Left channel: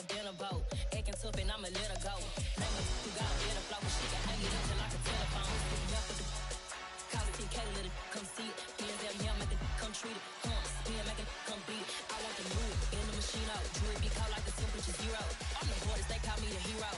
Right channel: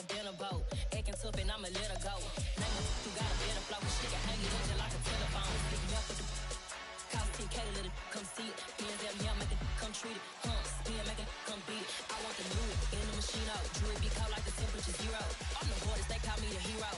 a dinner boat. Acting tough and I'ma let her go. Name her, you got a better flow, she can hang it up just like a telephone. Stick me up with the cause TK to let it come see it. Hands up, yeah, make it come treat it. Spin, make it come beat it. I want the new in the machine out. Jewelry be cold like the temperature zero. I'm the hardest, they call me the hero.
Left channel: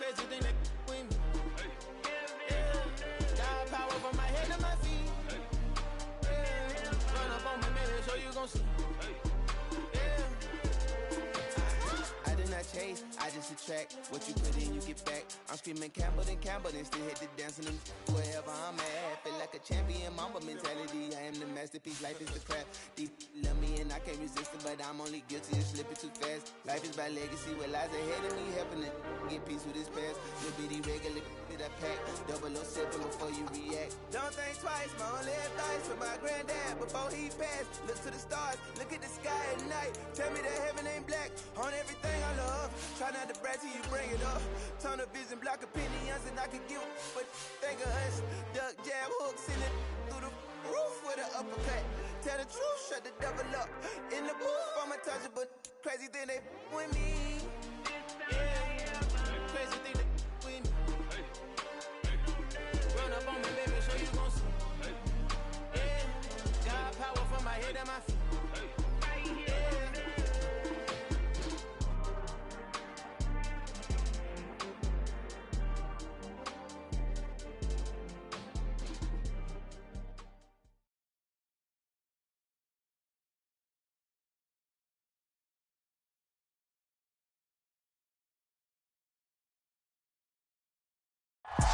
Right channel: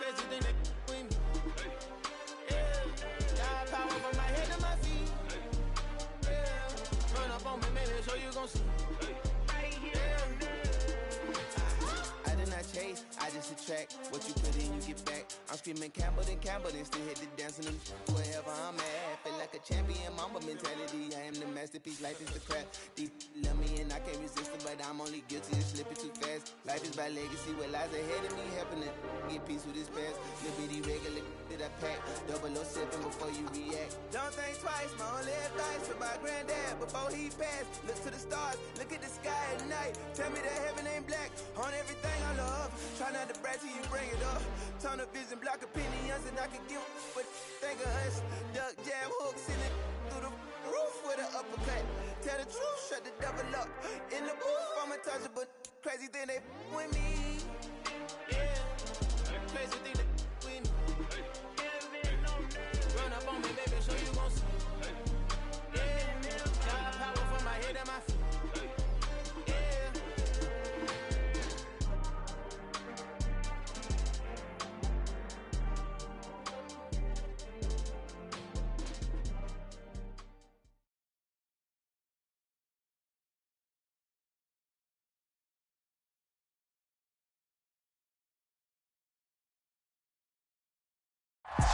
Crazy thing that with me. Yeah, got power from my head to my feet. Yeah, run up on me, man, so you gon' see. Yeah. I did not chase, I just attract. What you put in, you get back. I'm screaming Campbell, then still hit the dancing. Wherever I'm at, feel like like a champion, mamba mentality. I am the masterpiece, life is the craft. Deep love me and I can't resist it, but I'm only guilty of slipping too fast. Life is by legacy, what lies ahead of me, helping to get peace with his past. Little bitty regular that I pack, 007 before you react. Don't think twice, my only advice for my granddad before he passed. Look to the stars, look at the sky at night. Tell me that heaven ain't black on everything I love. Try not to brag till you bring it up. Tunnel vision, block opinions, and I could give but think of us. Duck jab hooks in it through the roof with an uppercut. Tell the truth, shut the devil up. In the booth, I'm untouchable. Crazy thing they with me. Yeah, crazy thing they with me. Run up on me, baby, so you gon' see. Yeah, got power from my head and my feet.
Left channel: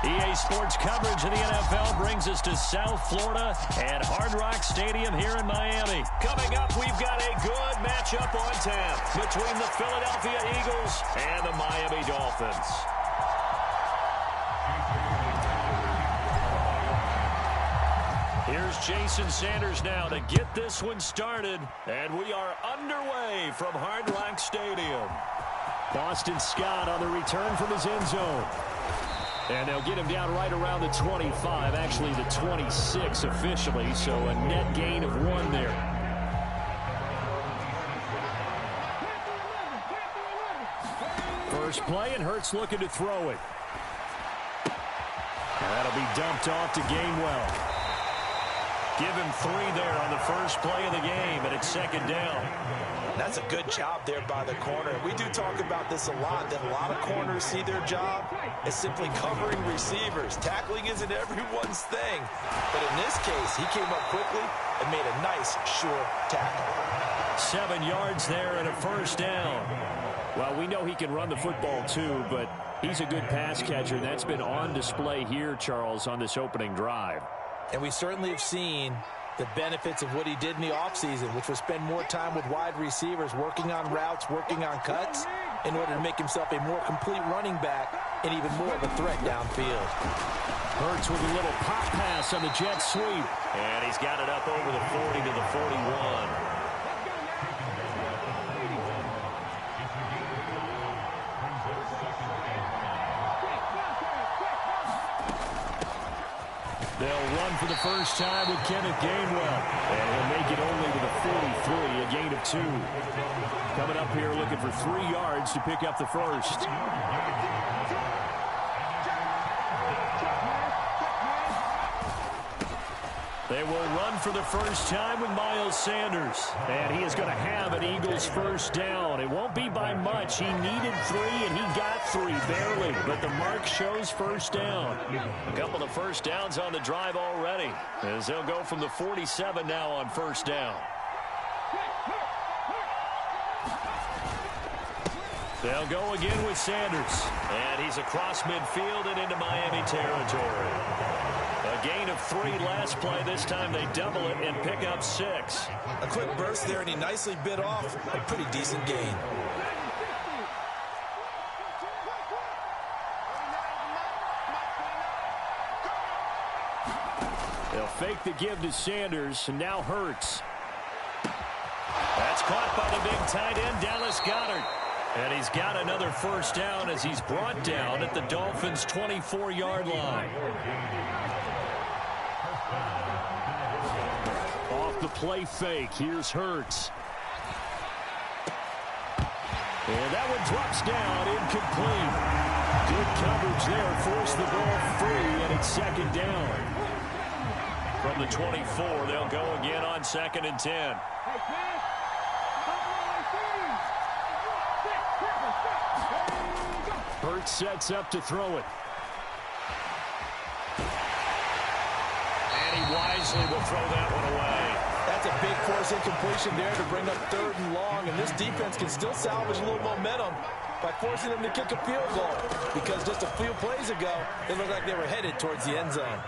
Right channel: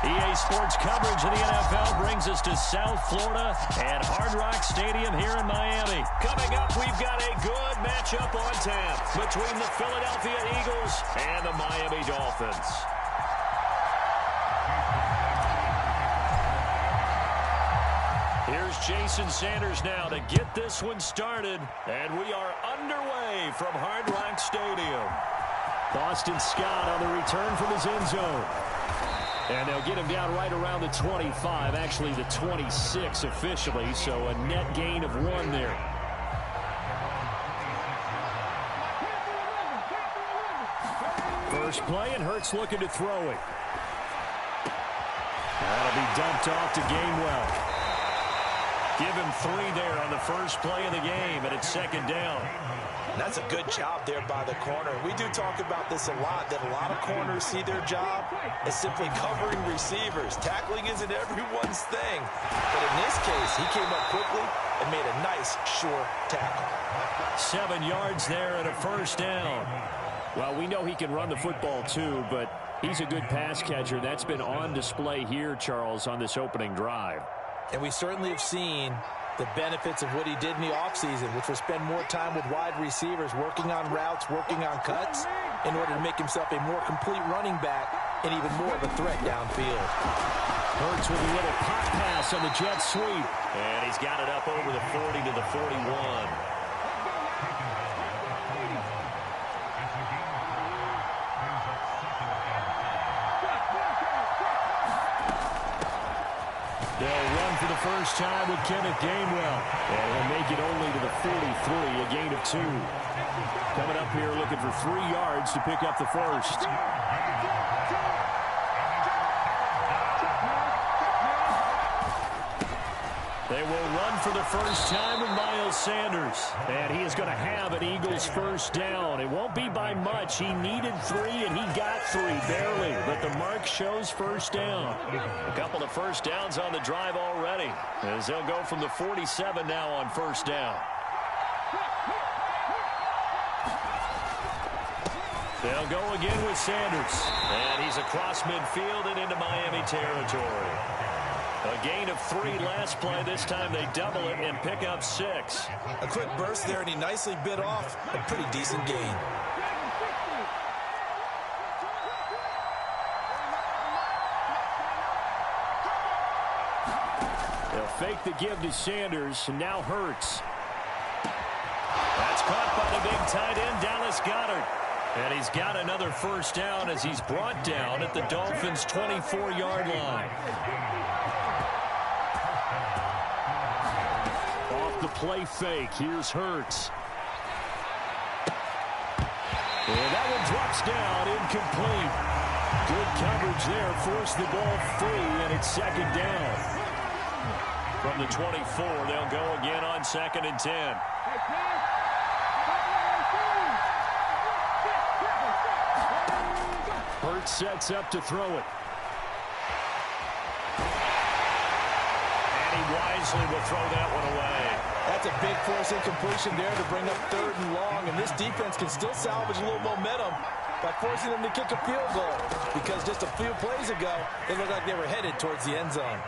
EA Sports coverage of the NFL brings us to South Florida at Hard Rock Stadium here in Miami. Coming up, we've got a good matchup on tap between the Philadelphia Eagles and the Miami Dolphins. Here's Jason Sanders now to get this one started, and we are underway from Hard Rock Stadium. Boston Scott on the return from his end zone. And they'll get him down right around the 25, actually the 26 officially, so a net gain of 1 there. First play, and Hurts looking to throw it. And that'll be dumped off to Gainwell. Give him 3 there on the first play of the game, and it's second down. That's a good job there by the corner. We do talk about this a lot, that a lot of corners see their job as simply covering receivers. Tackling isn't everyone's thing. But in this case, he came up quickly and made a nice, sure tackle. 7 yards there and a first down. Well, we know he can run the football too, but he's a good pass catcher. That's been on display here, Charles, on this opening drive. And we certainly have seen the benefits of what he did in the offseason, which was spend more time with wide receivers, working on routes, working on cuts, in order to make himself a more complete running back and even more of a threat downfield. Hurts with a little pop pass on the jet sweep. And he's got it up over the 40 to the 41. They'll run for the first time with Kenneth Gainwell. And he'll make it only to the 43, a gain of 2. Coming up here looking for 3 yards to pick up the first. They will run for the first time with Miles Sanders. And he is going to have an Eagles first down. It won't be by much. He needed 3, and he got 3, barely. But the mark shows first down. A couple of first downs on the drive already, as they'll go from the 47 now on first down. They'll go again with Sanders. And he's across midfield and into Miami territory. A gain of 3 last play. This time they double it and pick up 6. A quick burst there, and he nicely bit off a pretty decent gain. They'll fake the give to Sanders, and now Hurts. That's caught by the big tight end, Dallas Goedert. And he's got another first down as he's brought down at the Dolphins' 24-yard line. Off the play fake, here's Hurts. And that one drops down, incomplete. Good coverage there, forced the ball free, and it's second down. From the 24, they'll go again on 2nd and 10. Hurts sets up to throw it. And he wisely will throw that one away. That's a big force incompletion there to bring up 3rd and long, and this defense can still salvage a little momentum by forcing them to kick a field goal, because just a few plays ago, it looked like they were headed towards the end zone.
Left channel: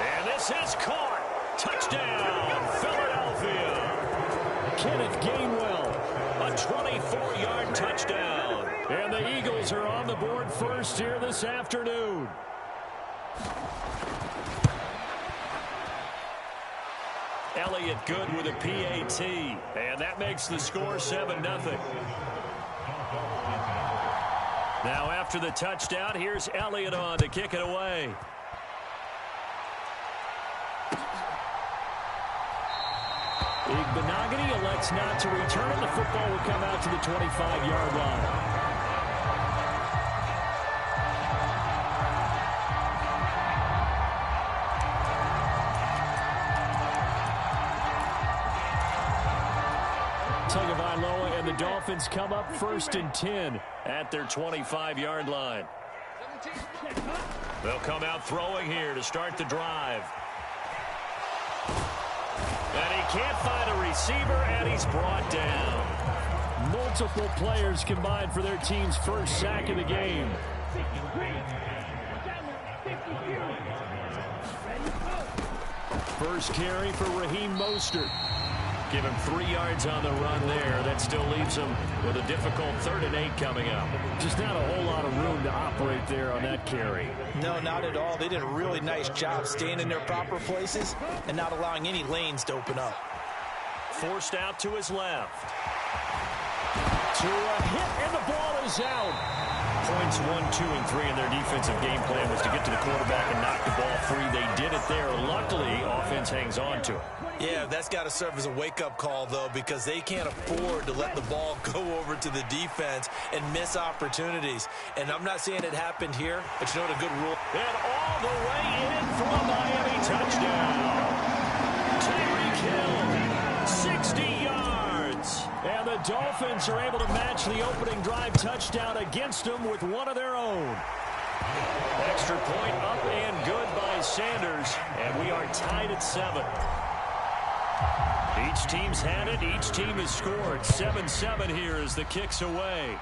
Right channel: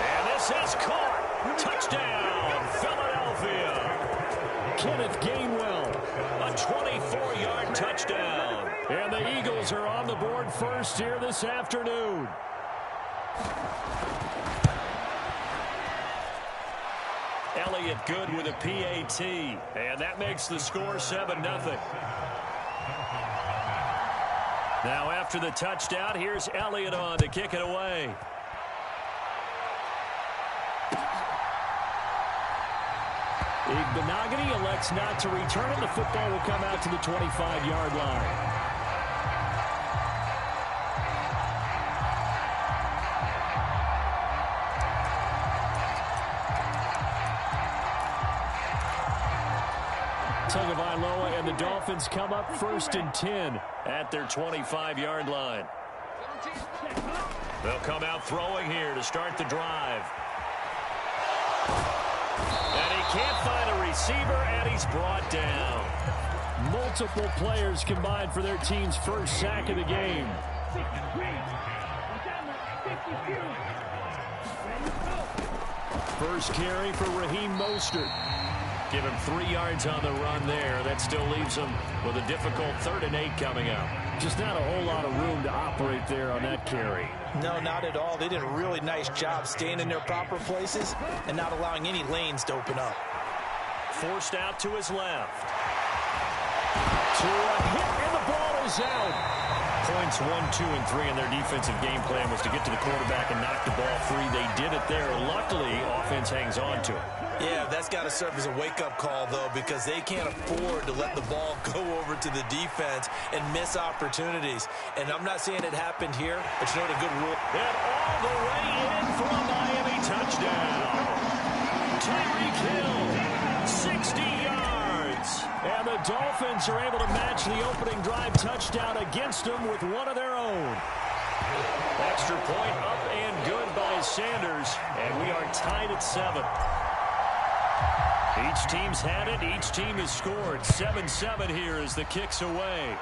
And This is caught. Touchdown, Philadelphia. Kenneth Gainwell, a 24-yard touchdown. And the Eagles are on the board first here this afternoon. Elliott good with a PAT, and that makes the score 7-0. Now after the touchdown, here's Elliott on to kick it away. Igbenogany elects not to return it. The football will come out to the 25-yard line. Tagovailoa and the Dolphins come up 1st and 10 at their 25-yard line. They'll come out throwing here to start the drive. And he can't find a receiver, and he's brought down. Multiple players combined for their team's first sack of the game. First carry for Raheem Mostert. Give him 3 yards on the run there. That still leaves him with a difficult 3rd and 8 coming up. Just not a whole lot of room to operate there on that carry. No, not at all. They did a really nice job staying in their proper places and not allowing any lanes to open up. Forced out to his left. To a hit, and the ball is out. Points 1, 2, and 3 in their defensive game plan was to get to the quarterback and knock the ball free. They did it there. Luckily, offense hangs on to it. Yeah, that's got to serve as a wake-up call, though, because they can't afford to let the ball go over to the defense and miss opportunities. And I'm not saying it happened here, but you know what a good rule. And all the way in for a Miami touchdown. Tyreek Hill, 60 yards. And the Dolphins are able to match the opening drive touchdown against them with one of their own. Extra point up and good by Sanders, and we are tied at 7. Each team's had it. Each team has scored. 7-7 here as the kick's away.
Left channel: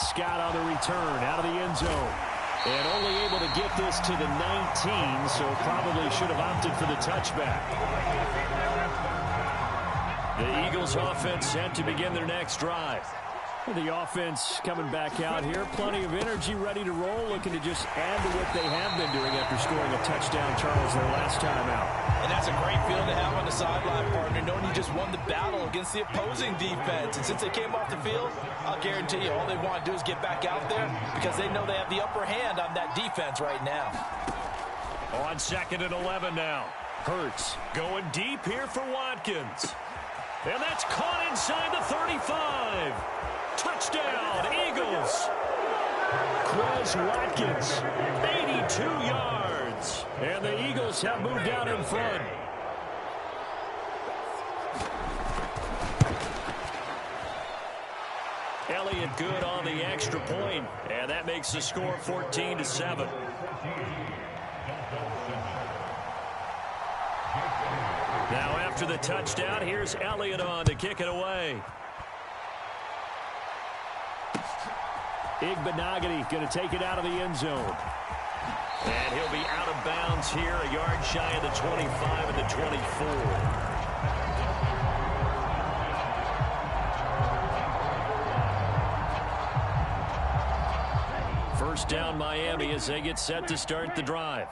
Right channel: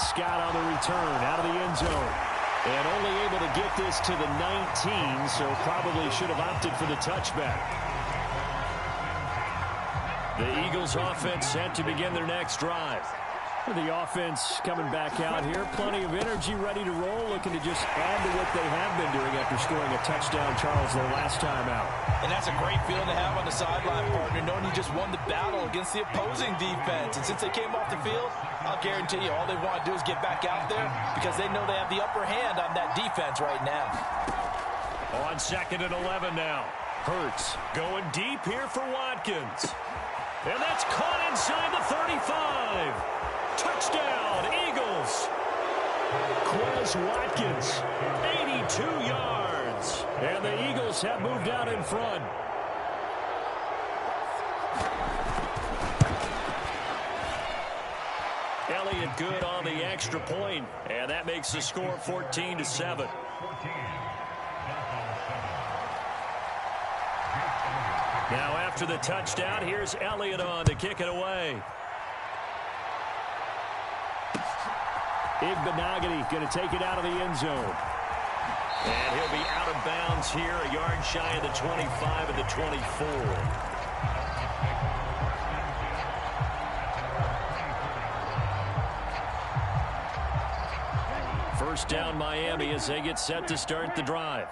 Scott on the return out of the end zone. And only able to get this to the 19, so probably should have opted for the touchback. The Eagles offense set to begin their next drive. The offense coming back out here. Plenty of energy, ready to roll, looking to just add to what they have been doing after scoring a touchdown, Charles, their last time out. And that's a great feeling to have on the sideline, partner, knowing you just won the battle against the opposing defense. And since they came off the field, I'll guarantee you all they want to do is get back out there because they know they have the upper hand on that defense right now. On 2nd and 11 now. Hurts going deep here for Watkins. And that's caught inside the 35. Touchdown, Eagles. Quez Watkins, 82 yards. And the Eagles have moved out in front. Elliott good on the extra point, and that makes the score 14-7. Now after the touchdown, here's Elliott on to kick it away. Igbenogany going to take it out of the end zone. And he'll be out of bounds here, a yard shy of the 25 and the 24. First down Miami as they get set to start the drive.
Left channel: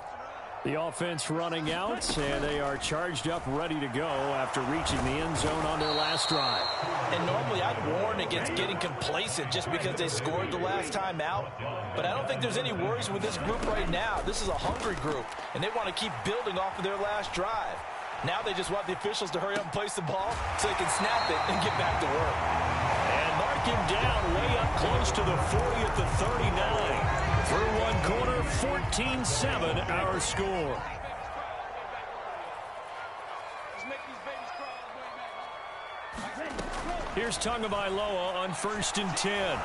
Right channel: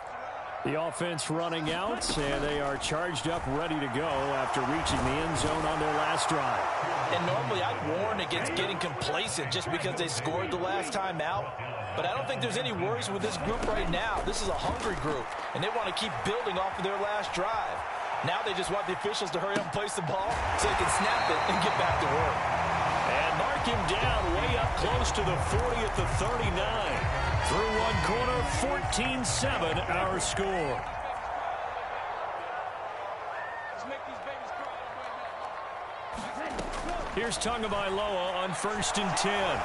The offense running out, and they are charged up, ready to go after reaching the end zone on their last drive. And normally I'd warn against getting complacent just because they scored the last time out. But I don't think there's any worries with this group right now. This is a hungry group, and they want to keep building off of their last drive. Now they just want the officials to hurry up and place the ball so they can snap it and get back to work. And mark him down way up close to the 40 at the 39. Through one corner, 14-7 our score. Here's Tagovailoa on 1st and 10.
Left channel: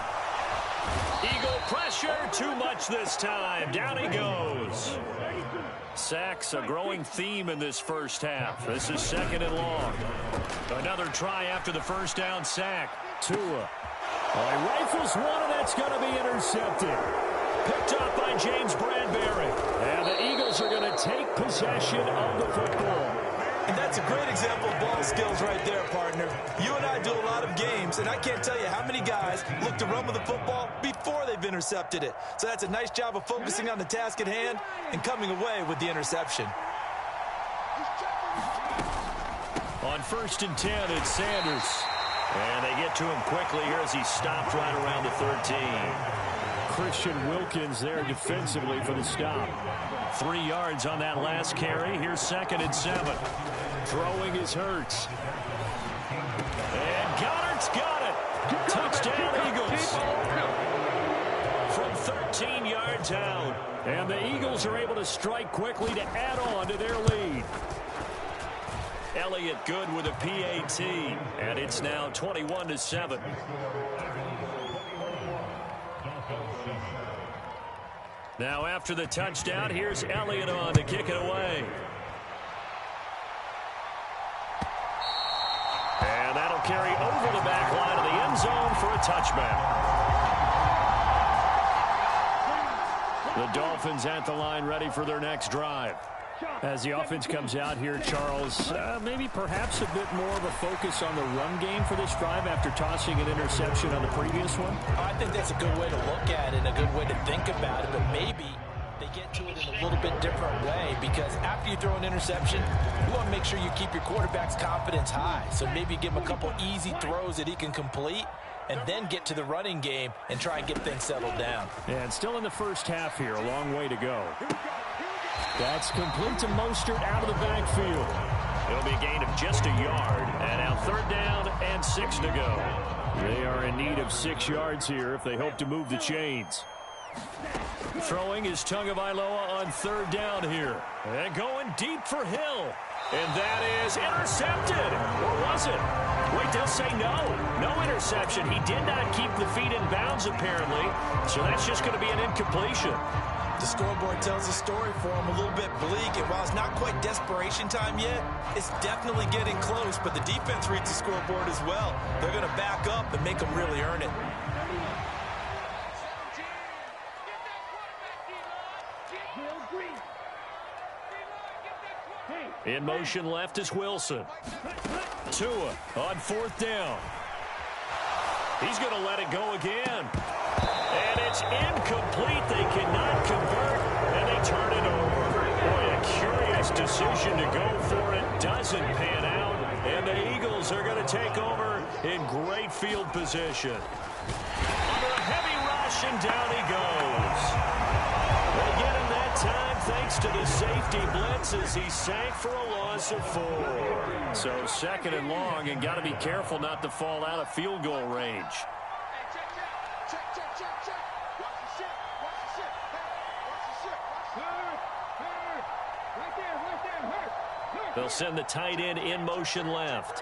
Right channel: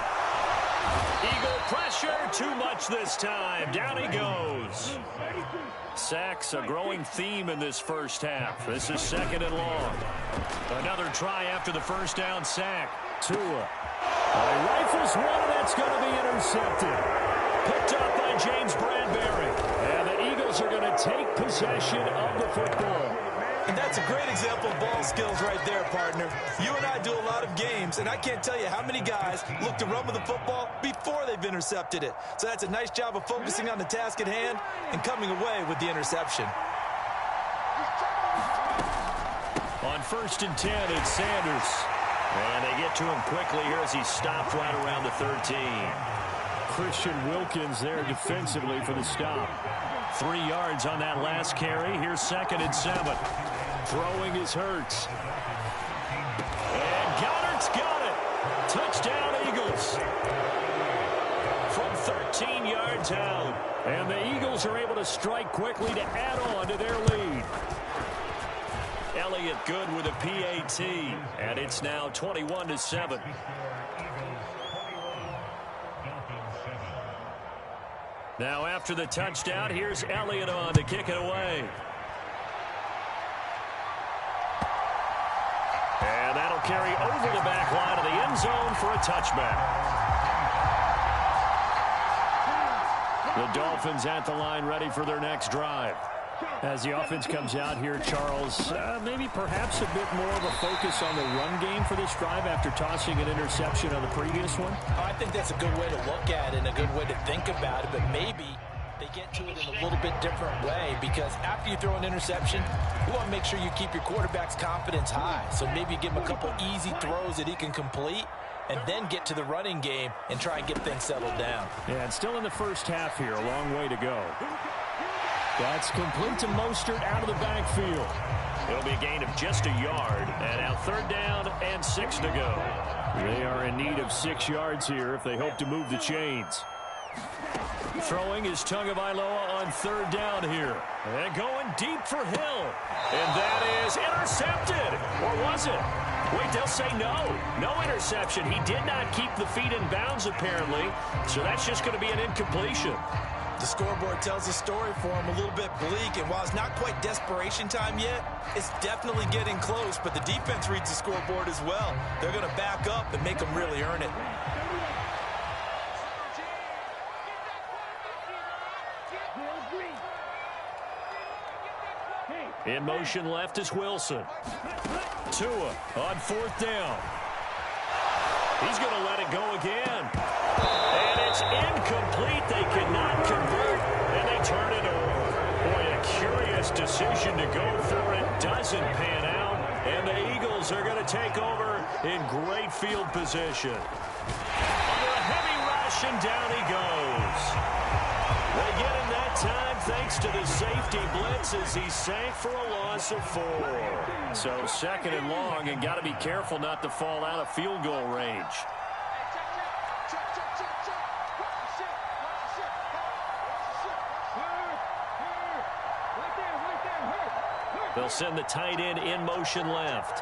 Eagle pressure, too much this time. Down he goes. Sacks, a growing theme in this first half. This is 2nd and long. Another try after the first down sack. Tua. He rifles one, and that's going to be intercepted. Picked up by James Bradbury. And the Eagles are going to take possession of the football. And that's a great example of ball skills right there, partner. You and I do a lot of games, and I can't tell you how many guys look to run with the football before they've intercepted it. So that's a nice job of focusing on the task at hand and coming away with the interception. On 1st and 10, it's Sanders. And they get to him quickly here as he stopped right around the 13. Christian Wilkins there defensively for the stop. 3 yards on that last carry. Here's 2nd and 7. Throwing is Hurts. And Goddard's got it. Touchdown, Eagles. From 13 yards out. And the Eagles are able to strike quickly to add on to their lead. Elliott good with a PAT. And it's now 21-7. Now after the touchdown, here's Elliott on to kick it away. And that'll carry over the back line of the end zone for a touchback. The Dolphins at the line ready for their next drive. As the offense comes out here, Charles, maybe perhaps a bit more of a focus on the run game for this drive after tossing an interception on the previous one? I think that's a good way to look at it and a good way to think about it, but maybe they get to it in a little bit different way, because after you throw an interception, you want to make sure you keep your quarterback's confidence high. So maybe you give him a couple easy throws that he can complete and then get to the running game and try and get things settled down. Yeah, and still in the first half here, a long way to go. That's complete to Mostert out of the backfield. It'll be a gain of just a yard. And now 3rd down and 6 to go. They are in need of 6 yards here if they hope to move the chains. Throwing is Tagovailoa on 3rd down here. And going deep for Hill. And that is intercepted. Or was it? Wait, they'll say no. No interception. He did not keep the feet in bounds, apparently. So that's just going to be an incompletion. The scoreboard tells a story for him, a little bit bleak, and while it's not quite desperation time yet, it's definitely getting close, but the defense reads the scoreboard as well. They're going to back up and make them really earn it. In motion left is Wilson. Tua on 4th down. He's going to let it go again. And it's incomplete. They cannot convert, and they turn it over. Boy, a curious decision to go for it. Doesn't pan out, and the Eagles are going to take over in great field position. Under a heavy rush, and down he goes. They get him that time thanks to the safety blitz as he sank for a loss of 4. So 2nd and long, and got to be careful not to fall out of field goal range. They'll send the tight end in motion left.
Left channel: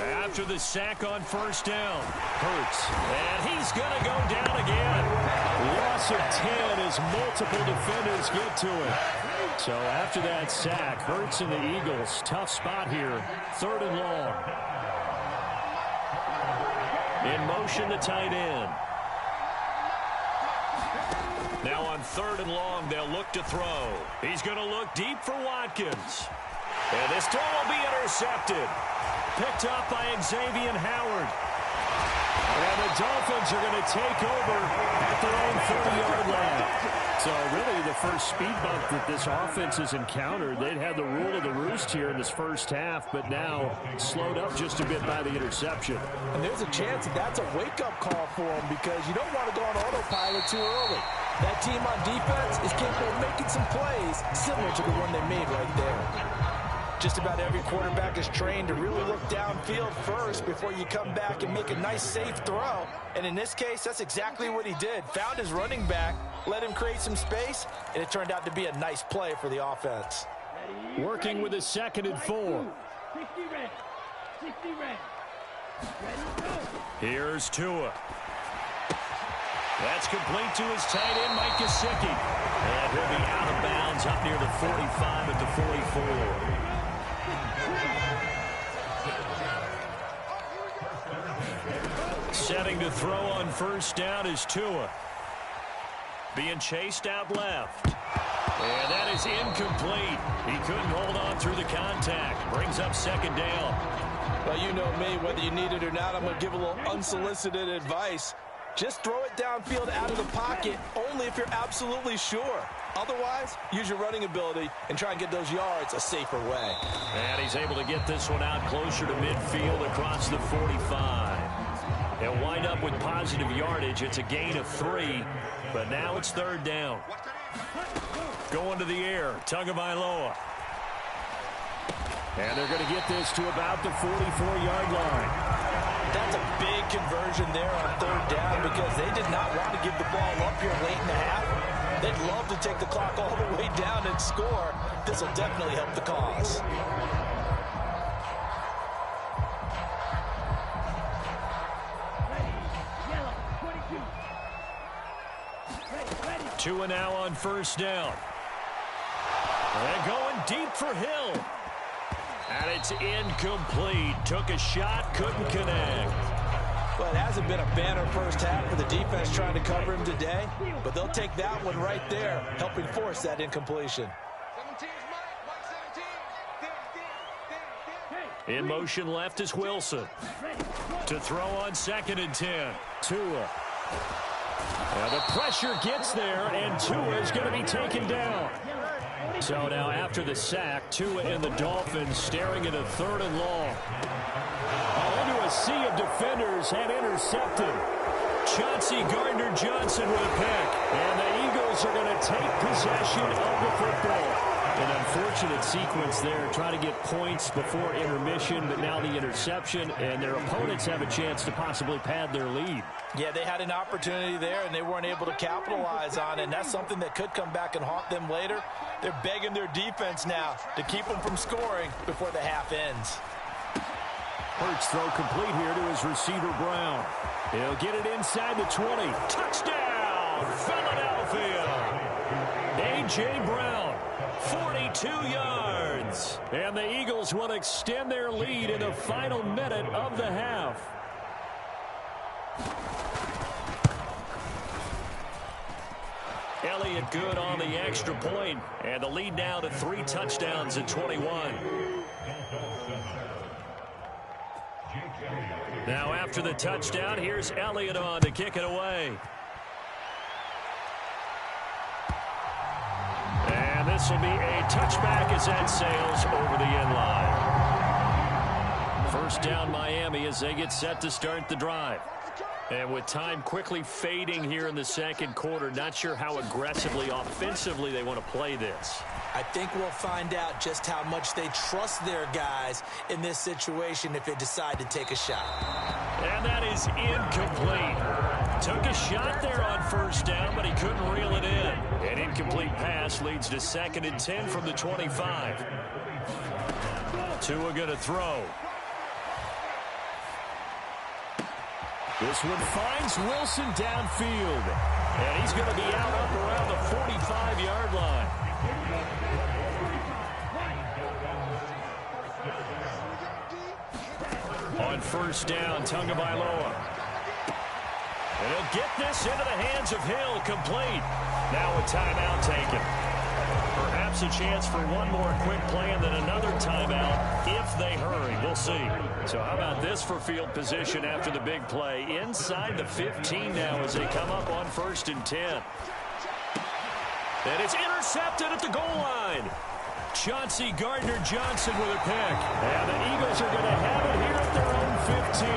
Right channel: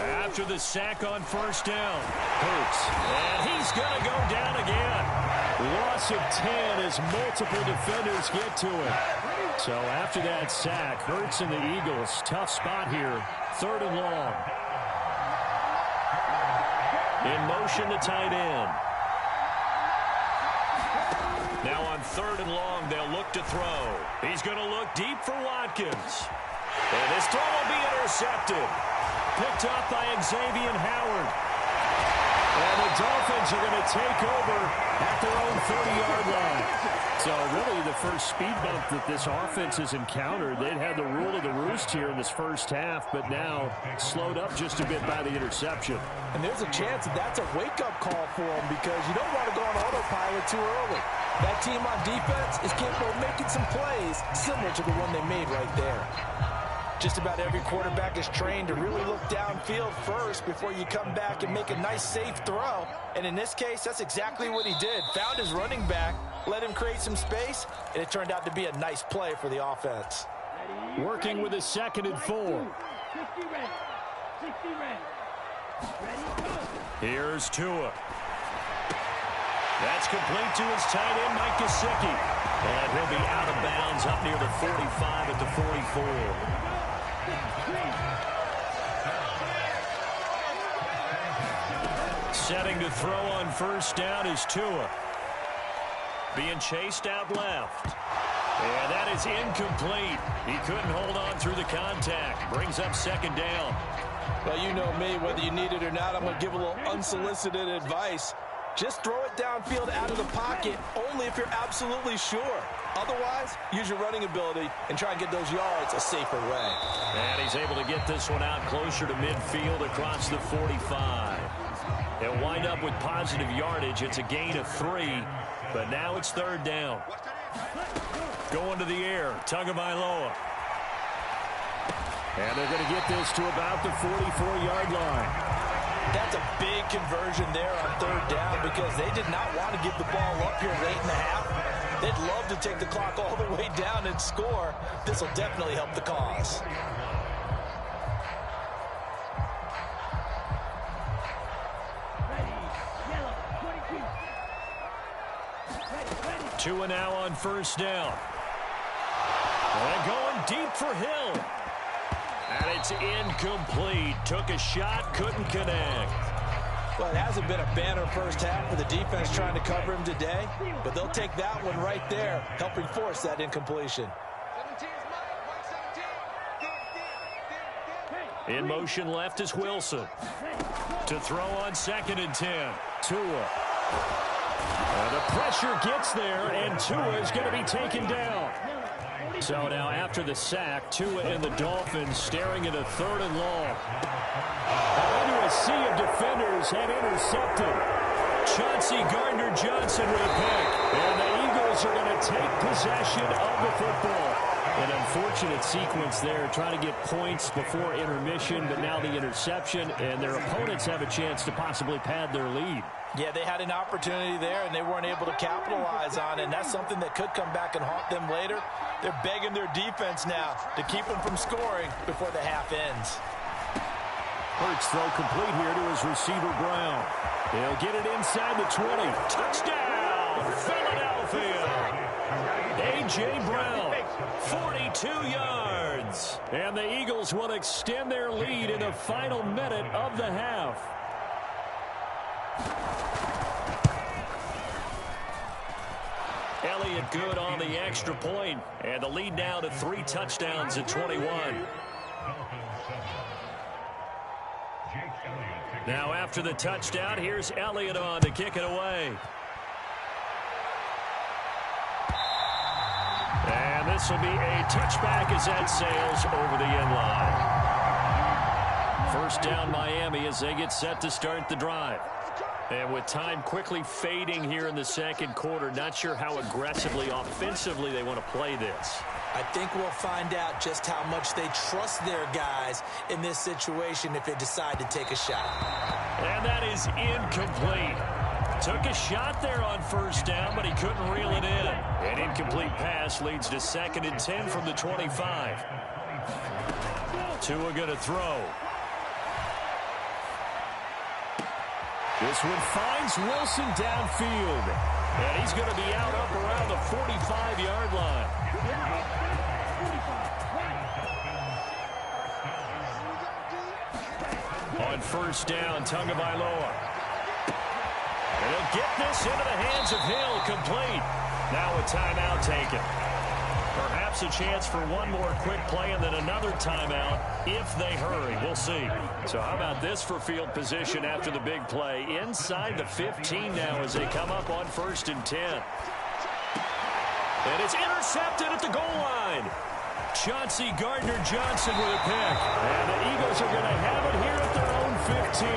After the sack on 1st down, Hurts. And he's going to go down again. Loss of 10 as multiple defenders get to him. So after that sack, Hurts and the Eagles, tough spot here. 3rd and long. In motion, the tight end. Now on 3rd and long, they'll look to throw. He's going to look deep for Watkins. And this throw will be intercepted. Picked up by Xavier Howard. And the Dolphins are going to take over at their own 30-yard line. So really the first speed bump that this offense has encountered. They'd had the rule of the roost here in this first half, but now slowed up just a bit by the interception. And there's a chance that that's a wake-up call for them, because you don't want to go on autopilot too early. That team on defense is capable of making some plays similar to the one they made right there. Just about every quarterback is trained to really look downfield first before you come back and make a nice, safe throw. And in this case, that's exactly what he did. Found his running back, let him create some space, and it turned out to be a nice play for the offense. Working with a 2nd and 4. 60 red. 60 red. Ready, go. Here's Tua. That's complete to his tight end, Mike Gesicki. And he'll be out of bounds up near the 45 at the 44. Setting to throw on 1st down is Tua. being chased out left. And that is incomplete. He couldn't hold on through the contact. Brings up second down. Well, you know me, whether you need it or not, I'm going to give a little unsolicited advice. Just throw it downfield out of the pocket, only if you're absolutely sure. Otherwise, use your running ability and try and get those yards a safer way. And he's able to get this one out closer to midfield across the 45. They'll wind up with positive yardage. It's a gain of 3, but now it's third down. Going to the air, Tagovailoa. And they're going to get this to about the 44-yard line. That's a big conversion there on third down because they did not want to give the ball up here late in the half. They'd love to take the clock all the way down and score. This will definitely help the cause. Tua now on first down. And going deep for Hill. And it's incomplete. Took a shot, couldn't connect. Well, it hasn't been a banner first half for the defense trying to cover him today, but they'll take that one right there, helping force that incompletion. In motion left is Wilson. To throw on 2nd and 10. Tua. And the pressure gets there, and Tua is going to be taken down. So now after the sack, Tua and the Dolphins staring at a 3rd and long. Into a sea of defenders and intercepted. Chauncey Gardner-Johnson with a pick. And the Eagles are going to take possession of the football. An unfortunate sequence there, trying to get points before intermission, but now the interception, and their opponents have a chance to possibly pad their lead. Yeah, they had an opportunity there, and they weren't able to capitalize on it, and that's something that could come back and haunt them later. They're begging their defense now to keep them from scoring before the half ends. Hurts throw complete here to his receiver, Brown. He'll get it inside the 20. Touchdown, Philadelphia! A.J. Brown, 42 yards. And the Eagles will extend their lead in the final minute of the half. Elliott good on the extra point, and the lead now to 3 touchdowns at 21. Now after the touchdown, here's Elliott on to kick it away. And this will be a touchback as that sails over the end line. First down Miami as they get set to start the drive. And with time quickly fading here in the second quarter, not sure how aggressively, offensively they want to play this. I think we'll find out just how much they trust their guys in this situation if they decide to take a shot. And that is incomplete. Took a shot there on first down, but he couldn't reel it in. An incomplete pass leads to 2nd and 10 from the 25. Tua going to throw. This one finds Wilson downfield. And he's going to be out up around the 45-yard line. On first down, Tagovailoa. And he'll get this into the hands of Hill, complete. Now a timeout taken. Perhaps a chance for one more quick play and then another timeout if they hurry. We'll see. So how about this for field position after the big play? Inside the 15 now as they come up on 1st and 10. And it's intercepted at the goal line. Chauncey Gardner-Johnson with a pick. And the Eagles are going to have it here at their own 15.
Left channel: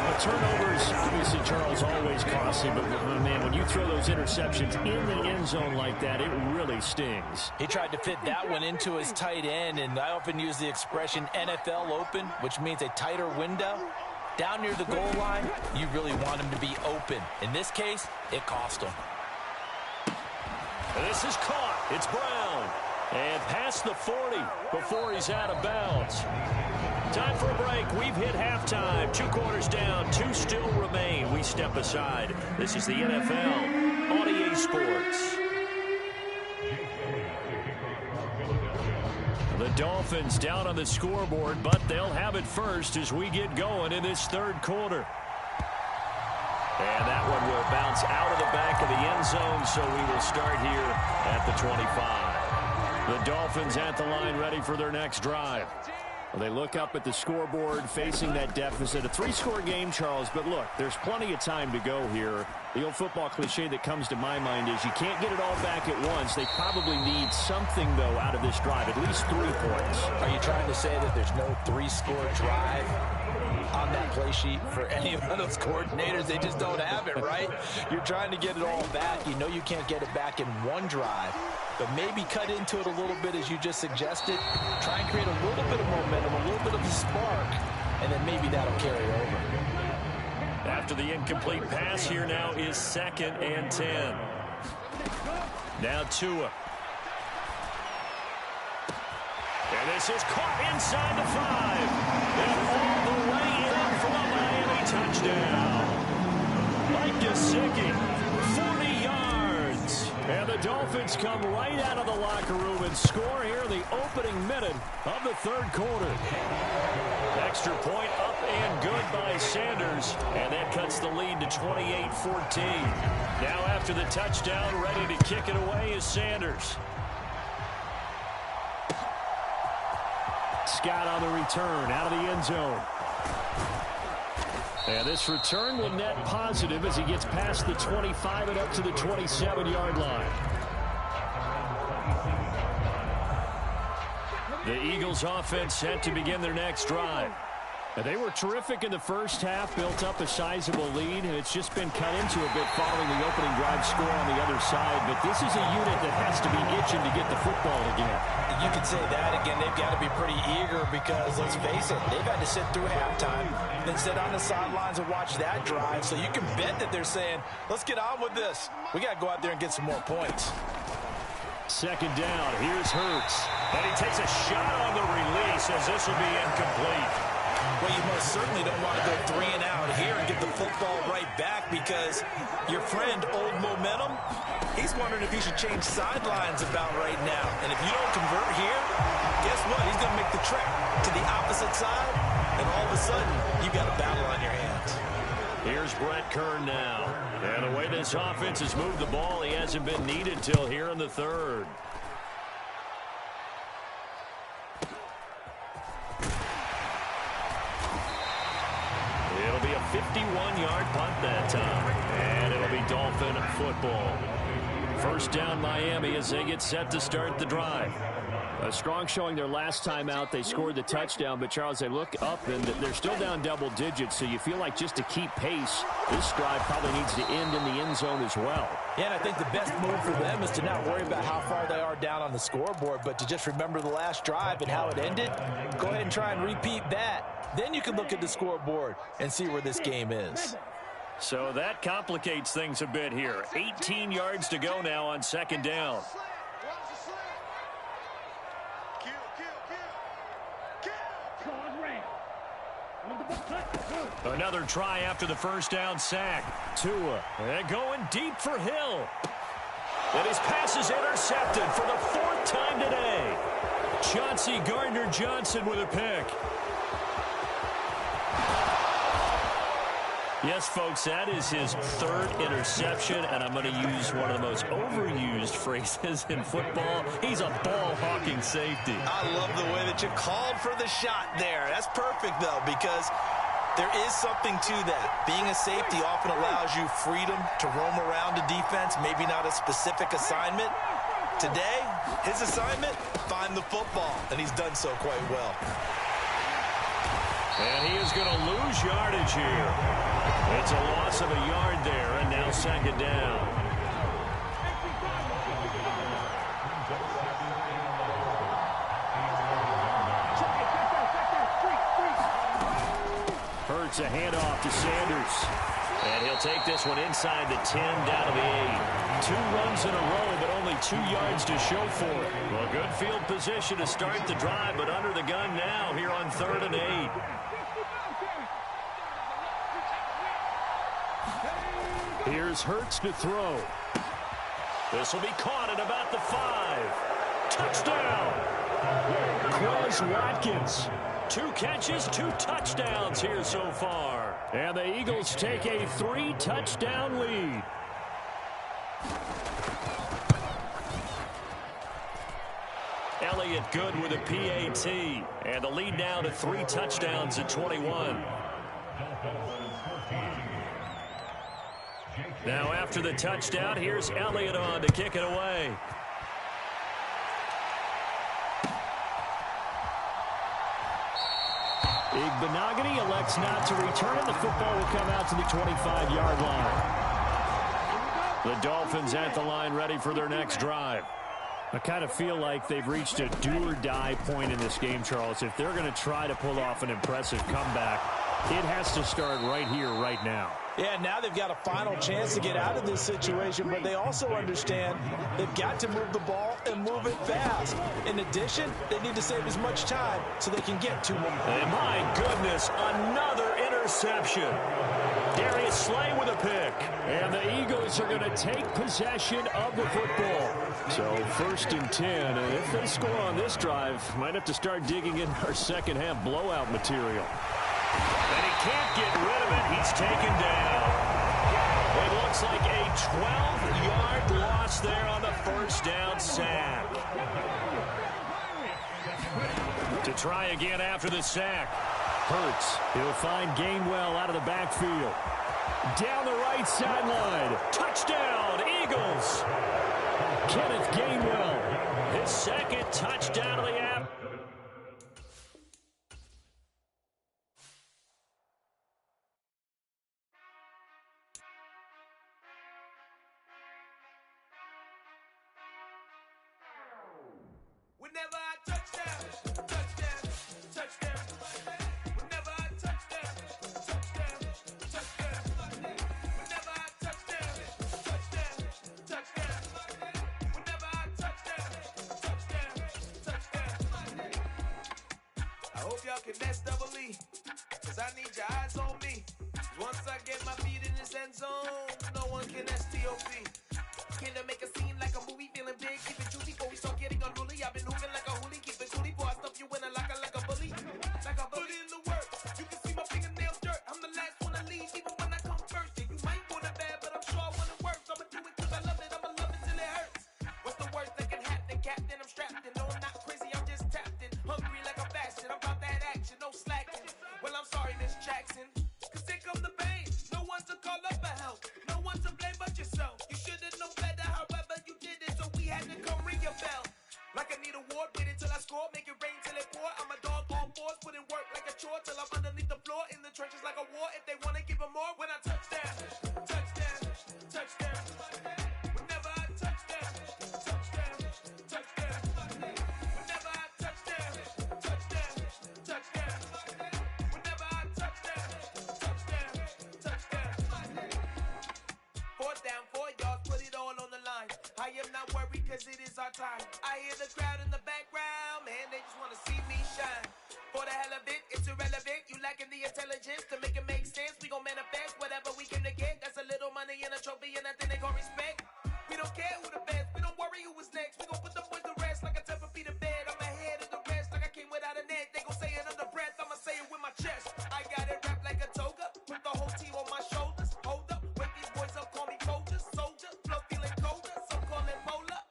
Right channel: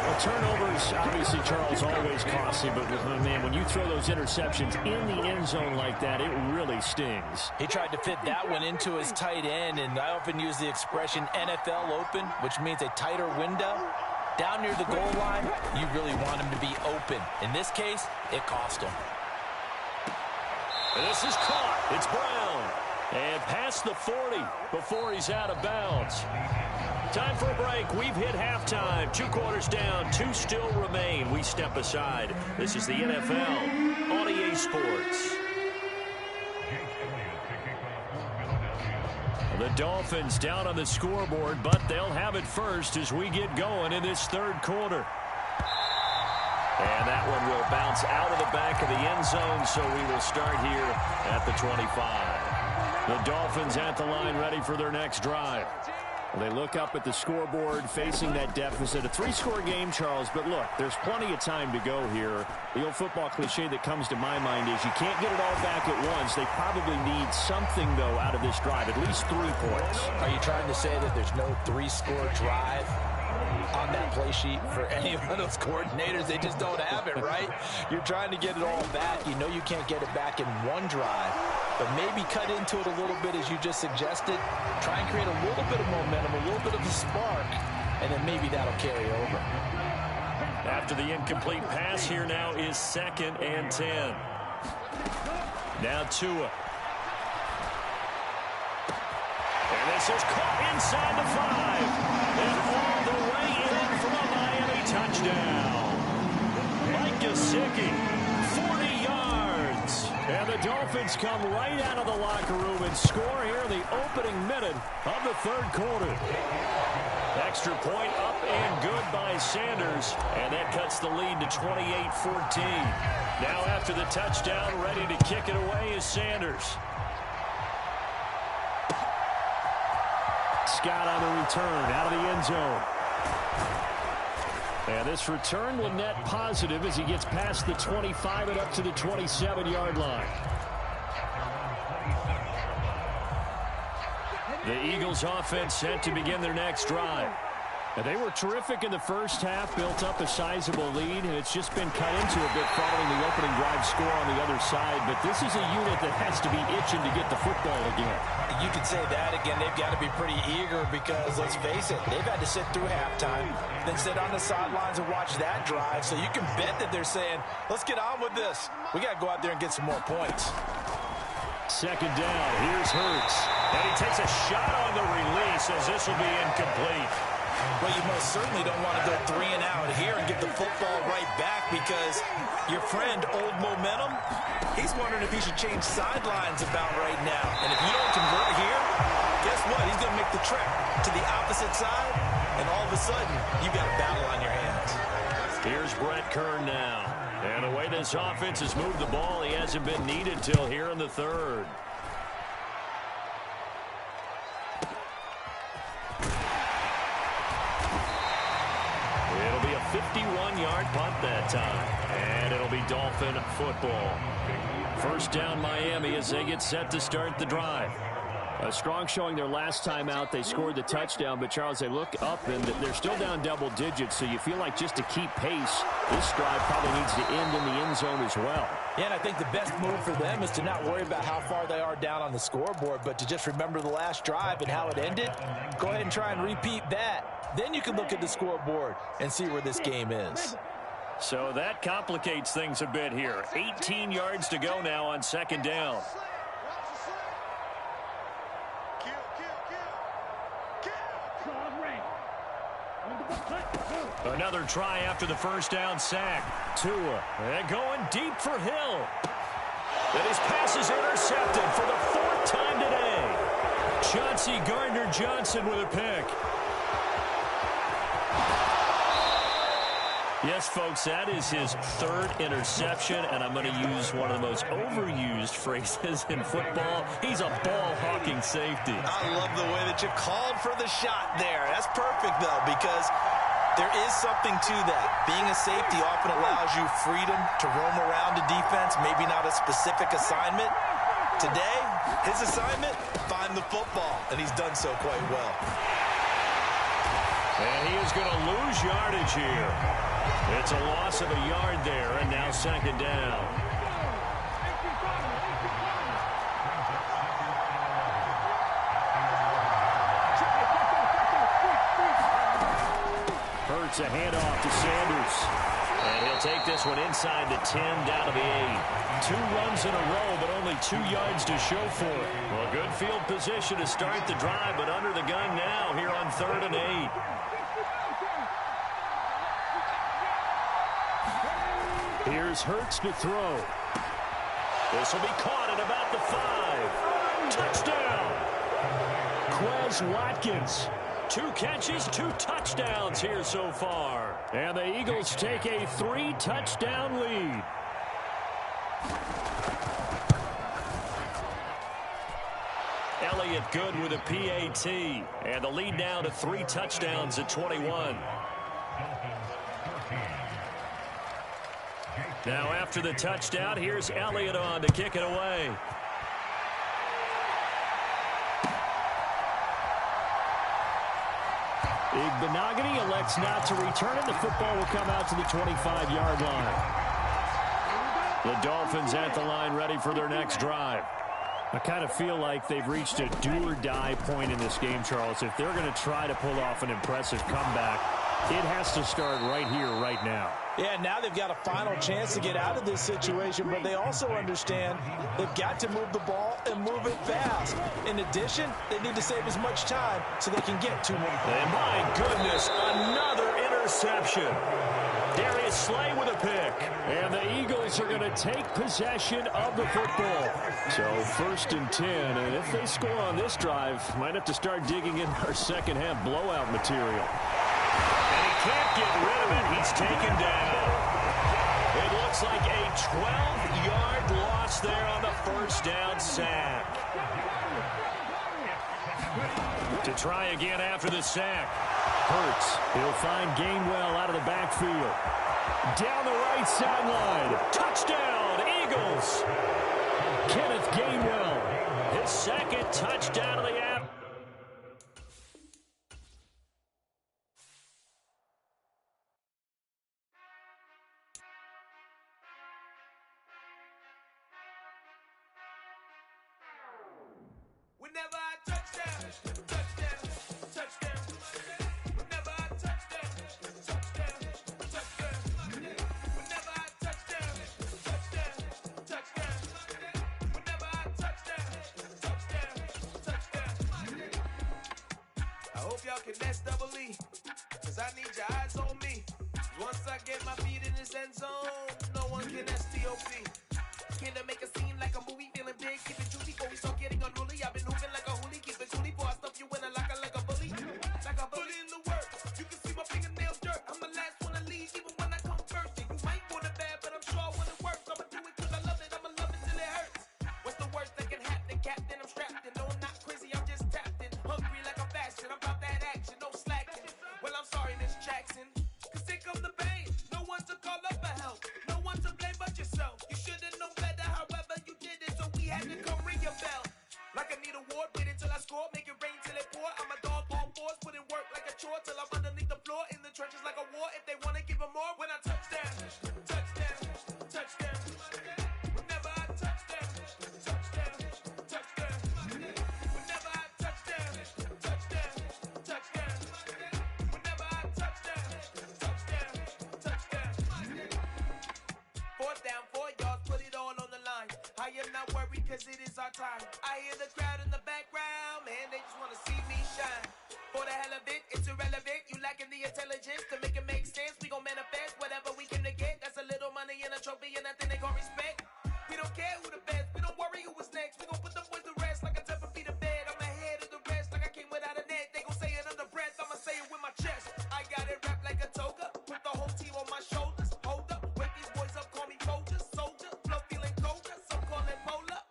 The turnovers, obviously, Charles, always costly. But, man, when you throw those interceptions in the end zone like that, it really stings. He tried to fit that one into his tight end, and I often use the expression NFL open, which means a tighter window. Down near the goal line, you really want him to be open. In this case, it cost him. And this is caught. It's Brown. And past the 40 before he's out of bounds. Time for a break. We've hit halftime. 2 quarters down. 2 still remain. We step aside. This is the NFL on EA Sports. The Dolphins down on the scoreboard, but they'll have it first as we get going in this third quarter. And that one will bounce out of the back of the end zone, so we will start here at the 25. The Dolphins at the line ready for their next drive. Well, they look up at the scoreboard facing that deficit. A 3-score game, Charles, but look, there's plenty of time to go here. The old football cliche that comes to my mind is you can't get it all back at once. They probably need something, though, out of this drive, at least 3 points. Are you trying to say that there's no 3-score drive on that play sheet for any of those coordinators? They just don't have it, right? You're trying to get it all back. You know you can't get it back in one drive, but maybe cut into it a little bit as you just suggested. Try and create a little bit of momentum, a little bit of a spark, and then maybe that'll carry over. After the incomplete pass, here now is 2nd and 10. Now Tua. And this is caught inside the 5. And all the way in for a Miami touchdown. Mike Gesicki, 40 yards. And the Dolphins come right out of the locker room and score here in the opening minute of the 3rd quarter. Extra point up and good by Sanders. And that cuts the lead to 28-14. Now after the touchdown, ready to kick it away is Sanders. Scott on the return out of the end zone. And this return will net positive as he gets past the 25 and up to the 27-yard line. The Eagles offense set to begin their next drive. And they were terrific in the first half, built up a sizable lead, and it's just been cut into a bit following the opening drive score on the other side. But this is a unit that has to be itching to get the football again. You could say that again. They've got to be pretty eager because, let's face it, they've had to sit through halftime, then sit on the sidelines and watch that drive. So you can bet that they're saying, let's get on with this. We got to go out there and get some more points. 2nd down. Here's Hurts. And he takes a shot on the release as this will be incomplete. Well, you most certainly don't want to go 3 and out here and get the football right back because your friend, Old Momentum, he's wondering if he should change sidelines about right now. And if you don't convert here, guess what? He's going to make the trek to the opposite side, and all of a sudden, you've got a battle on your hands. Here's Brett Kern now. And the way this offense has moved the ball, he hasn't been needed till here in the 3rd. It'll be a 51-yard punt that time. And it'll be Dolphin football. 1st down Miami as they get set to start the drive. A strong showing their last time out. They scored the touchdown, but Charles, they look up and they're still down double digits, so you feel like just to keep pace, this drive probably needs to end in the end zone as well. Yeah, and I think the best move for them is to not worry about how far they are down on the scoreboard, but to just remember the last drive and how it ended. Go ahead and try and repeat that. Then you can look at the scoreboard and see where this game is. So that complicates things a bit here. 18 yards to go now on 2nd down. Another try after the 1st down sack. Tua, and going deep for Hill. And his pass is intercepted for the 4th time today. Chauncey Gardner-Johnson with a pick. Yes, folks, that is his 3rd interception, and I'm going to use one of the most overused phrases in football. He's a ball-hawking safety. I love the way that you called for the shot there. That's perfect, though, because there is something to that. Being a safety often allows you freedom to roam around the defense, maybe not a specific assignment. Today, his assignment, find the football, and he's done so quite well. And he is going to lose yardage here. It's a loss of a yard there, and now 2nd down. Hurts a handoff to Sanders. And he'll take this one inside the 10, down to the 8. 2 runs in a row, but only 2 yards to show for it. Well, good field position to start the drive, but under the gun now here on 3rd and 8. Here's Hurts to throw. This will be caught at about the 5. Touchdown! Quez Watkins. 2 catches, 2 touchdowns here so far. And the Eagles take a 3-touchdown lead. Elliott good with a PAT. And the lead now to 3 touchdowns at 21. Now after the touchdown, here's Elliott on to kick it away. Igbenogany elects not to return it. The football will come out to the 25-yard line. The Dolphins at the line ready for their next drive. I kind of feel like they've reached a do-or-die point in this game, Charles. If they're going to try to pull off an impressive comeback, it has to start right here, right now. Yeah, now they've got a final chance to get out of this situation, but they also understand they've got to move the ball and move it fast. In addition, they need to save as much time so they can get 2 more. And my goodness, another interception. Darius Slay with a pick. And the Eagles are going to take possession of the football. So 1st and 10, and if they score on this drive, might have to start digging in our second half blowout material. And he can't get rid of it. He's taken down. It looks like a 12-yard loss there on the 1st down sack. To try again after the sack. Hurts. He'll find Gainwell out of the backfield. Down the right sideline. Touchdown, Eagles. Kenneth Gainwell. His 2nd touchdown of the afternoon. Whenever I touchdown, touchdown, touchdown. Whenever I touchdown, touchdown, touchdown. Whenever I touchdown, touchdown, touchdown. Whenever I touchdown, touchdown, touchdown. I hope y'all can SEE, cause I need your eyes on me. Once I get my feet in this end zone, no one can STOP. Can I make a scene like a movie, feeling big, keep it juicy before we start getting unruly. I've been moving like a hoolie, keep it coolie before I stuff you in a locker like a bully. Like a bully. Put in the work, you can see my fingernails dirt. I'm the last one to leave, even when I come first. Yeah, you might want it bad, but I'm sure I want it worse. I'ma do it cause I love it, I'ma love it till it hurts. What's the worst that can happen, Captain? I'm strapped in, no I'm not crazy, I'm just tapped in. Hungry like a bastard, I'm about that action, no slacking. Well, I'm sorry, Miss Jackson, cause here come the pain. No one to call up for help, no one to blame but yourself. You should've known better, however you did it, so we had to come ring your bell. Like I need a award, wait until I score, make it rain till it pour. I'm a dog on fours, put in work like a chore till I'm underneath the floor, in the trenches like a war. If they wanna give them more, when I touchdown, touchdown, touchdown. Whenever I touchdown, touchdown, touchdown. Whenever I touchdown, touchdown, touchdown. Whenever I touchdown, touchdown, touchdown. 4th down, 4 yards, put it all on the line. I am not worried cause it is our time. I hear the crowd in the background, man, they just wanna see me shine. For the hell of it, it's irrelevant. You lacking the intelligence to make it make sense. We gon' manifest whatever we came to get. That's a little money and a trophy and nothing they gon' respect. We don't care who the best, we don't worry who was next. We gon' put the boys to rest like a temper feet to bed. I'm ahead of the rest like I came without a net. They gon' say it under breath, I'ma say it with my chest. I got it wrapped like a toga, put the whole team on my shoulders. Hold up, wake these boys up, call me Folgers. Soldier, flow feeling colder, some call it polar.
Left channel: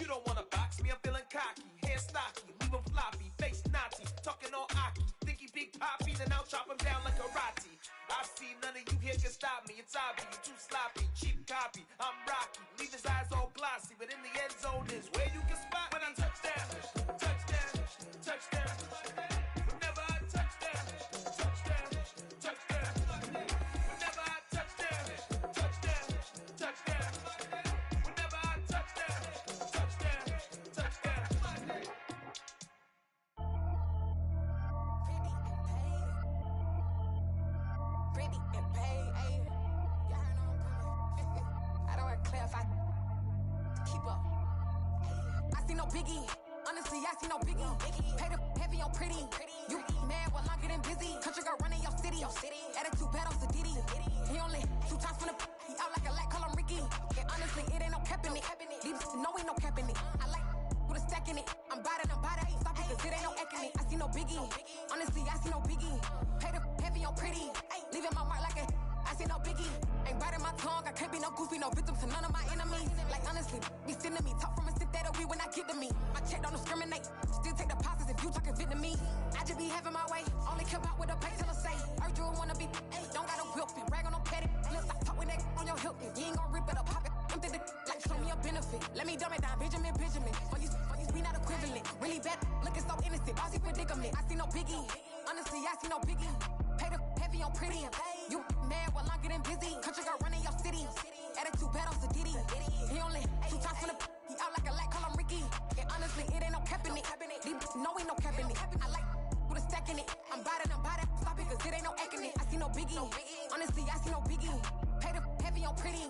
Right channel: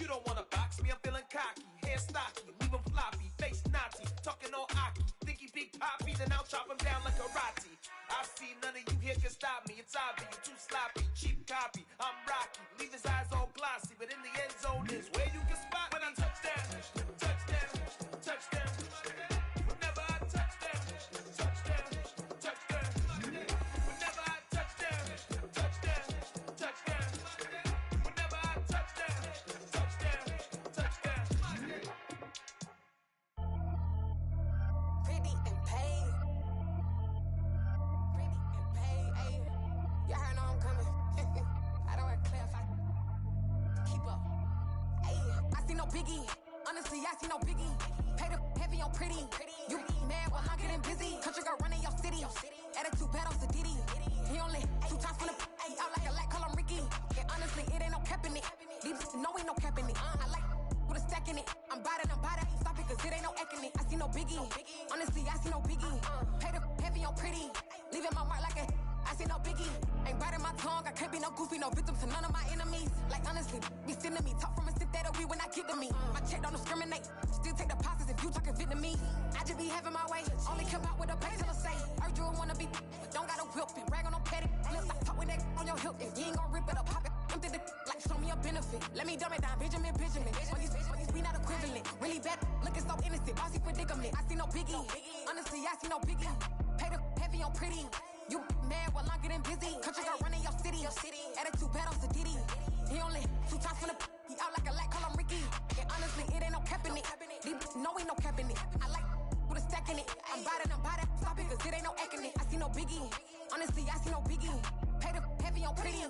You don't wanna box me, I'm feeling cocky. Hair stocky, leave him floppy, face naughty. Talking all aki, think he big poppy, then I'll chop him down like karate. I see none of you here can stop me. It's obvious, you too sloppy, cheap copy. I'm Rocky, leave his eyes all glossy, but in the end zone is where you can spot when I touchdown, touchdown, touchdown. Whenever I touchdown, touchdown, touchdown. Whenever I touchdown, touchdown, touchdown. Whenever I touchdown, touchdown, touchdown. Pretty and paid. Pretty and paid, ayy. Y'all heard I'm coming. I don't want to clarify. Keep up. Ayy. I see no biggie. Honestly, I see no biggie. Pay the heavy on pretty. You mad, well, I'm getting busy. Country girl running your city. Attitude bad on Sadiddy. He only 2 times from the he out like a light, call him Ricky. And honestly, it ain't no cap in it. These know ain't no cap in it. I like put a stack in it. I'm bout it, ain't stop it, cause it ain't no acting it. I see no biggie, honestly, I see no biggie. Pay the heavy on pretty, leaving my mark like a, I see no biggie. Ain't biting my tongue, I can't be no goofy, no victim to none of my enemies. Like honestly, be sending me, talk from a sip that we when I get to me. My check don't discriminate, still take deposits if you talking Vietnamese. I just be having my way, only come out with a pay till I say. Heard you wanna be, don't gotta whip it, brag on no petty. Lips, I talk with that on your hip, you ain't gon' rip it up, pop it. Empty the like show me a benefit. Let me dumb it down, Benjamin. On these we not equivalent. Really bad, looking so innocent. Bossy predicament. I see no biggie. Honestly, I see no biggie. Pay the heavy on pretty. You mad while I'm getting busy. Country girl running your city. Attitude bad on Sadiddy. He only 2 times from the he out like a light, call him Ricky. And honestly, it ain't no cap in it. No, ain't no cap in it. I like with a stack in it. I'm bout it. Stop it, cause it ain't no acting it. I see no biggie. Honestly, I see no biggie. Pay the heavy on pretty.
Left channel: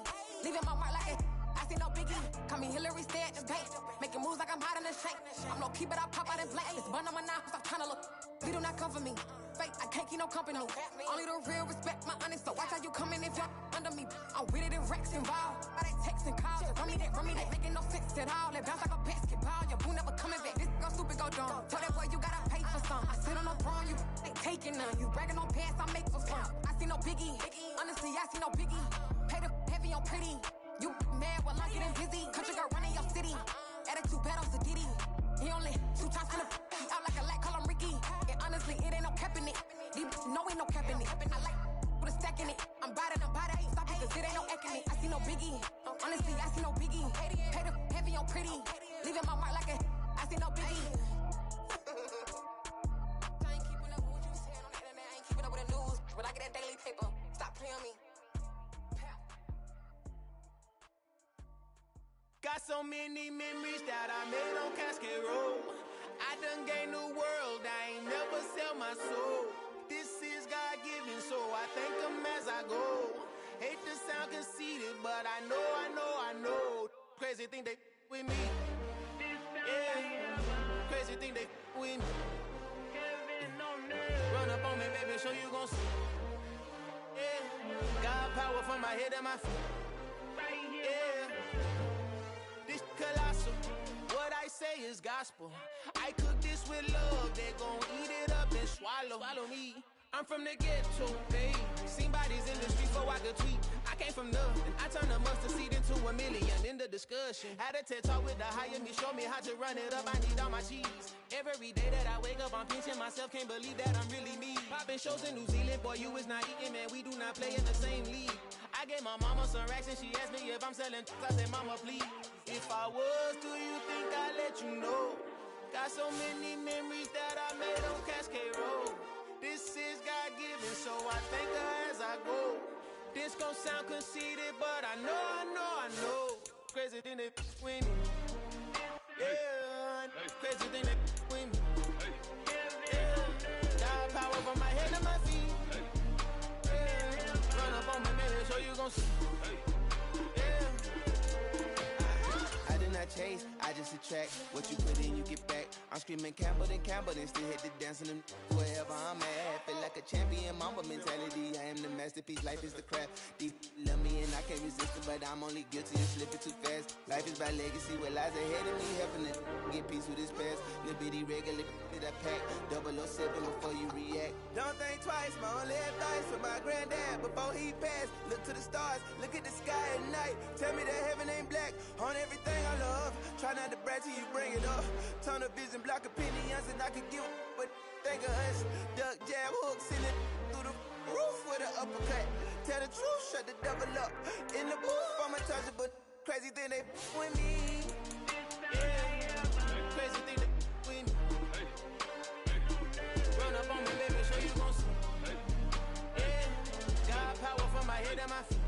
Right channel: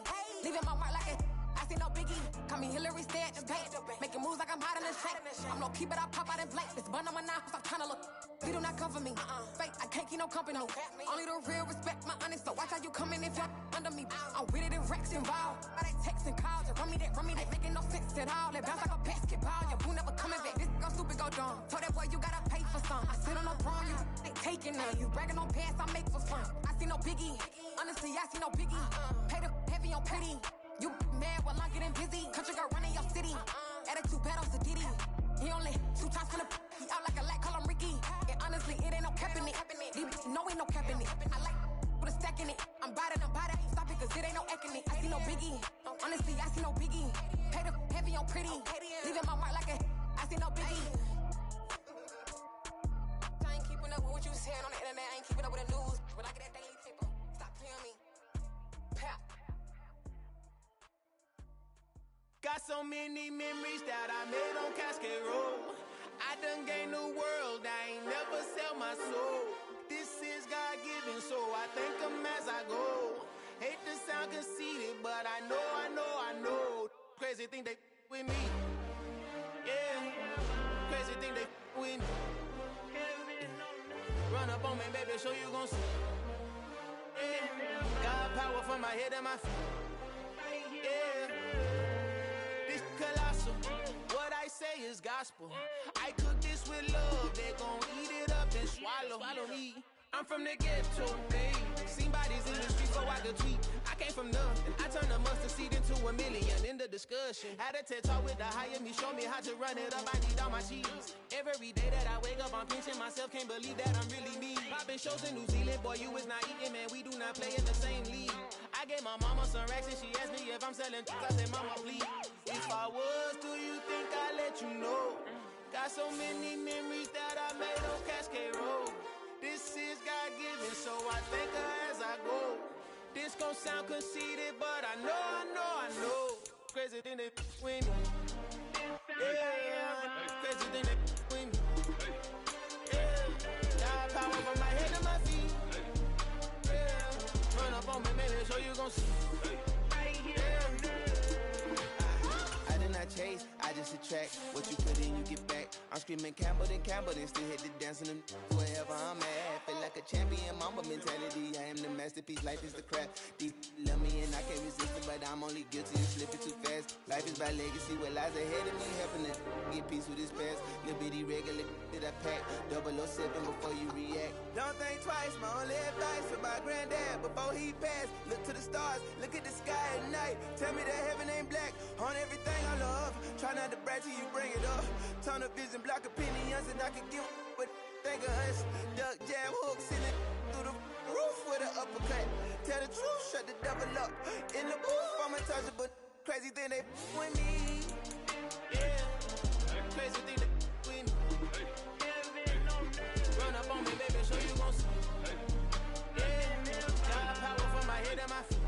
Leaving my mark like a I see no biggie. Call me Hillary, stay at the bank. Making moves like I'm hot in the shank. I'm no keep it, I pop out in blank. This bun on my knife, stop trying to look. You do not come for me. Fake, I can't keep no company. Only the real respect my honest. So watch how you coming if you're under me. I'm with it in Rex involved. I they text and calls. You run me that, making no sense at all. They bounce like a basketball. Your boo never coming back. This go stupid, go dumb. Told that boy you gotta pay for some. I sit on no throne, you ain't taking none. You bragging on pants, I make for fun. I see no biggie. Honestly, I see no biggie. Pay the heavy on pretty. You mad while I'm getting busy. Country girl running your city. Attitude bad on Sadiddy. He only 2 times from the he out like a light, call him Ricky. And honestly, it ain't no cap in it. No, ain't no cap in it. I like with a stack in it. I'm bout it. Stop it, cause it ain't no acting it. I see no biggie. Honestly, I see no biggie. Pay the heavy on pretty. Leaving my mark like a I see no biggie. I ain't keeping up with what you saying on the internet. I ain't keeping up with the news. But I get that daily paper. Stop playing me. Pap. Got so many memories that I made on Cascade Road. I done gained the world, I ain't never sell my soul. This is God-given, so I thank him as I go. Hate to sound conceited, but I know. Crazy thing they with me. Yeah, crazy thing they with me. Run up on me, baby, show you gon' see. Yeah, got power from my head and my feet. Yeah. Colossal, what I say is gospel. I cook this with love, they gon' eat it up and swallow me. I'm from the ghetto, babe. Seen bodies in the street so I could tweet. I came from nothing, I turned a mustard seed into a million in the discussion. Had a TED talk with the higher me, show me how to run it up, I need all my cheese. Every day that I wake up, I'm pinching myself, can't believe that I'm really me. Popping shows in New Zealand, boy, you is not eating, man, we do not play in the same league. I gave my mama some racks and she asked me if I'm selling I said, mama, please. If I was, do you think I'd let you know? Got so many memories that I made on Cascade Road. This is God-given, so I thank her as I go. This gon' sound conceited, but I know. Crazy thing they with me. Yeah, crazy thing they with me. Yeah, got power from my head to my feet. Yeah, run up on me, maybe so you gon' see. Yeah. I did not chase, I just attract. What you put in, you get back. I'm screaming Campbell, then still hit the dance and them wherever I'm at. Feel like a champion, mamba mentality. I am the masterpiece, life is the crap. These love me and I can't resist it, but I'm only guilty of slipping too fast. Life is about legacy, what lies ahead of me, helping to get peace with this past. Little bitty regular that I pack, 007 before you react. Don't think twice, my only advice for my granddad before he passed. Look to the stars, look at the sky at night. Tell me that heaven ain't black on everything I love. Try not to brag till you bring it up. Tunnel vision, block opinions, and I could give what think of us. Duck jab hooks in it through the roof with an uppercut. Tell the truth, shut the devil up. In the booth, I'm untouchable. Crazy thing they with me. Yeah, crazy thing they with me. Run up on me, baby, so you gon' see. Yeah, got power from my head and my feet.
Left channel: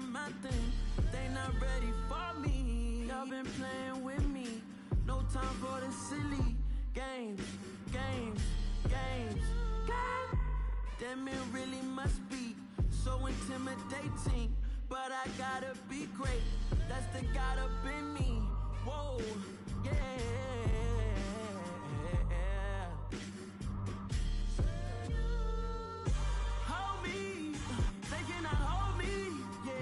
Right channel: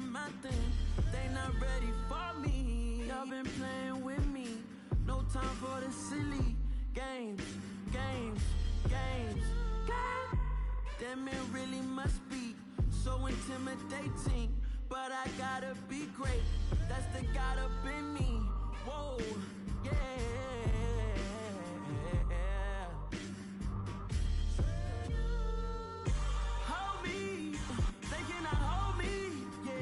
doing my thing. They not ready for me. Y'all been playing with me. No time for the silly games. Damn, it really must be so intimidating. But I gotta be great. That's the God up in me. Whoa, yeah. Hold me, they cannot hold me, yeah.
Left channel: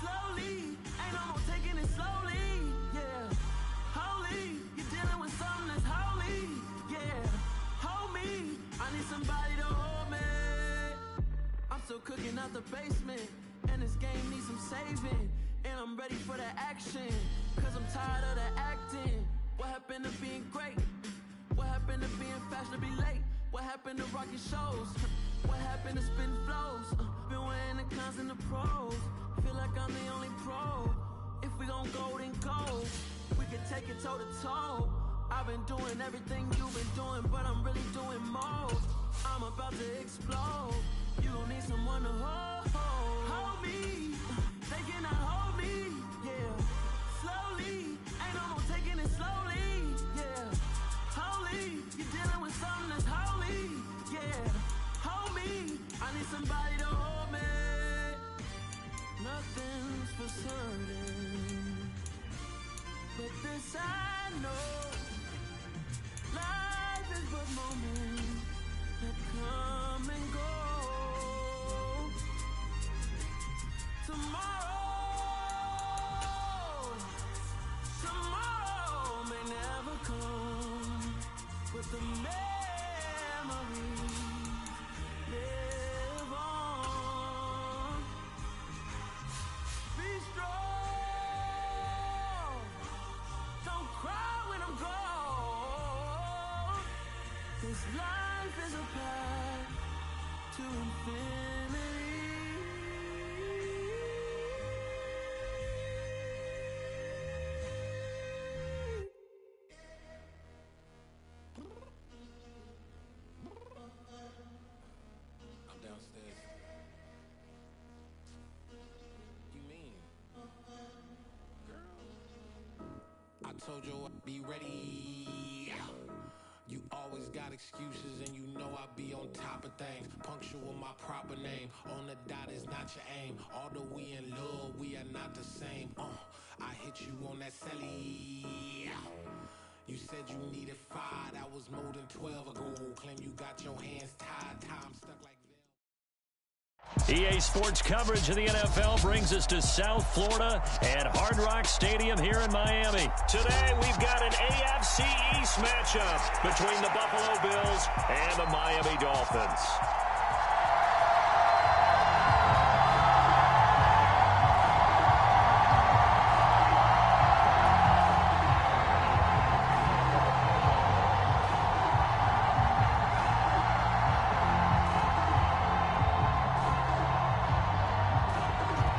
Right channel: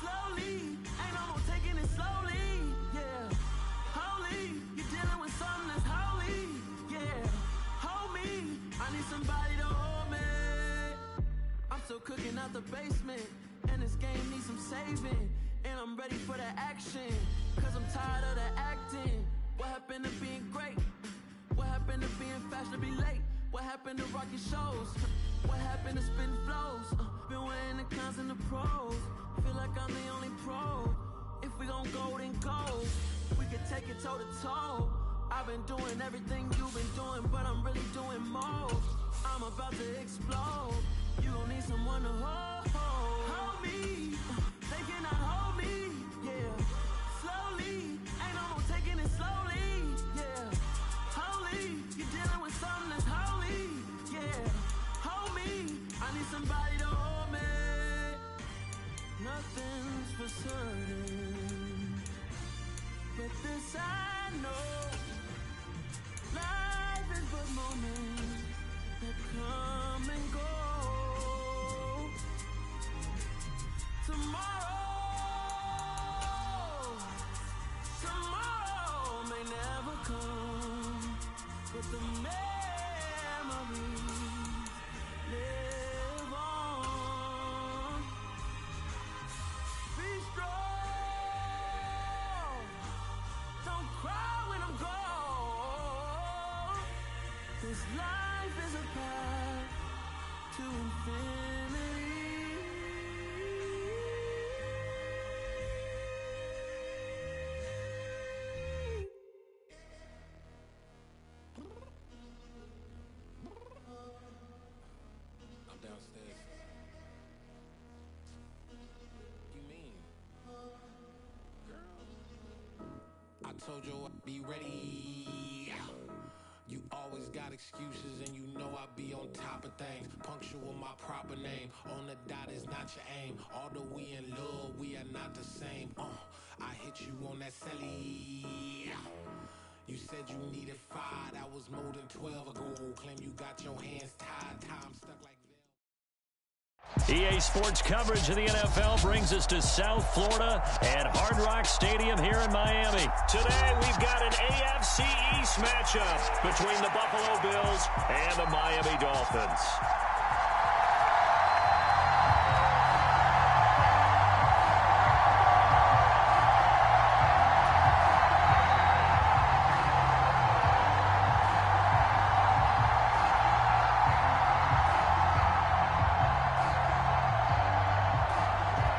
Slowly, ain't no more taking it slowly, yeah. Holy, you're dealing with something that's holy, yeah. Hold me, I need somebody to hold me. I'm still cooking out the basement, and this game needs some saving. And I'm ready for the action, cause I'm tired of the acting. What happened to being great? What happened to being fashionably late? What happened to rocking shows? What happened to spin flows? Been weighing the cons and the pros. Feel like I'm the only pro. If we gon' go, then go. We could take it toe to toe. I've been doing everything you've been doing, but I'm really doing more. I'm about to explode. You gon' need someone to hold me. They cannot hold me, yeah. Slowly, ain't no more taking it slowly, yeah. Holy, you're dealing with something that's holy, yeah. Hold me, I need somebody to hold me. Nothing's for certain, but this I know. Life is but moments that come and go. Tomorrow may never come, but the memories live on. Be strong, don't cry when I'm gone. This life is a path to infinity. Downstairs. You mean? Girl, I told you I'd be ready. You always got excuses and you know I be on top of things. Punctual my proper name. On the dot is not your aim. Although we in love, we are not the same. I hit you on that celly. You said you needed 5, that was more than 12 ago. Claim you got your hands tied, time stuck like EA Sports coverage of the NFL brings us to South Florida at Hard Rock Stadium here in Miami. Today, we've got an AFC East matchup between the Buffalo Bills and the Miami Dolphins.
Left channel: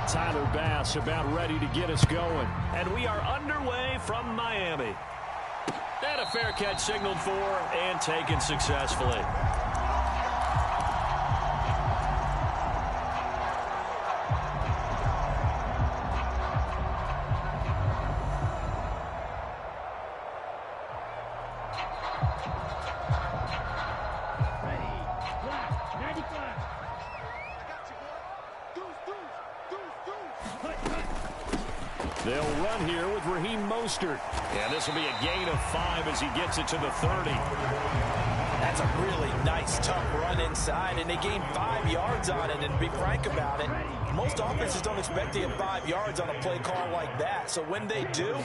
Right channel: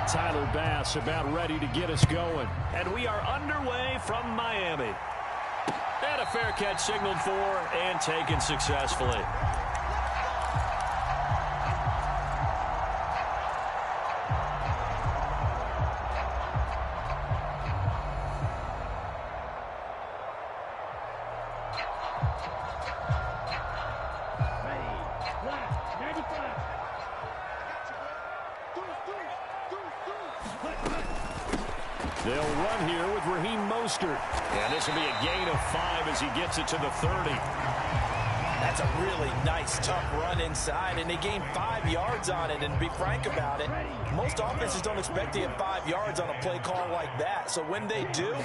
Tyler Bass about ready to get us going. And we are underway from Miami. And a fair catch signaled for and taken successfully. Ready. Left. 95. They'll run here with Raheem Mostert. And this will be a gain of 5 as he gets it to the 30. That's a really nice, tough run inside, and they gained 5 yards on it. And to be frank about it, most offenses don't expect to get 5 yards on a play call like that. So when they do,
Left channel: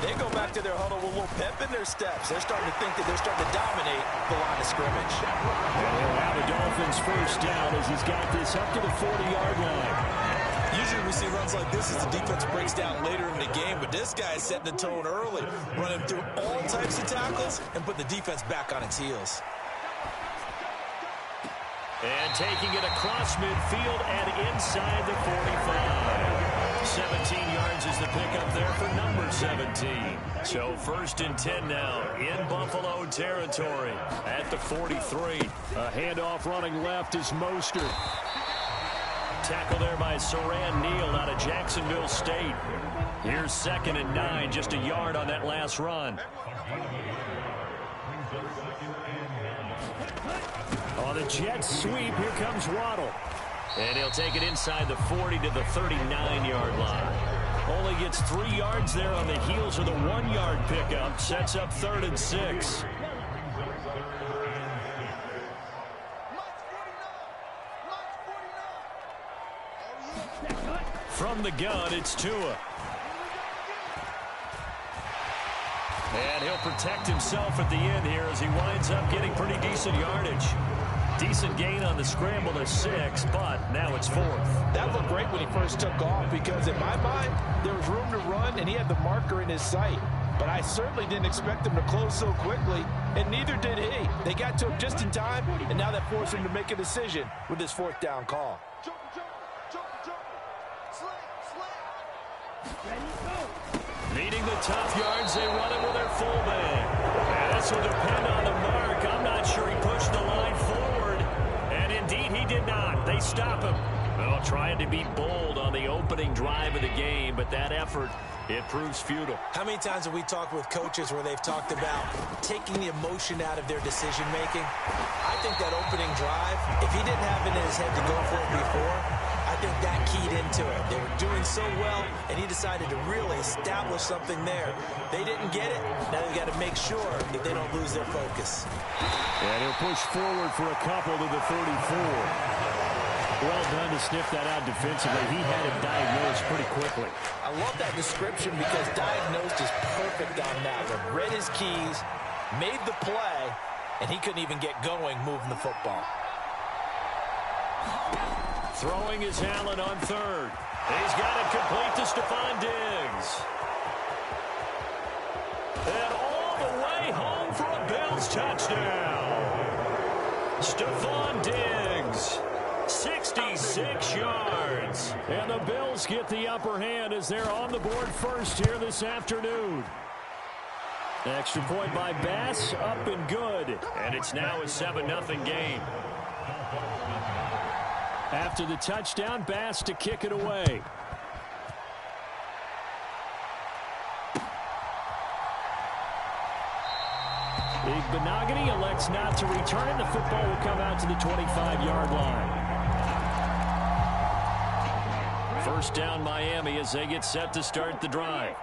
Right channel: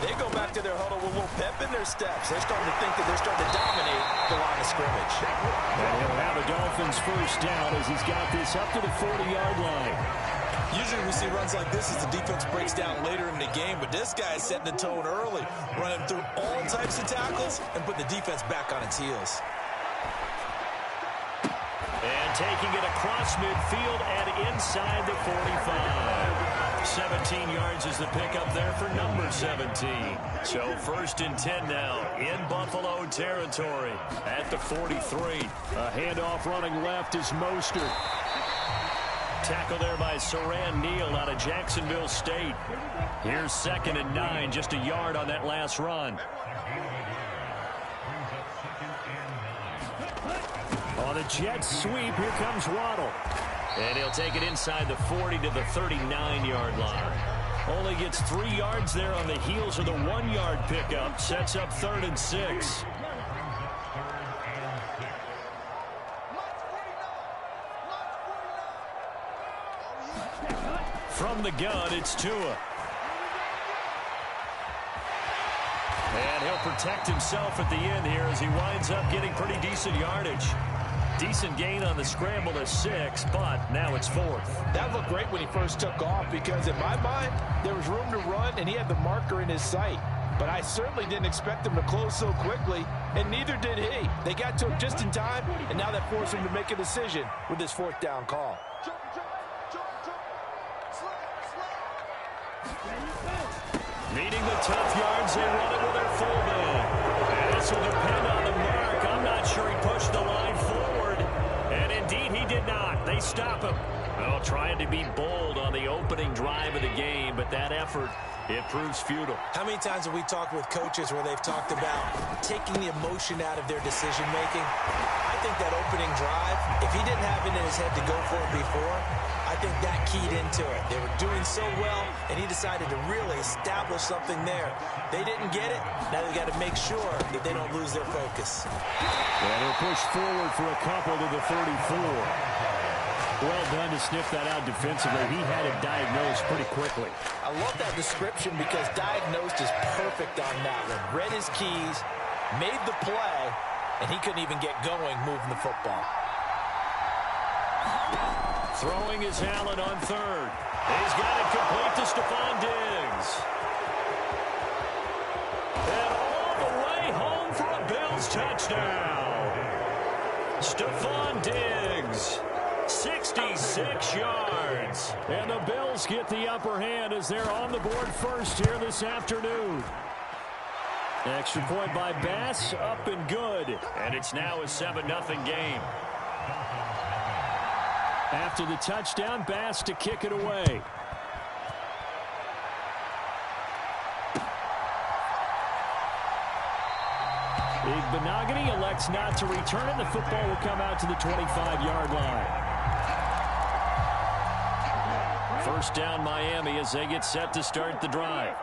they go back to their huddle with a little pep in their steps. They're starting to think that they're starting to dominate the line of scrimmage. And he'll have a Dolphins first down as he's got this up to the 40-yard line. Usually we see runs like this as the defense breaks down later in the game, but this guy is setting the tone early, running through all types of tackles and putting the defense back on its heels. And taking it across midfield and inside the 45. 17 yards is the pickup there for number 17. So 1st and 10 now in Buffalo territory at the 43. A handoff running left is Mostert. Tackle there by Saran Neal out of Jacksonville State. Here's 2nd and 9, just a yard on that last run. On the Jets sweep, here comes Waddle. And he'll take it inside the 40 to the 39-yard line. Only gets 3 yards there on the heels of the 1-yard pickup. Sets up 3rd and 6. From the gun, it's Tua. And he'll protect himself at the end here as he winds up getting pretty decent yardage. Decent gain on the scramble to 6, but now it's 4th. That looked great when he first took off because in my mind, there was room to run and he had the marker in his sight. But I certainly didn't expect him to close so quickly, and neither did he. They got to him just in time, and now that forced him to make a decision with his 4th down call. Needing the tough yards, they run it with their fullback. And this will depend on the mark. I'm not sure he pushed the line forward. And indeed, he did not. They stop him. Well, trying to be bold on the opening drive of the game, but that effort, it proves futile. How many times have we talked with coaches where they've talked about taking the emotion out of their decision-making? I think that opening drive, if he didn't have it in his head to go for it before, I think that keyed into it. They were doing so well, and he decided to really establish something there. They didn't get it. Now they've got to make sure that they don't lose their focus. And he'll push forward for a couple to the 34. Well done to sniff that out defensively. He had it diagnosed pretty quickly. I love that description because diagnosed is perfect on that one. Read his keys, made the play, and he couldn't even get going moving the football. Throwing is Allen on 3rd. He's got it complete to Stephon Diggs. And all the way home for a Bills touchdown. Stephon Diggs, 66 yards. And the Bills get the upper hand as they're on the board first here this afternoon. Extra point by Bass, up and good. And it's now a 7-0 game. After the touchdown, Bass to kick it away. Igbenogany elects not to return it. The football will come out to the 25-yard line. First down, Miami, as they get set to start the drive.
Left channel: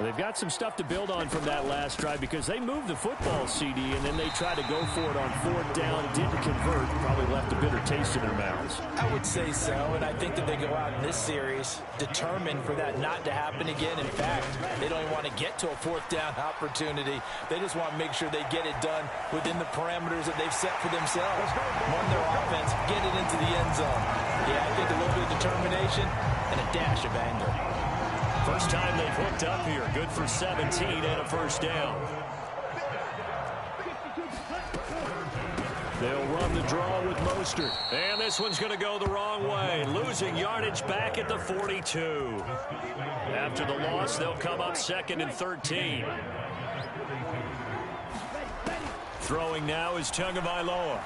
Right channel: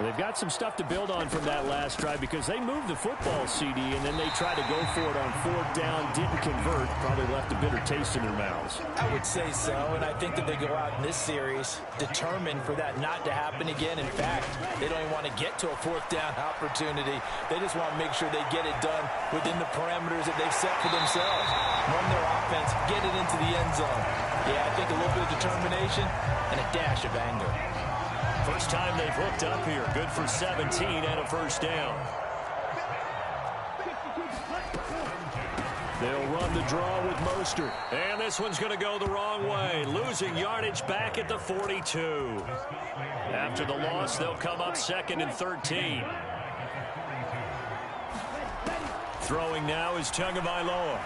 They've got some stuff to build on from that last drive because they moved the football, CD, and then they tried to go for it on 4th down, didn't convert, probably left a bitter taste in their mouths. I would say so, and I think that they go out in this series determined for that not to happen again. In fact, they don't even want to get to a 4th down opportunity. They just want to make sure they get it done within the parameters that they've set for themselves. Run their offense, get it into the end zone. Yeah, I think a little bit of determination and a dash of anger. First time they've hooked up here. Good for 17 and a first down. They'll run the draw with Mostert. And this one's going to go the wrong way. Losing yardage back at the 42. After the loss, they'll come up 2nd and 13. Throwing now is Tagovailoa.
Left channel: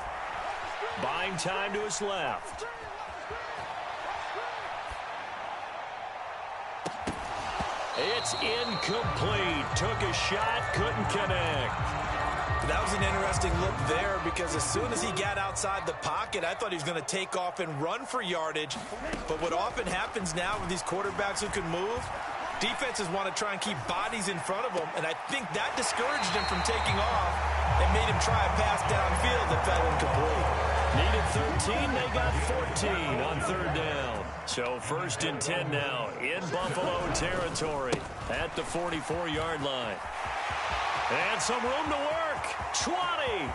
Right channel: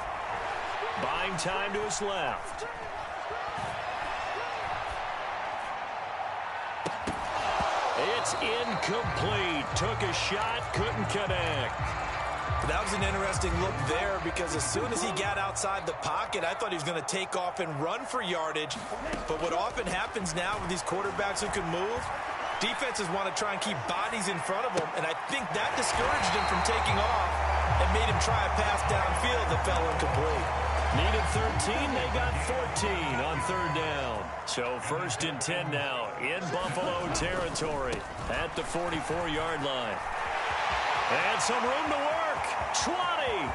Buying time to his left. It's incomplete. Took a shot, couldn't connect. That was an interesting look there because as soon as he got outside the pocket, I thought he was going to take off and run for yardage. But what often happens now with these quarterbacks who can move, defenses want to try and keep bodies in front of them, and I think that discouraged him from taking off and made him try a pass downfield that fell incomplete. Needed 13, they got 14 on 3rd down. So 1st and 10 now in Buffalo territory at the 44-yard line. And some room to work. 20.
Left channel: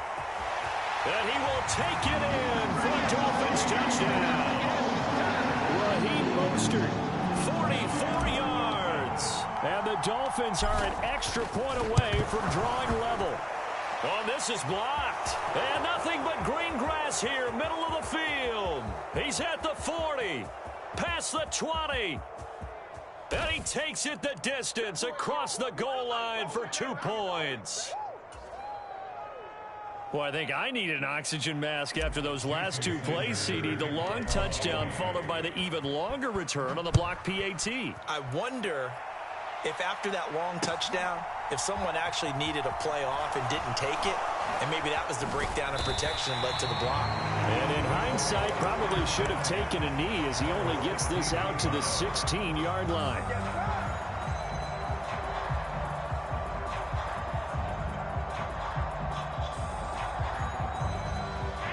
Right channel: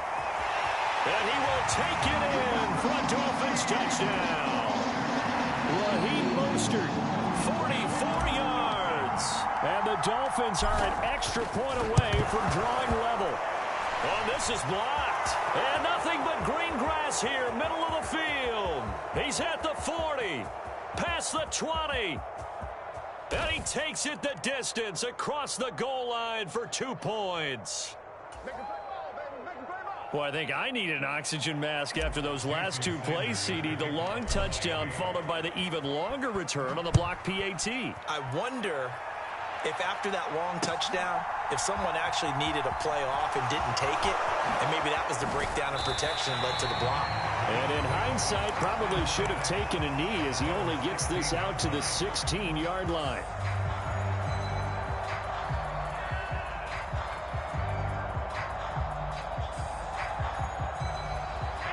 And he will take it in for a Dolphins touchdown. Raheem Mostert, 44 yards. And the Dolphins are an extra point away from drawing level. Oh, this is blocked. And nothing but green grass here, middle of the field. He's at the 40, past the 20. And he takes it the distance across the goal line for 2 points. Well, I think I need an oxygen mask after those last two plays, CD. The long touchdown followed by the even longer return on the block PAT. I wonder if after that long touchdown, if someone actually needed a play off and didn't take it, and maybe that was the breakdown in protection led to the block. And in hindsight, probably should have taken a knee as he only gets this out to the 16-yard line.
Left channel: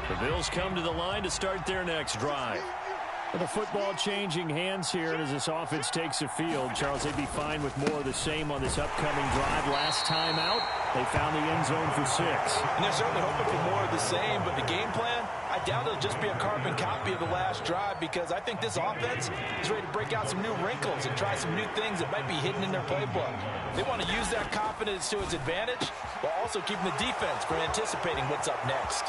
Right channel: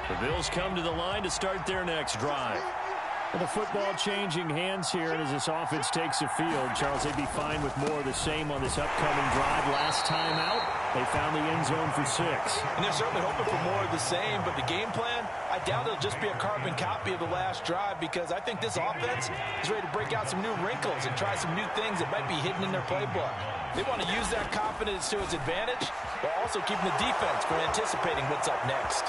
The Bills come to the line to start their next drive. The football changing hands here, and as this offense takes the field, Charles, they'd be fine with more of the same on this upcoming drive. Last time out, they found the end zone for 6. And they're certainly hoping for more of the same, but the game plan, I doubt it'll just be a carbon copy of the last drive, because I think this offense is ready to break out some new wrinkles and try some new things that might be hidden in their playbook. They want to use that confidence to its advantage, while also keeping the defense from anticipating what's up next.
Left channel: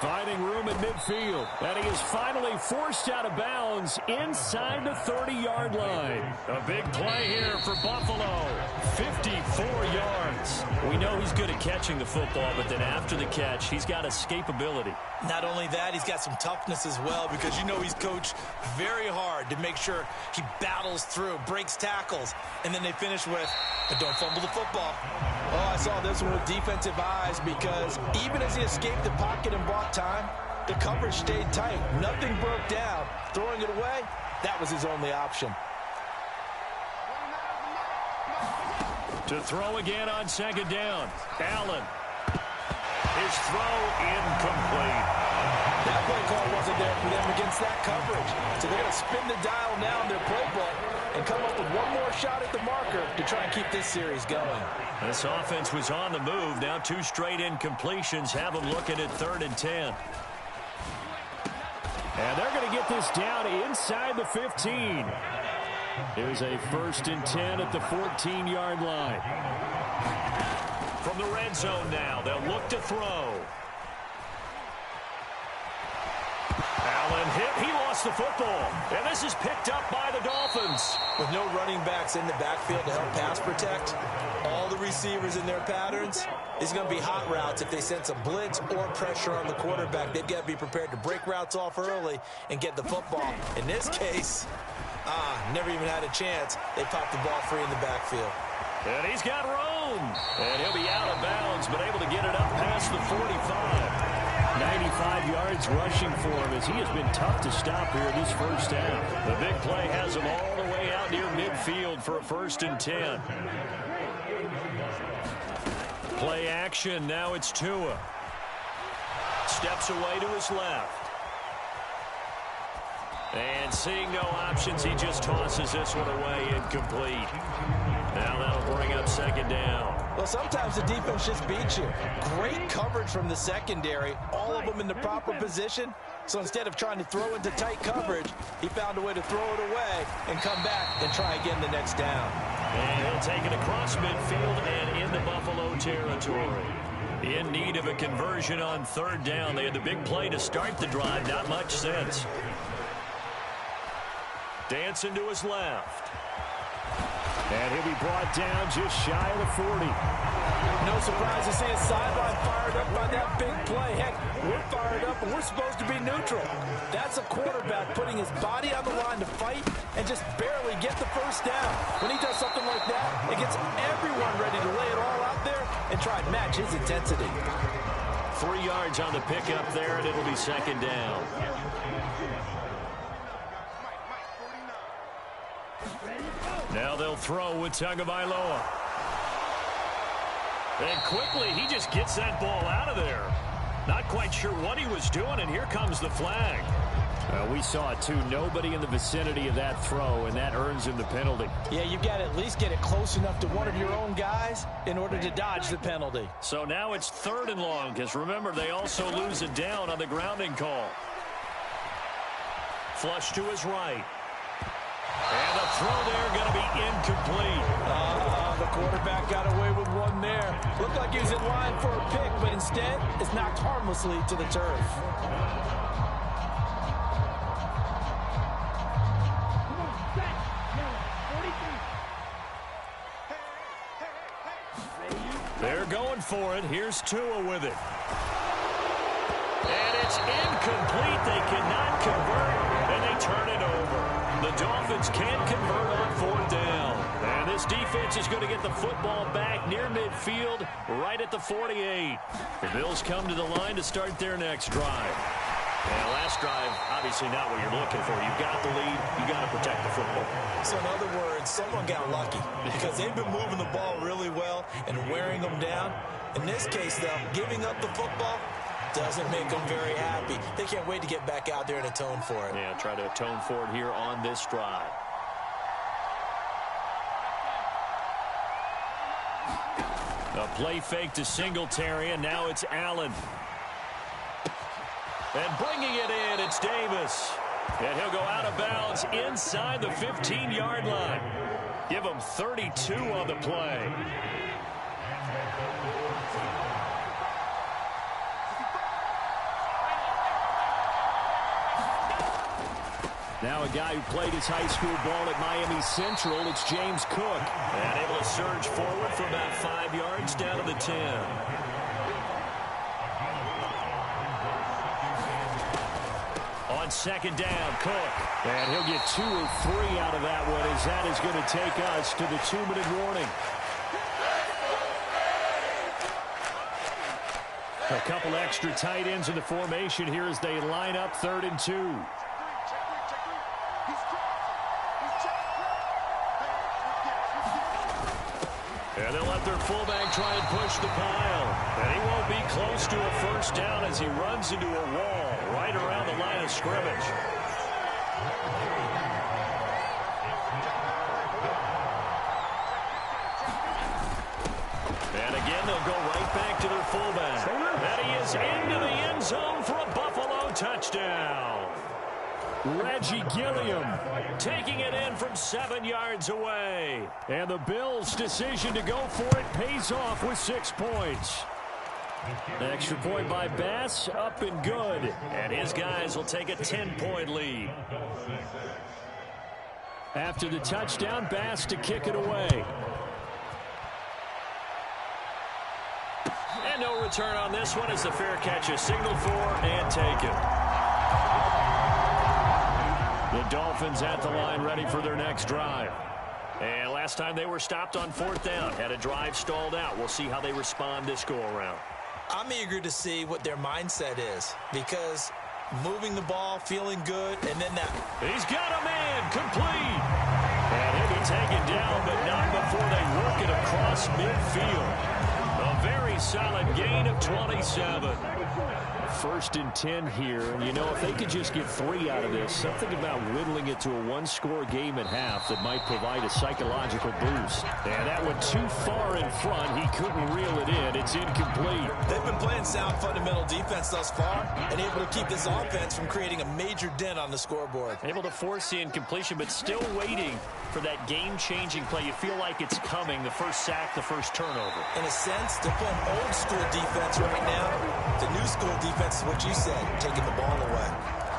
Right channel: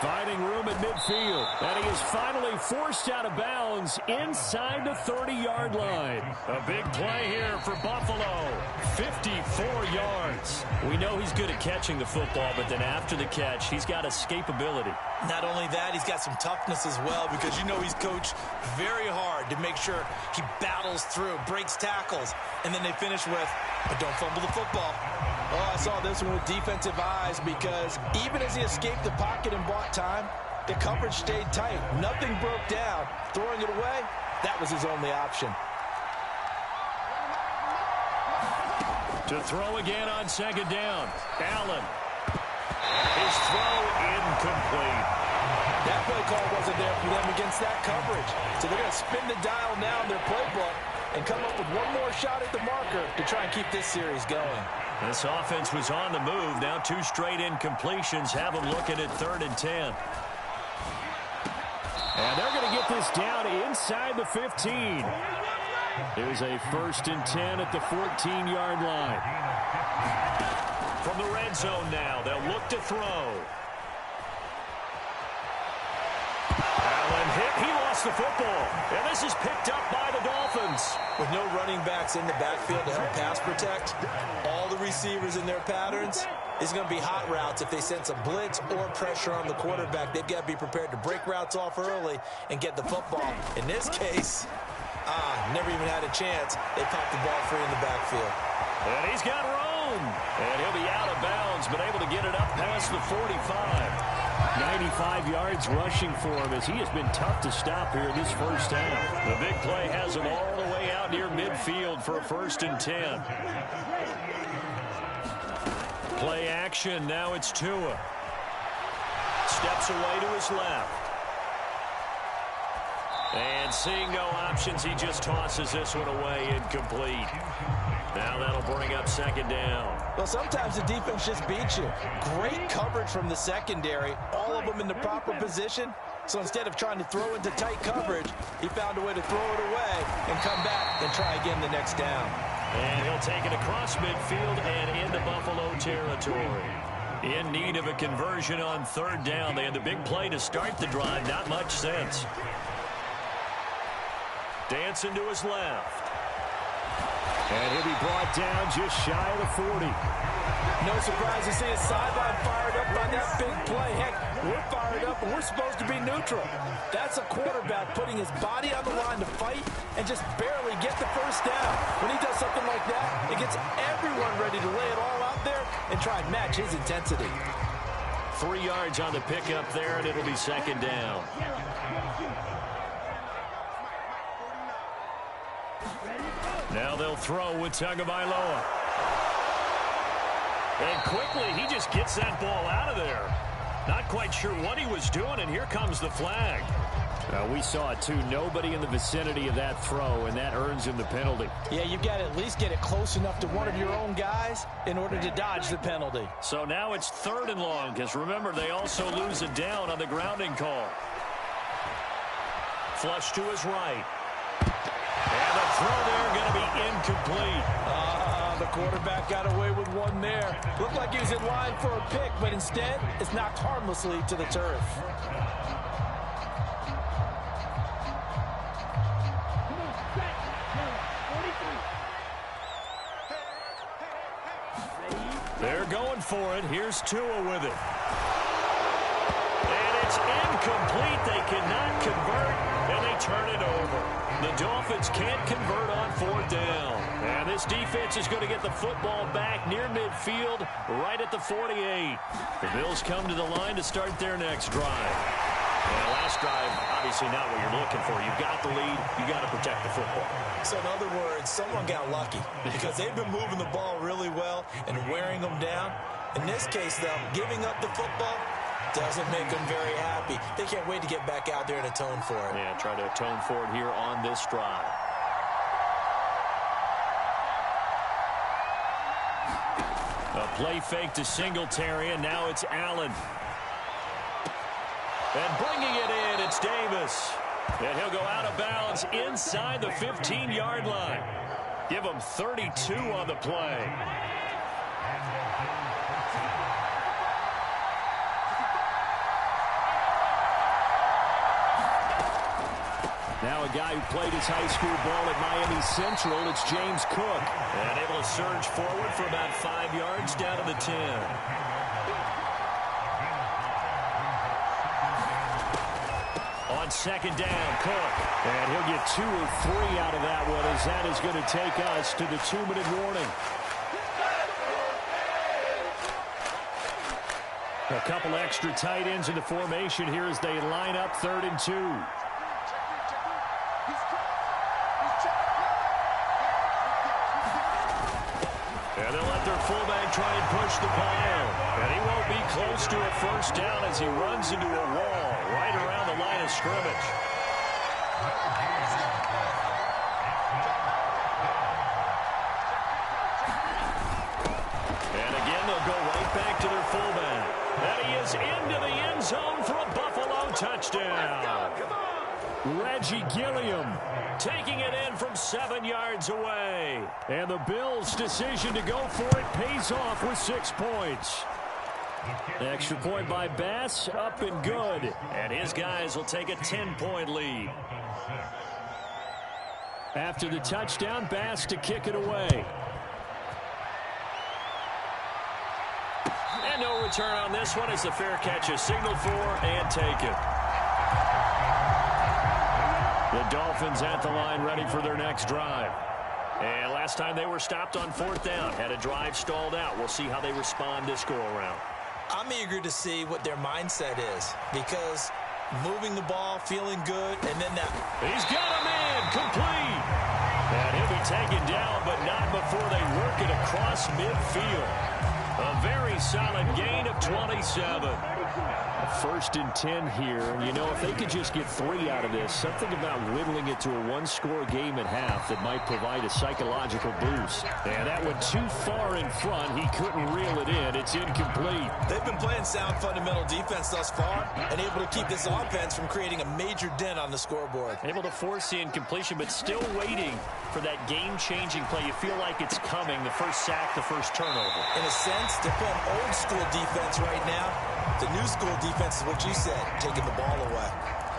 Finding room at midfield, and he is finally forced out of bounds inside the 30-yard line. A big play here for Buffalo, 54 yards. We know he's good at catching the football, but then after the catch, he's got escapability. Not only that, he's got some toughness as well, because you know he's coached very hard to make sure he battles through, breaks tackles, and then they finish with, but don't fumble the football. Oh, I saw this one with defensive eyes, because even as he escaped the pocket and bought time, the coverage stayed tight. Nothing broke down. Throwing it away, that was his only option. To throw again on second down, Allen. His throw incomplete. That play call wasn't there for them against that coverage. So they're going to spin the dial now in their playbook and come up with one more shot at the marker to try and keep this series going. This offense was on the move. Now 2 straight incompletions have them looking at 3rd and 10. And they're going to get this down inside the 15. Here's a 1st and 10 at the 14-yard line. From the red zone now, they'll look to throw. Allen hit. He lost the football. And this is picked up by the Dolphins. With no running backs in the backfield to help pass protect, all the receivers in their patterns, it's going to be hot routes if they sense a blitz or pressure on the quarterback. They've got to be prepared to break routes off early and get the football. In this case, never even had a chance. They popped the ball free in the backfield. And he's got room. And he'll be out of bounds, but able to get it up past the 45. 95 yards rushing for him as he has been tough to stop here this first half. The big play has him all the way out near midfield for a 1st and 10. Play action. Now it's Tua. Steps away to his left. And seeing no options, he just tosses this one away, incomplete. Now that'll bring up 2nd down. Well, sometimes the defense just beats you. Great coverage from the secondary, all of them in the proper position. So instead of trying to throw into tight coverage, he found a way to throw it away and come back and try again the next down. And he'll take it across midfield and into Buffalo territory. In need of a conversion on 3rd down. They had the big play to start the drive. Not much sense. Dancing to his left. And he'll be brought down just shy of the 40. No surprise to see his sideline fired up by that big play. Heck, we're fired up and we're supposed to be neutral. That's a quarterback putting his body on the line to fight and just barely get the first down. When he does something like that, it gets everyone ready to lay it all out there and try and match his intensity. 3 yards on the pickup there, and it'll be 2nd down. Now they'll throw with Tagovailoa. And quickly, he just gets that ball out of there. Not quite sure what he was doing, and here comes the flag. We saw it, too. Nobody in the vicinity of that throw, and that earns him the penalty. Yeah, you've got to at least get it close enough to one of your own guys in order to dodge the penalty. So now it's 3rd and long, because remember, they also lose it down on the grounding call. Flush to his right. And the throw there going to be incomplete. The quarterback got away with one there. Looked like he was in line for a pick, but instead, it's knocked harmlessly to the turf. They're going for it. Here's Tua with it. It's incomplete. They cannot convert, and they turn it over. The Dolphins can't convert on 4th down. And this defense is going to get the football back near midfield, right at the 48. The Bills come to the line to start their next drive. And last drive, obviously not what you're looking for. You've got the lead. You've got to protect the football. So in other words, someone got lucky because they've been moving the ball really well and wearing them down. In this case, though, giving up the football doesn't make them very happy. They can't wait to get back out there and atone for it. Yeah, try to atone for it here on this drive. A play fake to Singletary, and now it's Allen. And bringing it in, it's Davis. And he'll go out of bounds inside the 15-yard line. Give him 32 on the play. Now a guy who played his high school ball at Miami Central, it's James Cook. And able to surge forward for about 5 yards down to the 10. On 2nd down, Cook. And he'll get 2 or 3 out of that one, as that is going to take us to the 2-minute warning. A couple extra tight ends in the formation here as they line up 3rd and 2. And they'll let their fullback try and push the pile. And he won't be close to a 1st down as he runs into a wall right around the line of scrimmage. And again, they'll go right back to their fullback. And he is into the end zone for a Buffalo touchdown. Reggie Gilliam taking it in from 7 yards away. And the Bills' decision to go for it pays off with 6 points. Extra point by Bass, up and good. And his guys will take a 10-point lead. After the touchdown, Bass to kick it away. And no return on this one as the fair catch is signaled for and taken. The Dolphins at the line ready for their next drive. And last time they were stopped on 4th down. Had a drive stalled out. We'll see how they respond this go-around. I'm eager to see what their mindset is because moving the ball, feeling good, and then that. He's got a man complete. And he'll be taken down, but not before they work it across midfield. A very solid gain of 27. 1st and 10 here. And, you know, if they could just get 3 out of this, something about whittling it to a 1-score game at half that might provide a psychological boost. And that went too far in front. He couldn't reel it in. It's incomplete. They've been playing sound fundamental defense thus far and able to keep this offense from creating a major dent on the scoreboard. Able to force the incompletion, but still waiting for that game-changing play. You feel like it's coming, the first sack, the first turnover. In a sense, they're playing old-school defense right now. The new-school defense is what you said, taking the ball away.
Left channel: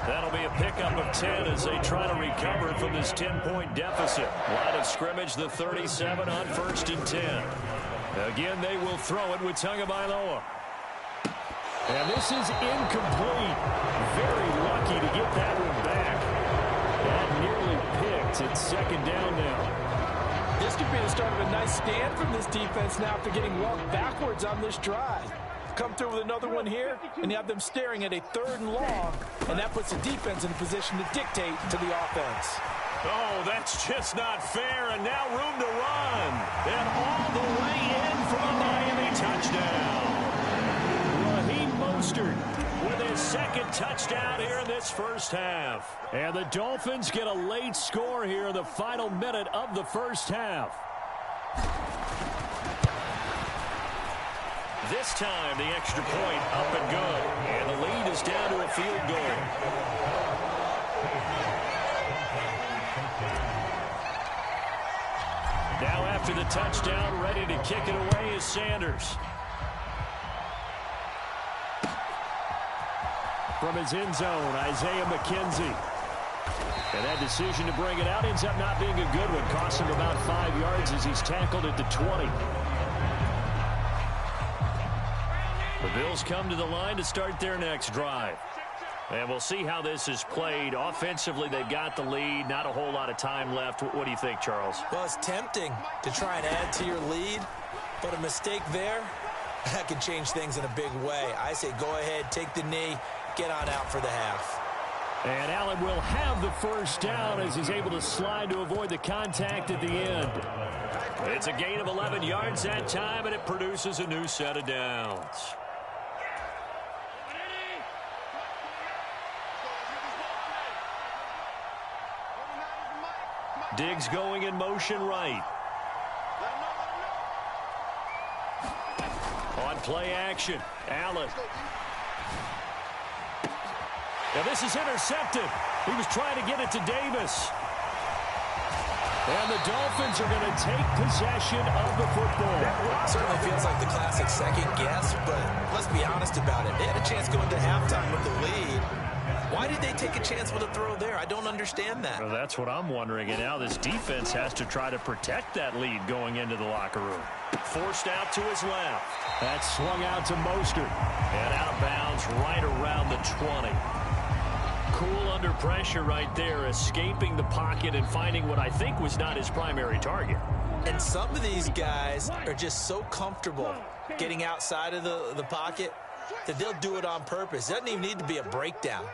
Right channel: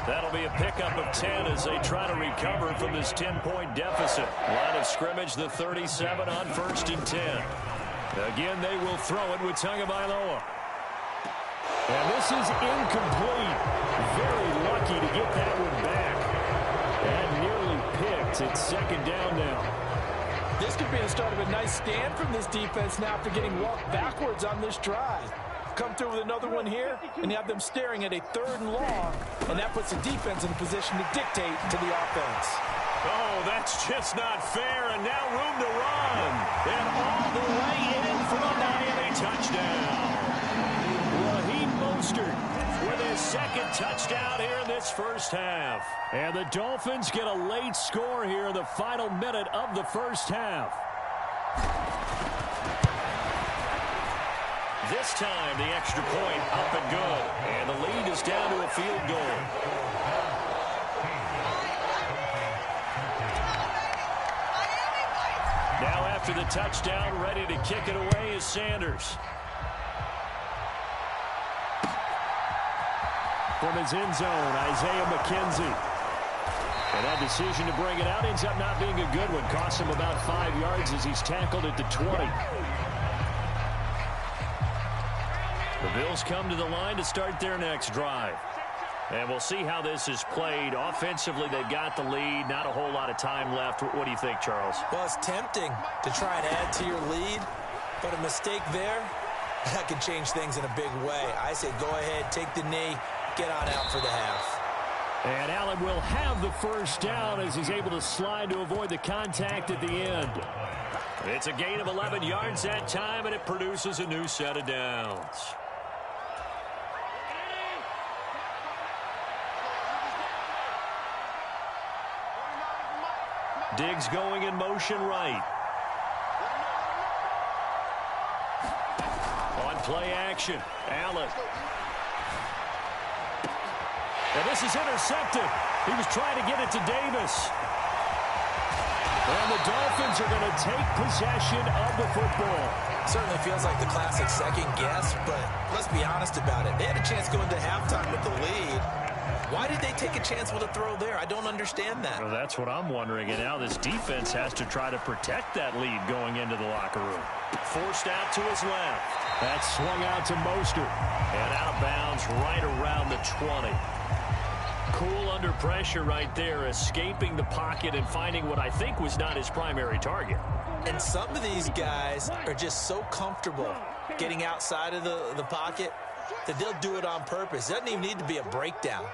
That'll be a pickup of 10 as they try to recover from this 10-point deficit. Line of scrimmage, the 37 on 1st and 10. Again, they will throw it with Tagovailoa. And this is incomplete. Very lucky to get that one back. And nearly picked. It's 2nd down now. This could be the start of a nice stand from this defense now after getting walked backwards on this drive. Come through with another one here, and you have them staring at a 3rd and long, and that puts the defense in a position to dictate to the offense. Oh, that's just not fair, and now room to run. And all the way in for a Miami touchdown. Raheem Mostert with his 2nd touchdown here in this first half. And the Dolphins get a late score here in the final minute of the first half. This time, the extra point up and good. And the lead is down to a field goal. Now after the touchdown, ready to kick it away is Sanders. From his end zone, Isaiah McKenzie. And that decision to bring it out ends up not being a good one. Costs him about 5 yards as he's tackled at the 20. The Bills come to the line to start their next drive. And we'll see how this is played. Offensively, they've got the lead. Not a whole lot of time left. What do you think, Charles? Well, it's tempting to try and add to your lead, but a mistake there, that can change things in a big way. I say go ahead, take the knee, get on out for the half. And Allen will have the first down as he's able to slide to avoid the contact at the end. It's a gain of 11 yards that time, and it produces a new set of downs. Diggs going in motion right. On play action, Allen. Now this is intercepted. He was trying to get it to Davis. And the Dolphins are going to take possession of the football. Certainly feels like the classic second guess, but let's be honest about it. They had a chance going to halftime with the lead. Why did they take a chance with a throw there? I don't understand that. Well, that's what I'm wondering. And now this defense has to try to protect that lead going into the locker room. Forced out to his left. That's swung out to Mostert. And out of bounds right around the 20. Cool under pressure right there, escaping the pocket and finding what I think was not his primary target. And some of these guys are just so comfortable getting outside of the pocket that they'll do it on purpose. It doesn't even need to be a breakdown.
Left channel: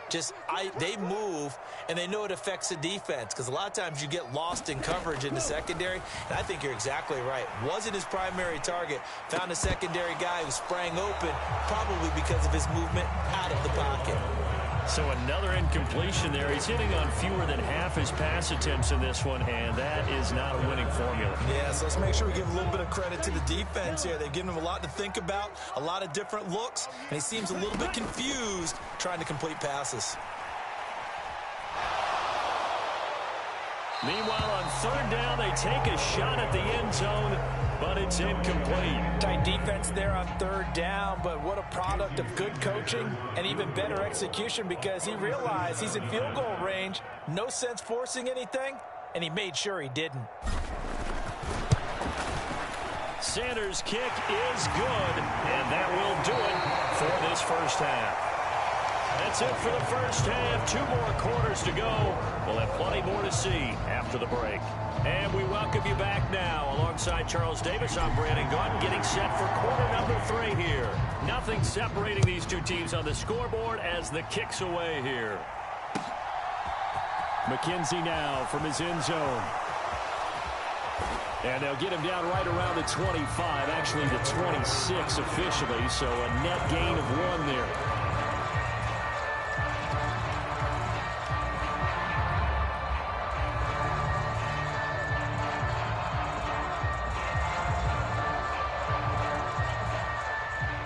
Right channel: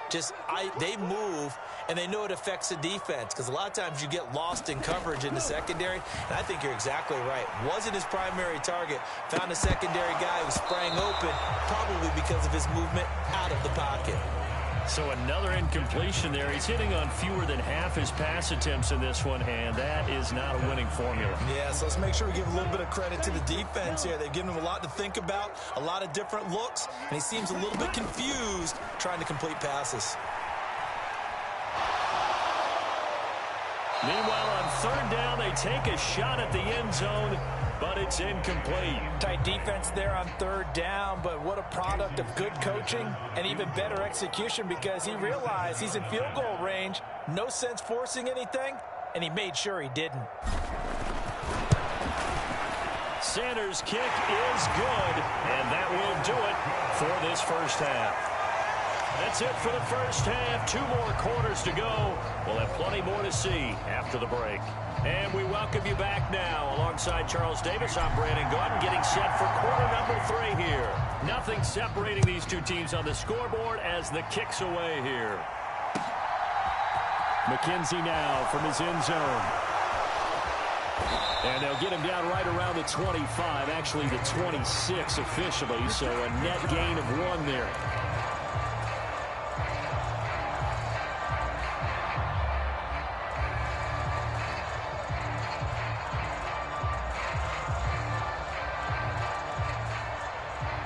They move, and they know it affects the defense, because a lot of times you get lost in coverage in the secondary, and I think you're exactly right. Wasn't his primary target. Found a secondary guy who sprang open, probably because of his movement out of the pocket. So another incompletion there. He's hitting on fewer than half his pass attempts in this one, and that is not a winning formula. Yeah, so let's make sure we give a little bit of credit to the defense here. They've given him a lot to think about, a lot of different looks, and he seems a little bit confused trying to complete passes. Meanwhile, on third down, they take a shot at the end zone, but it's incomplete. Tight defense there on third down, but what a product of good coaching and even better execution, because he realized he's in field goal range, no sense forcing anything, and he made sure he didn't. Sanders' kick is good, and that will do it for this first half. That's it for the first half. 2 more quarters to go. We'll have plenty more to see after the break. And we welcome you back now. Alongside Charles Davis, I'm Brandon Gordon, getting set for quarter number 3 here. Nothing separating these two teams on the scoreboard as the kick's away here. McKenzie now from his end zone. And they'll get him down right around the 25, actually the 26 officially, so a net gain of 1 there.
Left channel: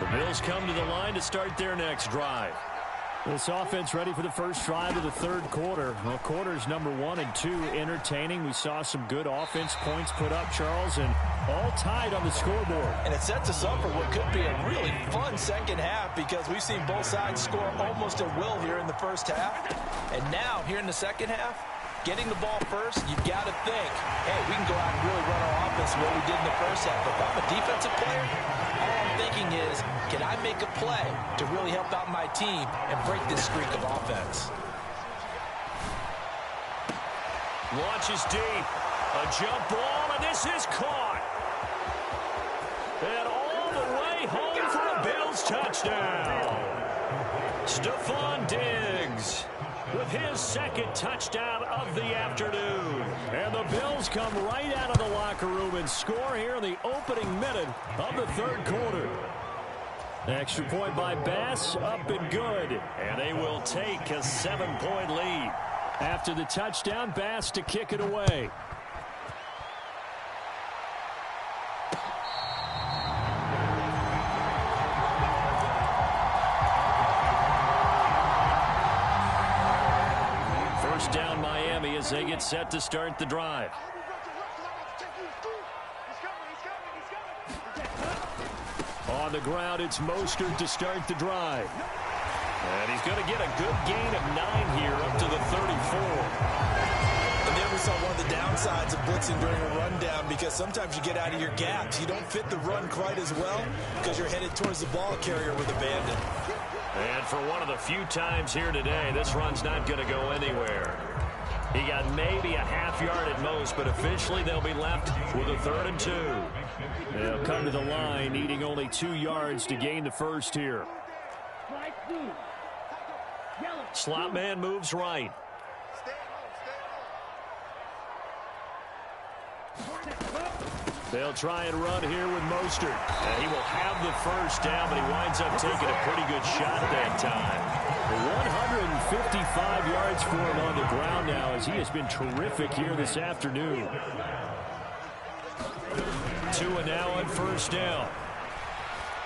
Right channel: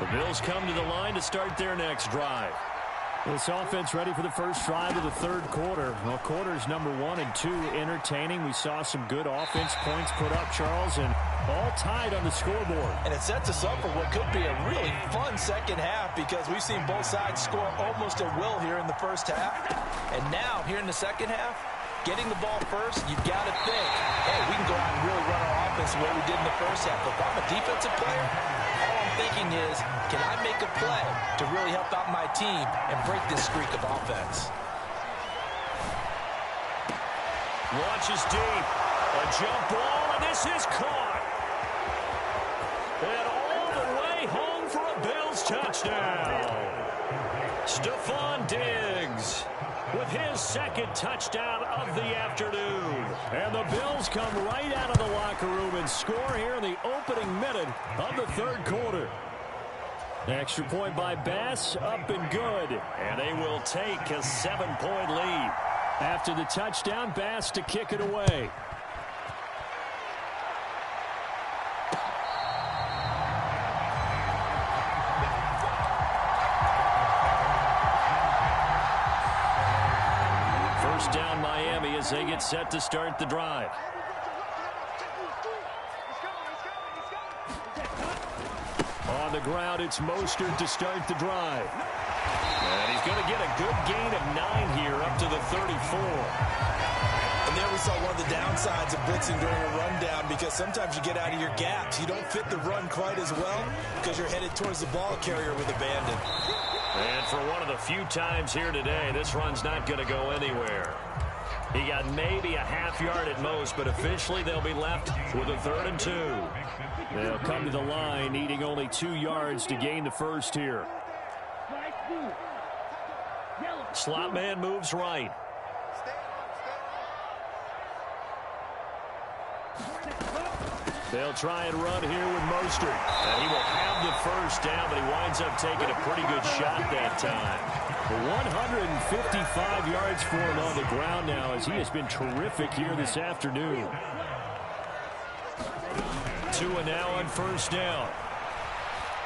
The Bills come to the line to start their next drive. This offense ready for the first drive of the third quarter. Well, quarters number 1 and 2 entertaining. We saw some good offense points put up, Charles, and all tied on the scoreboard. And it sets us up for what could be a really fun second half, because we've seen both sides score almost at will here in the first half. And now, here in the second half, getting the ball first, you've got to think, hey, we can go out and really run our offense the way we did in the first half. But if I'm a defensive player, all I'm thinking is, can I make a play to really help out my team and break this streak of offense? Launches deep. A jump ball, and this is caught. And all the way home for a Bills touchdown. Stephon Diggs with his second touchdown of the afternoon. And the Bills come right out of the locker room and score here in the opening minute of the third quarter. Extra point by Bass, up and good. And they will take a 7-point lead. After the touchdown, Bass to kick it away. First down Miami as they get set to start the drive. On the ground, it's Mostert to start the drive. And he's going to get a good gain of 9 here up to the 34. And there we saw one of the downsides of blitzing during a rundown, because sometimes you get out of your gaps. You don't fit the run quite as well because you're headed towards the ball carrier with abandon. And for one of the few times here today, this run's not going to go anywhere. He got maybe a half yard at most, but officially they'll be left with a 3rd and 2. They'll come to the line needing only 2 yards to gain the first here. Slot man moves right. They'll try and run here with Mostert. And he will have the first down, but he winds up taking a pretty good shot that time. 155 yards for him on the ground now, as he has been terrific here this afternoon. Tua now on first down.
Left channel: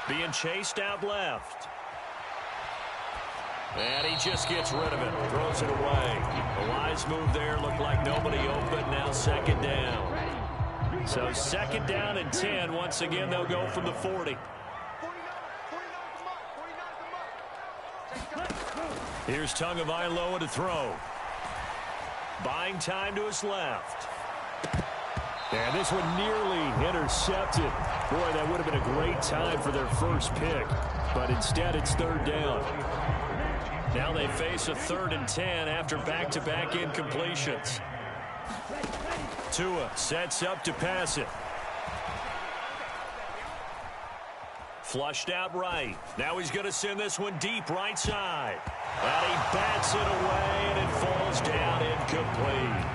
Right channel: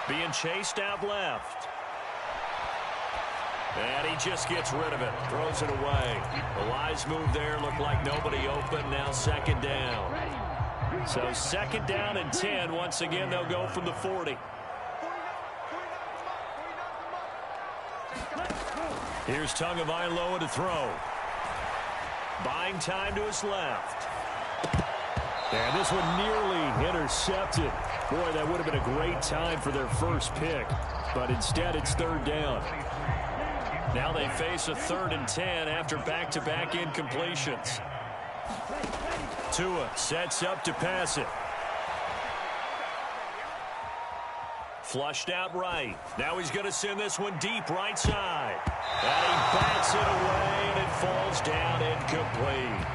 Being chased out left. And he just gets rid of it. Throws it away. A wise move there. Looked like nobody open. Now 2nd down. So 2nd down and 10. Once again, they'll go from the 40. Here's Tagovailoa to throw. Buying time to his left. And this one nearly intercepted. Boy, that would have been a great time for their first pick. But instead, it's 3rd down. Now they face a 3rd and 10 after back-to-back incompletions. Tua sets up to pass it. Flushed out right. Now he's going to send this one deep right side. And he bats it away, and it falls down incomplete.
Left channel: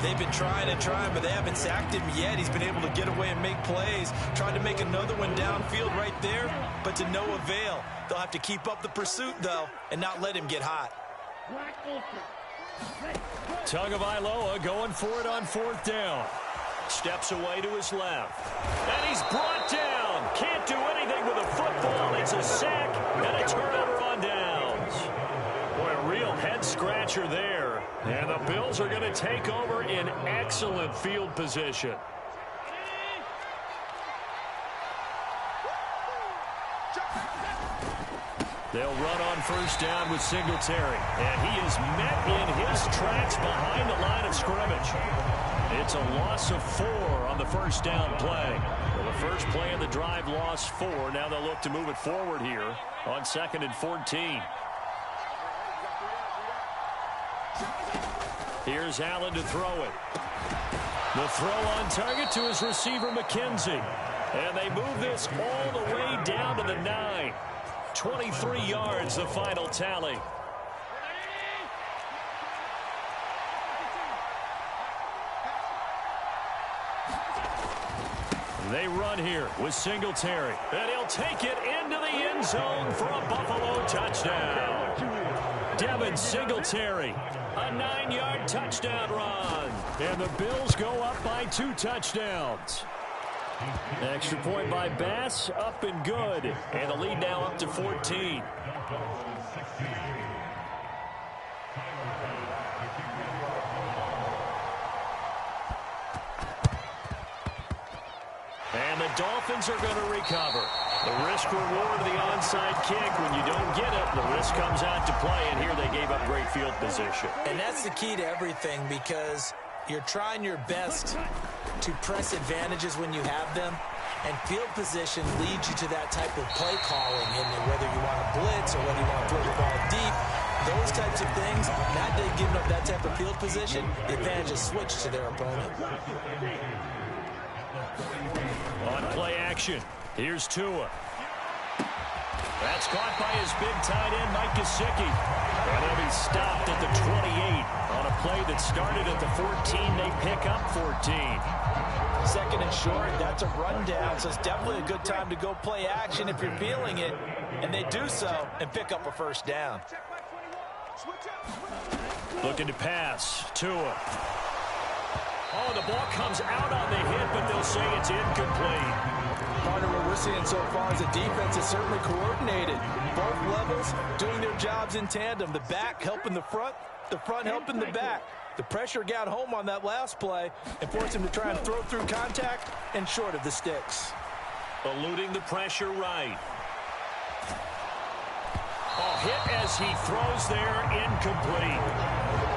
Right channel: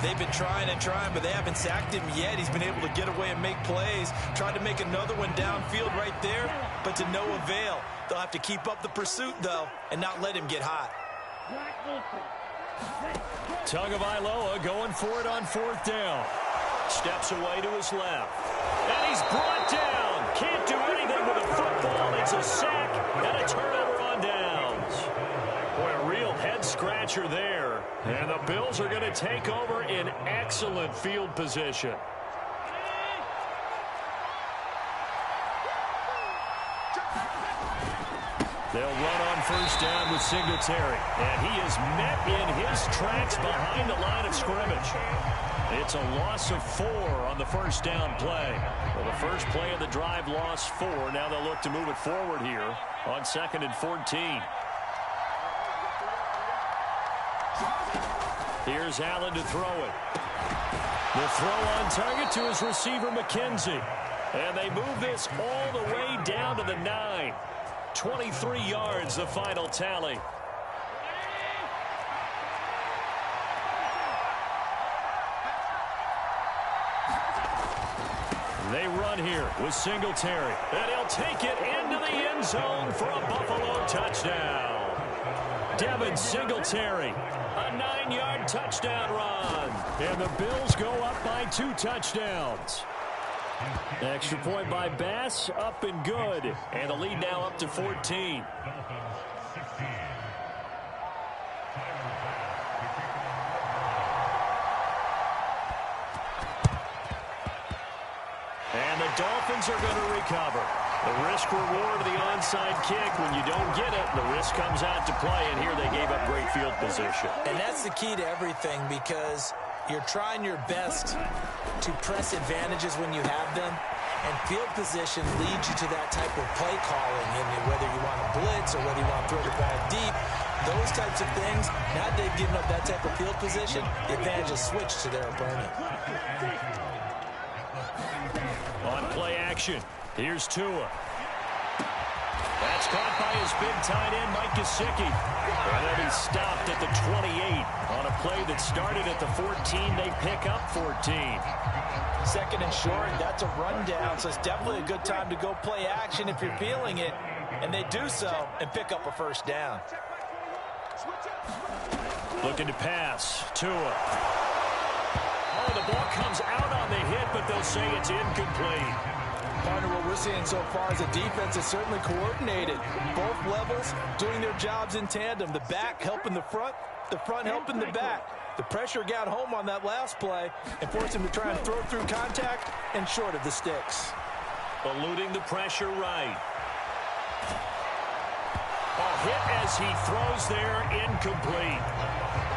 They've been trying and trying, but they haven't sacked him yet. He's been able to get away and make plays. Tried to make another one downfield right there, but to no avail. They'll have to keep up the pursuit, though, and not let him get hot. Tagovailoa going for it on 4th down. Steps away to his left. And he's brought down. Can't do anything with a football. It's a sack and a turnover on downs. Boy, a real head-scratcher there. And the Bills are going to take over in excellent field position. They'll run on first down with Singletary. And he is met in his tracks behind the line of scrimmage. It's a loss of 4 on the first down play. Well, the first play of the drive lost 4. Now they'll look to move it forward here on 2nd and 14. Here's Allen to throw it. The throw on target to his receiver, McKenzie. And they move this all the way down to the 9. 23 yards, the final tally. They run here with Singletary. And he'll take it into the end zone for a Buffalo touchdown. Devin Singletary, a 9-yard touchdown run. And the Bills go up by 2 touchdowns. Extra point by Bass, up and good. And the lead now up to 14. And the Dolphins are going to recover. The risk-reward of the onside kick, when you don't get it, the risk comes out to play, and here they gave up great field position. And that's the key to everything, because you're trying your best to press advantages when you have them, and field position leads you to that type of play calling, and whether you want to blitz or whether you want to throw the ball deep, those types of things. Now that they've given up that type of field position, the advantage is switched to their opponent. On play action, here's Tua. That's caught by his big tight end, Mike Gesicki. And they'll be stopped at the 28. On a play that started at the 14, they pick up 14. 2nd and short, that's a rundown, so it's definitely a good time to go play action if you're feeling it. And they do so and pick up a first down. Looking to pass, Tua. Oh, the ball comes out on the hit, but they'll say it's incomplete. Partner, what we're seeing so far is the defense is certainly coordinated. Both levels doing their jobs in tandem. The back helping the front helping the back. The pressure got home on that last play and forced him to try and throw through contact and short of the sticks. Eluding the pressure right. Oh, hit as he throws there, incomplete.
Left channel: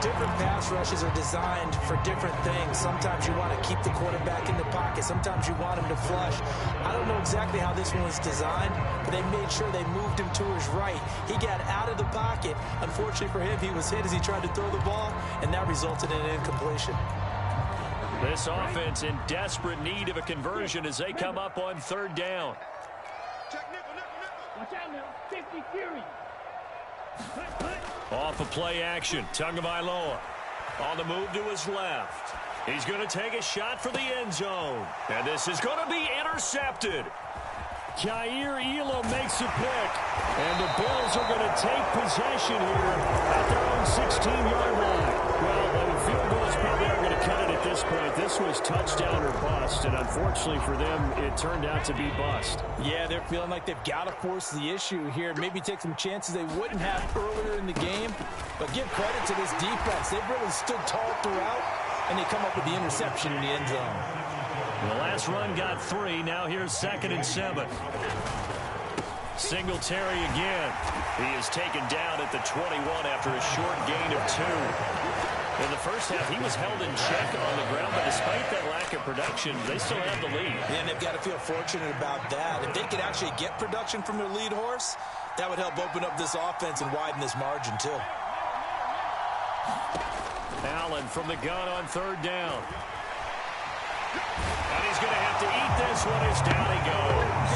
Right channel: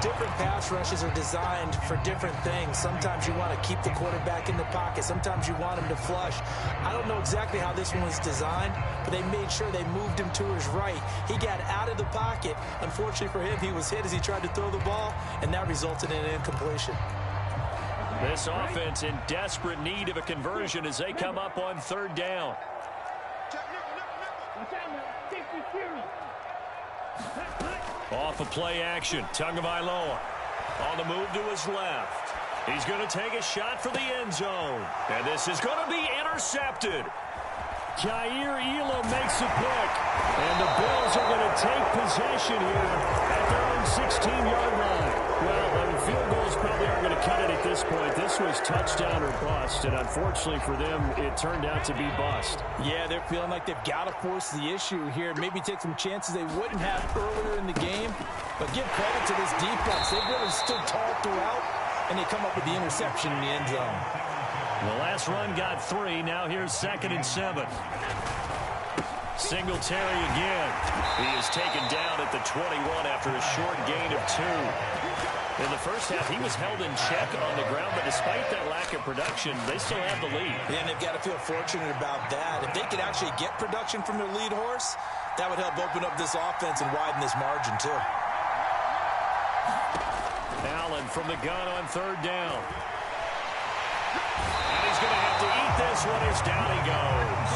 different pass rushes are designed for different things. Sometimes you want to keep the quarterback in the pocket. Sometimes you want him to flush. I don't know exactly how this one was designed, but they made sure they moved him to his right. He got out of the pocket. Unfortunately for him, he was hit as he tried to throw the ball, and that resulted in an incompletion. This offense in desperate need of a conversion as they come up on third down. Watch out now. 50 Fury. Off of play action, Tagovailoa on the move to his left. He's going to take a shot for the end zone. And this is going to be intercepted. Jair Elam makes a pick. And the Bills are going to take possession here at their own 16-yard line. Well, the field goals probably aren't going to cut it at this point. This was touchdown or bust, and unfortunately for them, it turned out to be bust. Yeah, they're feeling like they've got to force the issue here. Maybe take some chances they wouldn't have earlier in the game. But give credit to this defense. They've really stood tall throughout, and they come up with the interception in the end zone. The last run got 3. Now here's 2nd and 7. Singletary again. He is taken down at the 21 after a short gain of 2. In the first half, he was held in check on the ground, but despite that lack of production, they still have the lead. Yeah, and they've got to feel fortunate about that. If they could actually get production from their lead horse, that would help open up this offense and widen this margin, too. Allen from the gun on third down. And he's going to have to eat this one as down he goes.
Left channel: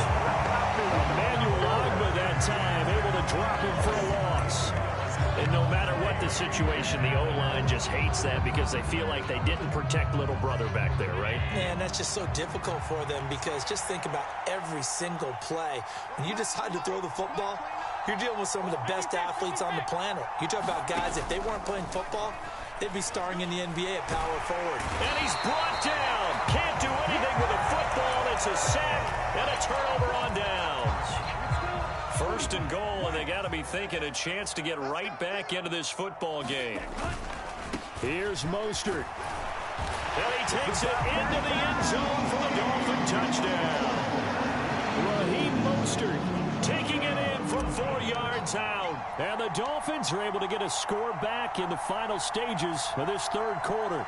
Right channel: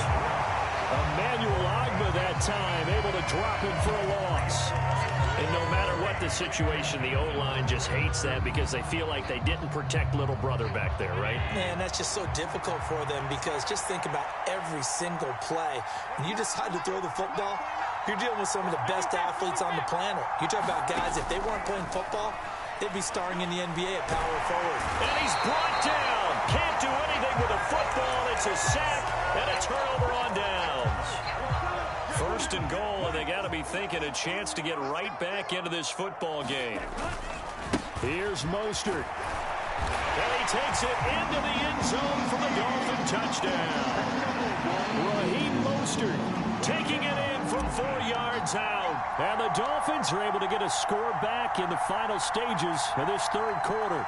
Emmanuel Ogbah that time, able to drop him for a loss. And no matter what the situation, the O-line just hates that because they feel like they didn't protect little brother back there, right? Man, that's just so difficult for them because just think about every single play. When you decide to throw the football, you're dealing with some of the best athletes on the planet. You talk about guys, if they weren't playing football, they'd be starring in the NBA at power forward. And he's brought down. Can't do anything with a football. It's a sack and a turnover on downs. 1st and goal, and they got to be thinking a chance to get right back into this football game. Here's Mostert. And he takes it into the end zone for the Dolphin touchdown. Raheem Mostert taking it in from 4 yards out. And the Dolphins are able to get a score back in the final stages of this third quarter.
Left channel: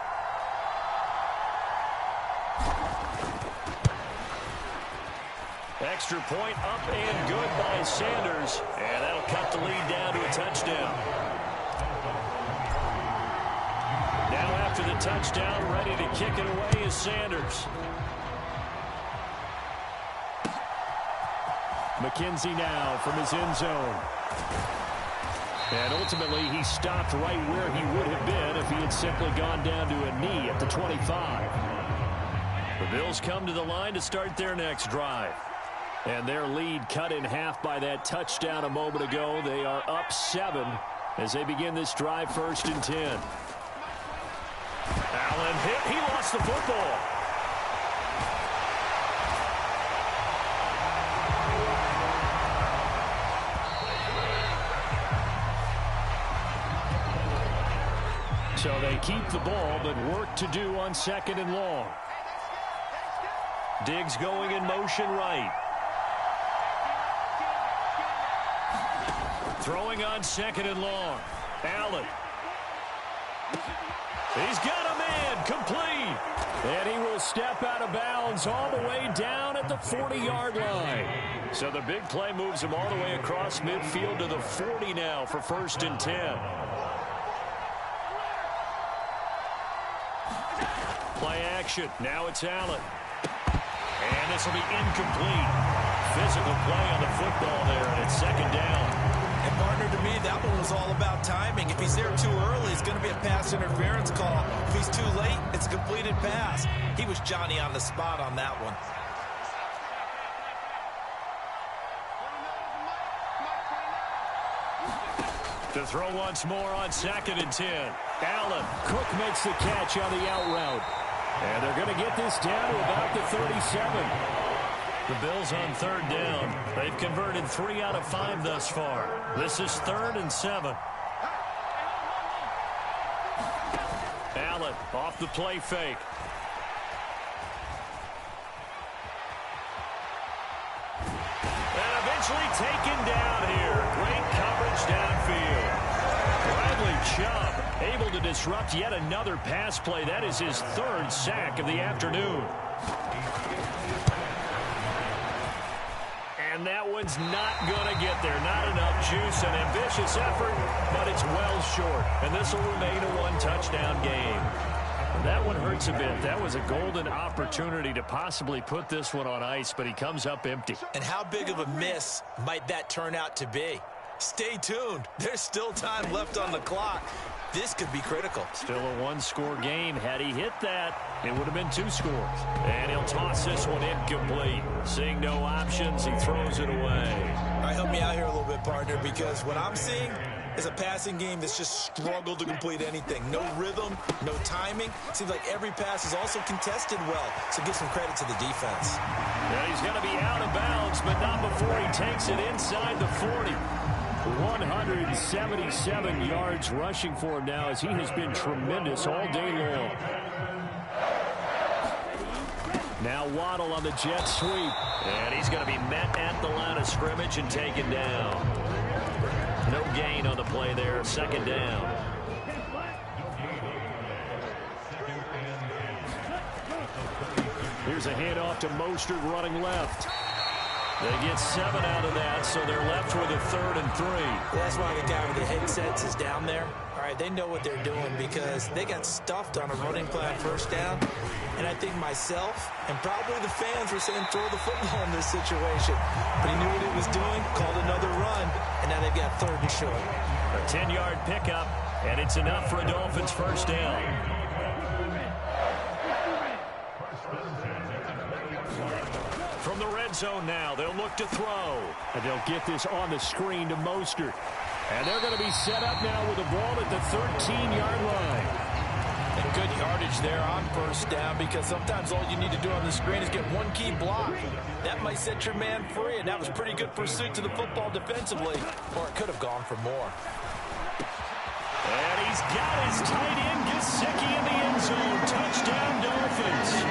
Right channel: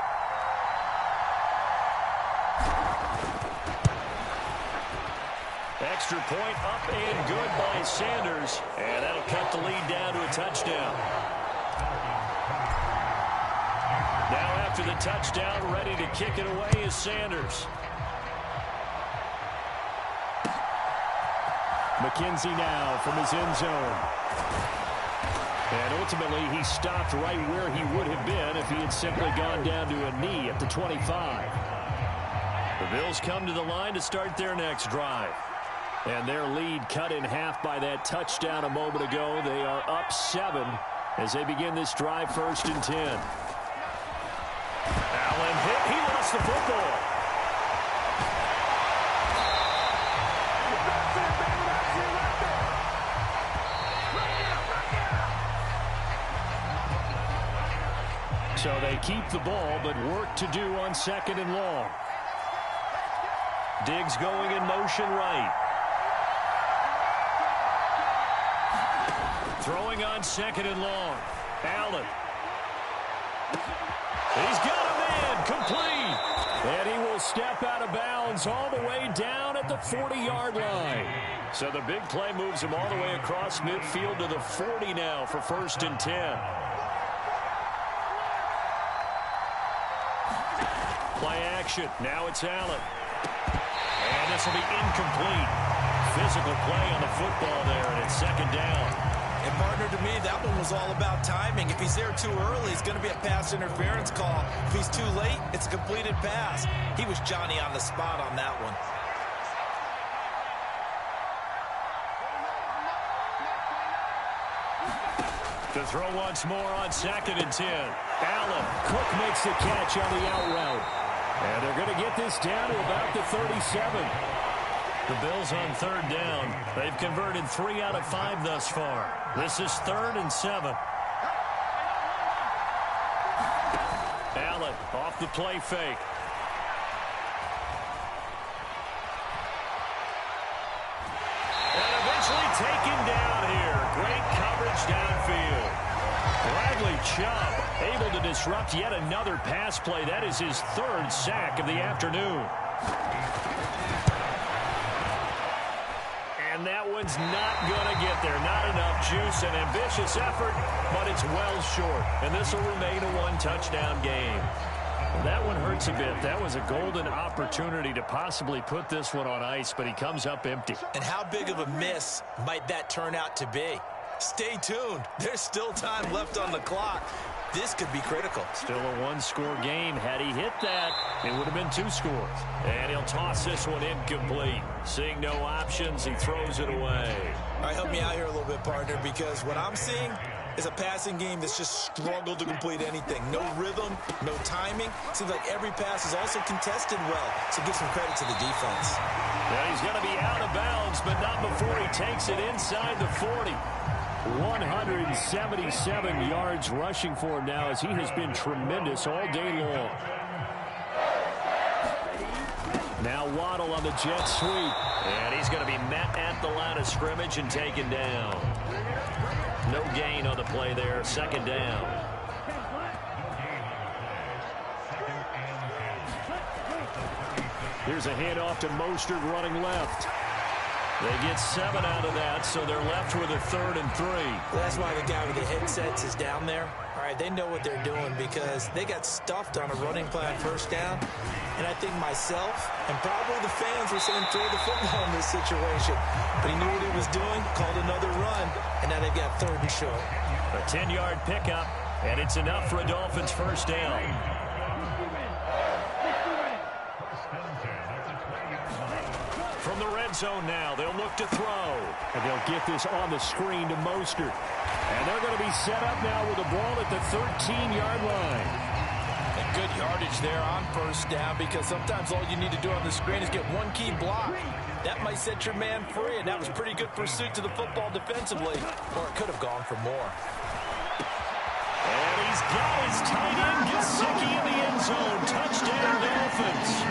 Extra point up and good by Sanders. And that'll cut the lead down to a touchdown. Now after the touchdown, ready to kick it away is Sanders. McKenzie now from his end zone. And ultimately, he stopped right where he would have been if he had simply gone down to a knee at the 25. The Bills come to the line to start their next drive. And their lead cut in half by that touchdown a moment ago. They are up 7 as they begin this drive 1st and 10. Allen hit. He lost the football. So they keep the ball, but work to do on 2nd and long. Diggs going in motion right. Throwing on 2nd and long. Allen. He's got a man complete. And he will step out of bounds all the way down at the 40-yard line. So the big play moves him all the way across midfield to the 40 now for 1st and 10. Play action. Now it's Allen. And this will be incomplete. Physical play on the football there, and it's 2nd down. And, partner, to me, that one was all about timing. If he's there too early, it's going to be a pass interference call. If he's too late, it's a completed pass. He was Johnny on the spot on that one. To throw once more on 2nd and 10. Allen. Cook makes the catch on the out route. And they're going to get this down to about the 37. The Bills on 3rd down. They've converted 3 out of 5 thus far. This is 3rd and 7. Allen off the play fake. And eventually taken down here. Great coverage downfield. Bradley Chubb able to disrupt yet another pass play. That is his third sack of the afternoon. And that one's not going to get there. Not enough juice. An ambitious effort, but it's well short. And this will remain a one-touchdown game. That one hurts a bit. That was a golden opportunity to possibly put this one on ice, but he comes up empty. And how big of a miss might that turn out to be? Stay tuned. There's still time left on the clock. This could be critical. Still a one-score game. Had he hit that, it would have been 2 scores. And he'll toss this one incomplete. Seeing no options, he throws it away. All right, help me out here a little bit, partner, because what I'm seeing is a passing game that's just struggled to complete anything. No rhythm, no timing. Seems like every pass is also contested well, so give some credit to the defense. Now he's going to be out of bounds, but not before he takes it inside the 40. 177 yards rushing for him now as he has been tremendous all day long. Now Waddle on the jet sweep. And he's going to be met at the line of scrimmage and taken down. No gain on the play there. Second down. Here's a handoff to Mostert running left. They get 7 out of that, so they're left with a 3rd and 3. That's why the guy with the headsets is down there. All right, they know what they're doing because they got stuffed on a running plan first down. And I think myself and probably the fans were saying throw the football in this situation. But he knew what he was doing, called another run, and now they've got 3rd and short. A 10-yard pickup, and it's enough for a Dolphins first down. From the red zone now, they'll look to throw. And they'll get this on the screen to Mostert. And they're going to be set up now with the ball at the 13-yard line. And good yardage there on first down because sometimes all you need to do on the screen is get one key block. That might set your man free, and that was pretty good pursuit to the football defensively, or it could have gone for more. And he's got his tight end Gesicki in the end zone. Touchdown Dolphins.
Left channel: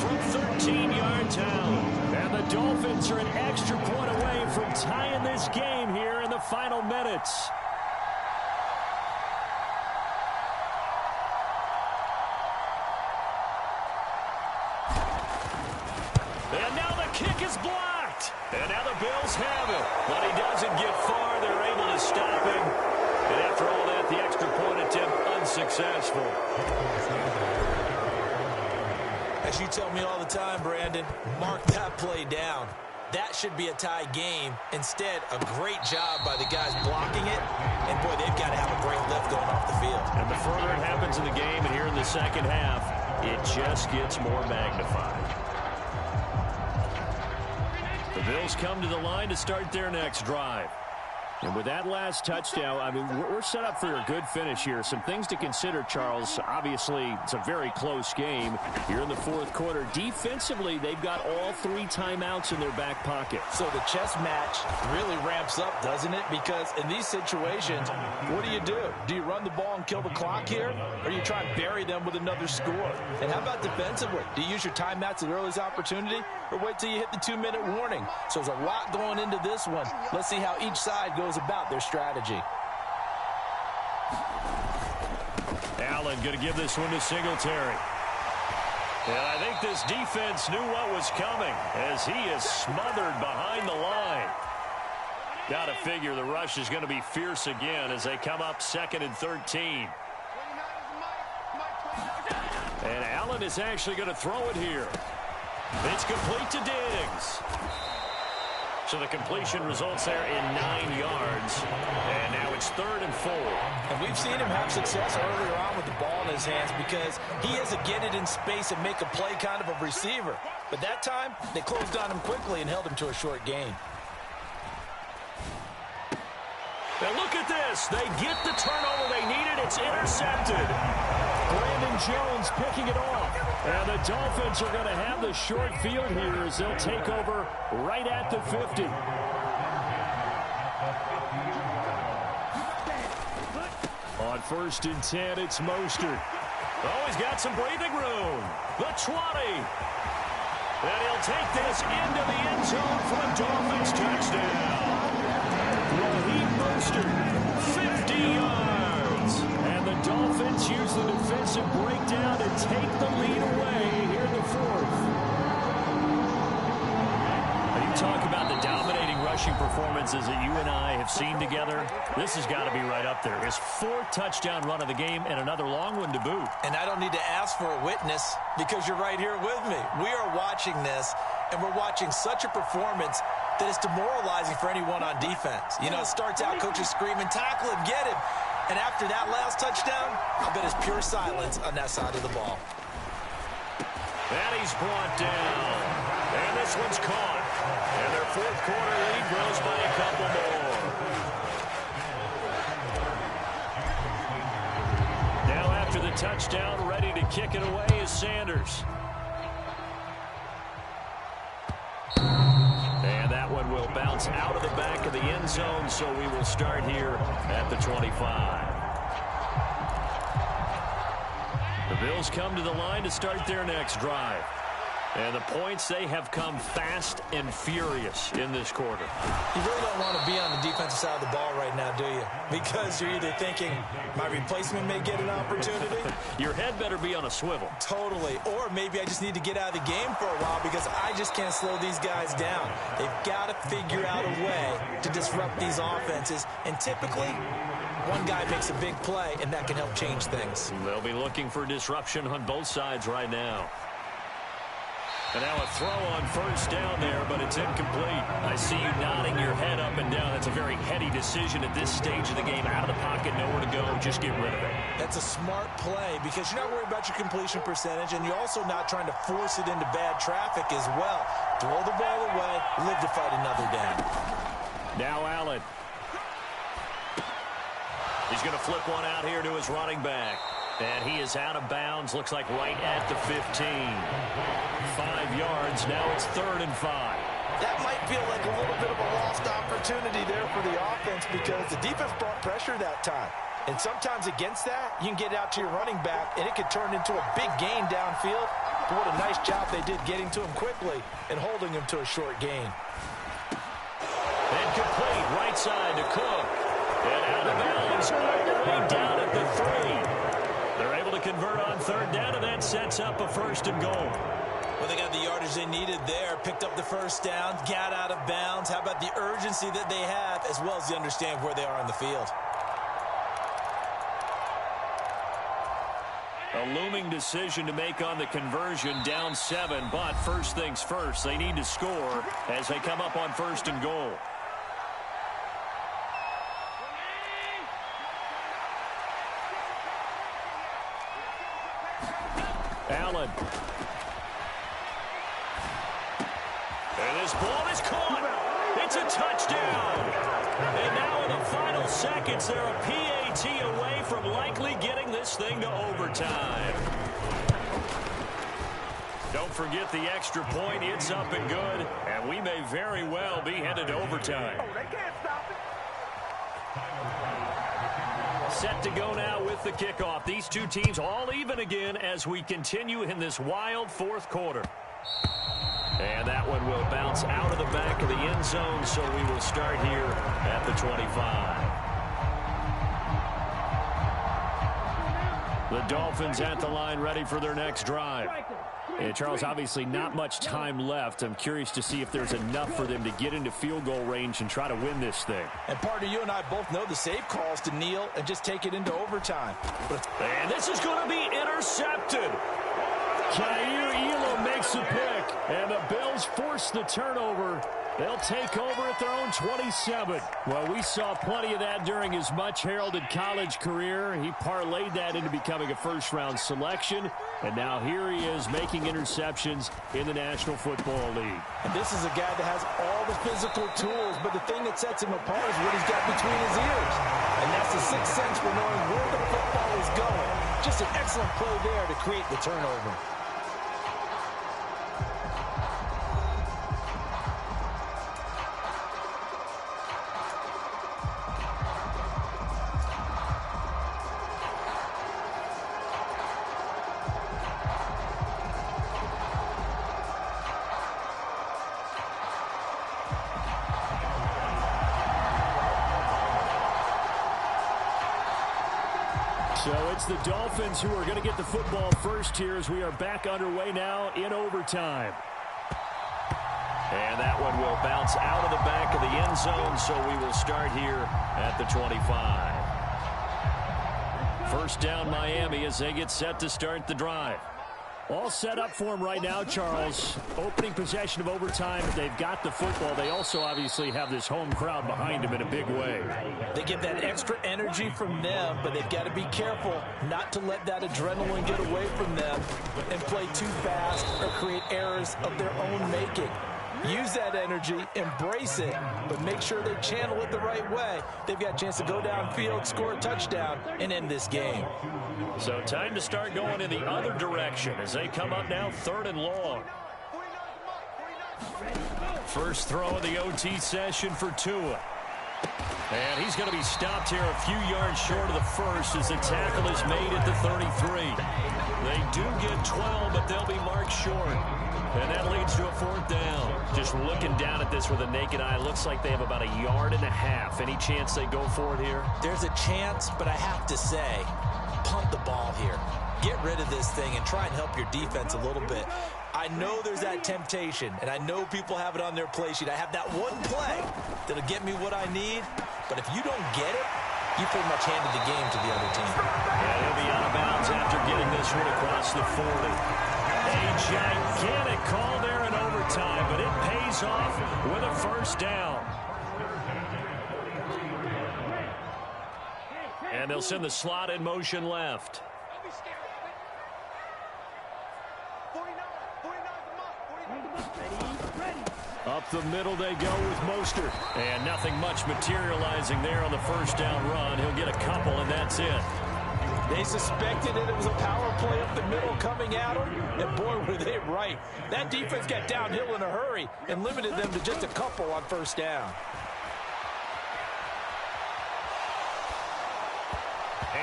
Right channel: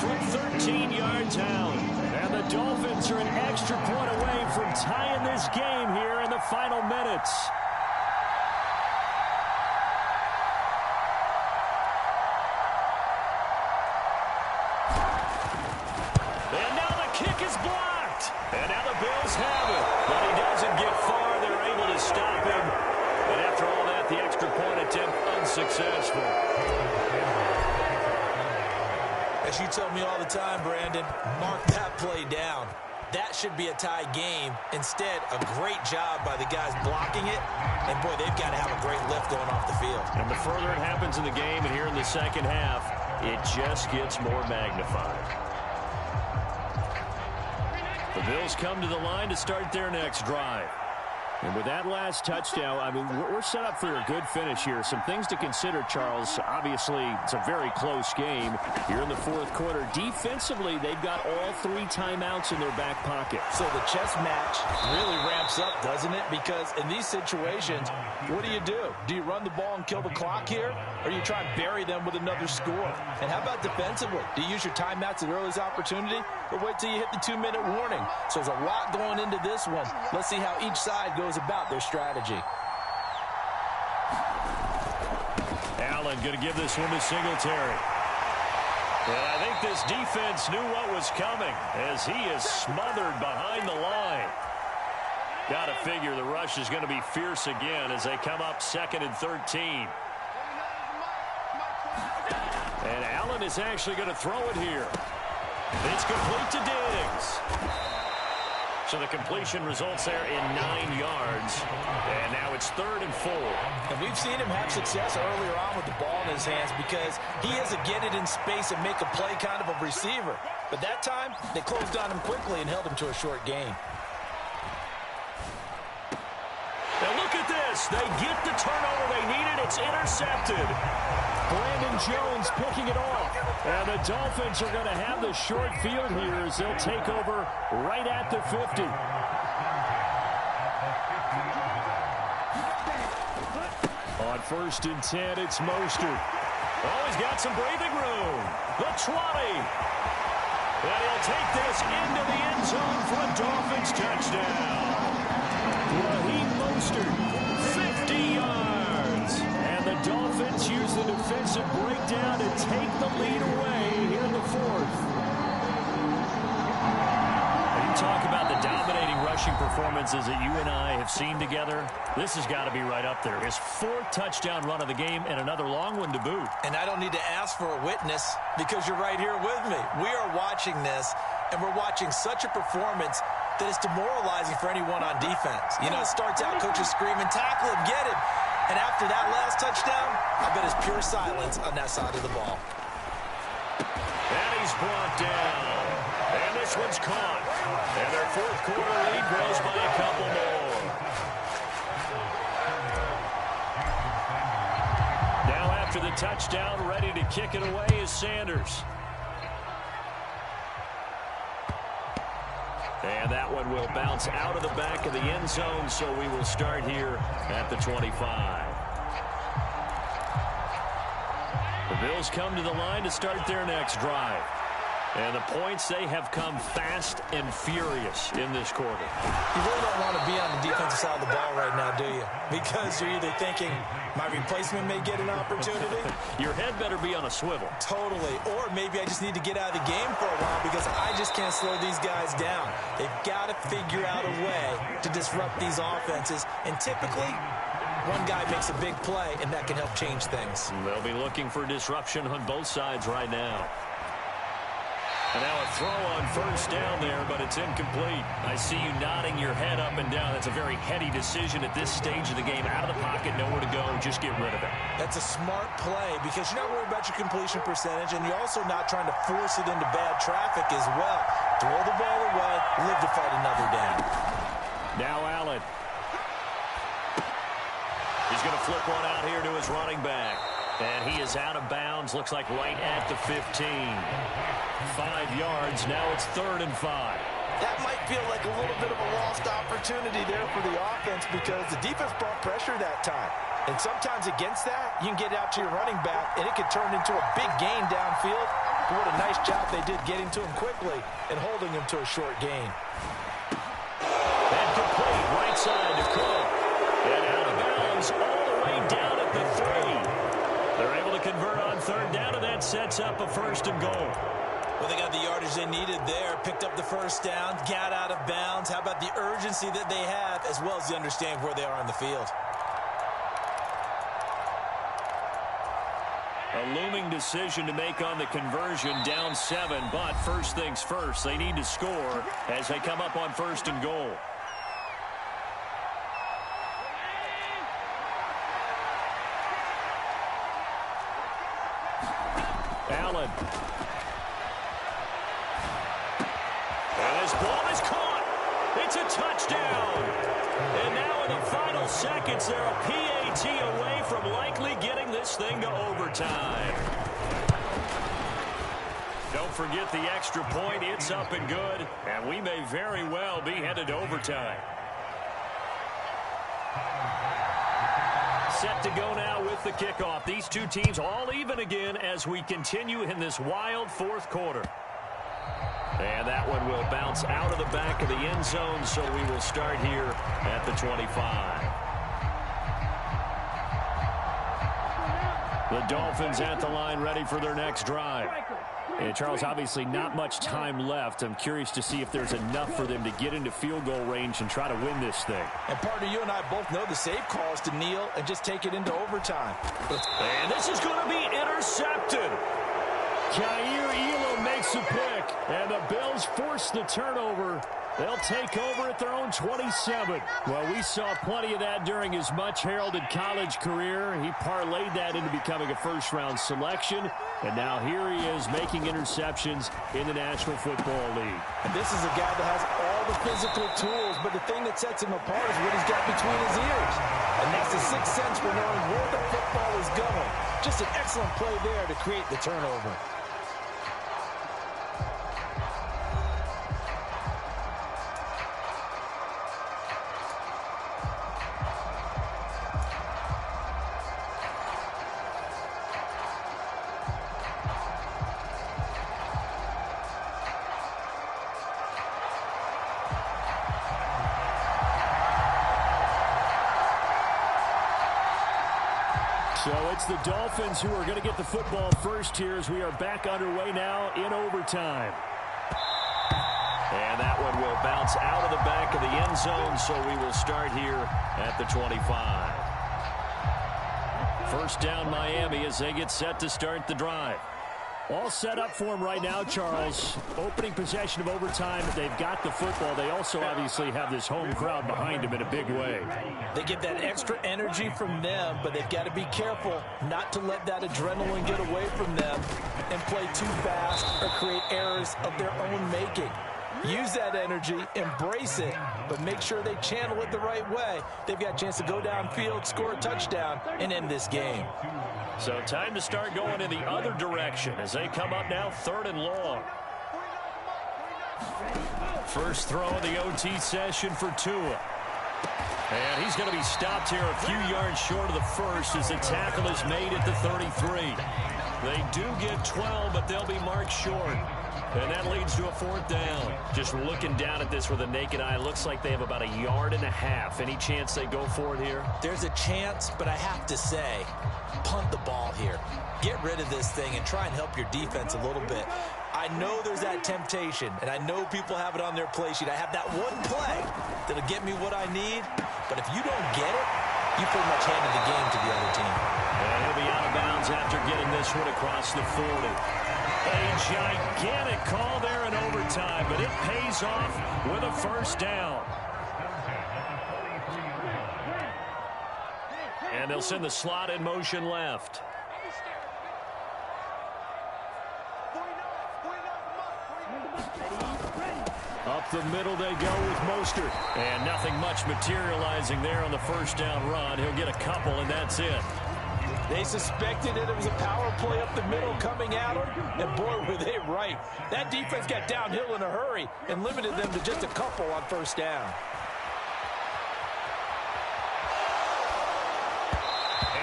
From 13 yards out. And the Dolphins are an extra point away from tying this game here in the final minutes. And now the kick is blocked. And now the Bills have it. But he doesn't get far. They're able to stop him. And after all that, the extra point attempt unsuccessful. As you tell me all the time, Brandon, mark that play down. That should be a tie game. Instead, a great job by the guys blocking it. And, boy, they've got to have a great lift going off the field. And the further it happens in the game and here in the second half, it just gets more magnified. The Bills come to the line to start their next drive. And with that last touchdown, I mean, we're set up for a good finish here. Some things to consider, Charles. Obviously, it's a very close game here in the fourth quarter. Defensively, they've got all 3 timeouts in their back pocket. So the chess match really ramps up, doesn't it? Because in these situations, what do? Do you run the ball and kill the clock here? Or do you try and bury them with another score? And how about defensively? Do you use your timeouts at earliest opportunity? Or wait till you hit the 2-minute warning? So there's a lot going into this one. Let's see how each side goes about their strategy. Allen going to give this one to Singletary. And I think this defense knew what was coming as he is smothered behind the line. Got to figure the rush is going to be fierce again as they come up 2nd and 13. And Allen is actually going to throw it here. It's complete to Diggs. So the completion results there in 9 yards. And now it's 3rd and 4. And we've seen him have success earlier on with the ball in his hands because he has to get it in space and make a play kind of a receiver. But that time, they closed on him quickly and held him to a short gain. Now look at this. They get the turnover they needed. It's intercepted. Brandon Jones picking it off. And the Dolphins are going to have the short field here as they'll take over right at the 50. On 1st and 10, it's Mostert. Oh, he's got some breathing room. The 20. And he'll take this into the end zone for a Dolphins touchdown. Raheem Mostert, 50 yards. the Dolphins use the defensive breakdown to take the lead away here in the fourth. You talk about the dominating rushing performances that you and I have seen together. This has got to be right up there. His fourth touchdown run of the game and another long one to boot. And I don't need to ask for a witness because you're right here with me. We are watching this, and we're watching such a performance that is demoralizing for anyone on defense. You know, it starts out coaches screaming, tackle him, get him. And after that last touchdown, I bet it's pure silence on that side of the ball. And he's brought down. And this one's caught. And their fourth quarter lead grows by a couple more. Now after the touchdown, ready to kick it away is Sanders. And that one will bounce out of the back of the end zone, so we will start here at the 25. The Bills come to the line to start their next drive. And the points, they have come fast and furious in this quarter. You really don't want to be on the defensive side of the ball right now, do you? Because you're either thinking, my replacement may get an opportunity. Your head better be on a swivel. Totally. Or maybe I just need to get out of the game for a while because I just can't slow these guys down. They've got to figure out a way to disrupt these offenses. And typically, one guy makes a big play, and that can help change things. They'll be looking for disruption on both sides right now. And now a throw on first down there, but it's incomplete. I see you nodding your head up and down. That's a very heady decision at this stage of the game. Out of the pocket, nowhere to go. Just get rid of it. That's a smart play because you're not worried about your completion percentage, and you're also not trying to force it into bad traffic as well. Throw the ball away, live to fight another down. Now Allen. He's going to flip one out here to his running back. And he is out of bounds, looks like right at the 15. 5 yards, now it's 3rd and 5. That might feel like a little bit of a lost opportunity there for the offense because the defense brought pressure that time. And sometimes against that, you can get out to your running back, and it could turn into a big gain downfield. But what a nice job they did getting to him quickly and holding him to a short gain. And complete, right side to Cook. And out of bounds all the way down at the 3. They're able to convert on 3rd down, and that sets up a 1st and goal. Well, they got the yardage they needed there, picked up the first down, got out of bounds. How about the urgency that they have, as well as the understanding where they are on the field? A looming decision to make on the conversion, down 7, but first things first, they need to score as they come up on 1st and goal. Allen. And this ball is caught. It's a touchdown. And now in the final seconds, they're a PAT away from likely getting this thing to overtime. Don't forget the extra point. It's up and good. And we may very well be headed to overtime. Set to go now with the kickoff. These two teams all even again as we continue in this wild 4th quarter. And that one will bounce out of the back of the end zone, so we will start here at the 25. The Dolphins at the line ready for their next drive. And Charles, obviously not much time left. I'm curious to see if there's enough for them to get into field goal range and try to win this thing. And partner, you and I both know the safe call is to kneel and just take it into overtime. And this is going to be intercepted. Jair Elam makes a pick, and the Bills force the turnover. They'll take over at their own 27. Well, we saw plenty of that during his much-heralded college career. He parlayed that into becoming a first-round selection, and now here he is making interceptions in the National Football League. And this is a guy that has all the physical tools, but the thing that sets him apart is what he's got between his ears. And that's the sixth sense for knowing where the football is going. Just an excellent play there to create the turnover. So it's the Dolphins who are going to get the football first here as we are back underway now in overtime. And that one will bounce out of the back of the end zone, so we will start here at the 25. First down, Miami, as they get set to start the drive. All set up for them right now, Charles. Opening possession of overtime. They've got the football. They also obviously have this home crowd behind them in a big way. They get that extra energy from them, but they've got to be careful not to let that adrenaline get away from them and play too fast or create errors of their own making. Use that energy, embrace it, but make sure they channel it the right way. They've got a chance to go downfield, score a touchdown, and end this game. So time to start going in the other direction as they come up now 3rd and long. First throw of the OT session for Tua. And he's going to be stopped here a few yards short of the first as the tackle is made at the 33. They do get 12, but they'll be marked short. And that leads to a 4th down. Just looking down at this with a naked eye, looks like they have about 1.5 yards. Any chance they go for it here? There's a chance, but I have to say, punt the ball here. Get rid of this thing and try and help your defense a little bit. I know there's that temptation, and I know people have it on their play sheet. I have that one play that'll get me what I need, but if you don't get it, you pretty much handed the game to the other team. And he'll be out of bounds after getting this one across the 40. A gigantic call there in overtime, but it pays off with a 1st down. And they'll send the slot in motion left. Up the middle they go with Mostert. And nothing much materializing there on the 1st down run. He'll get a couple, and that's it. They suspected it was a power play up the middle coming at them, and boy, were they right. That defense got downhill in a hurry and limited them to just a couple on 1st down.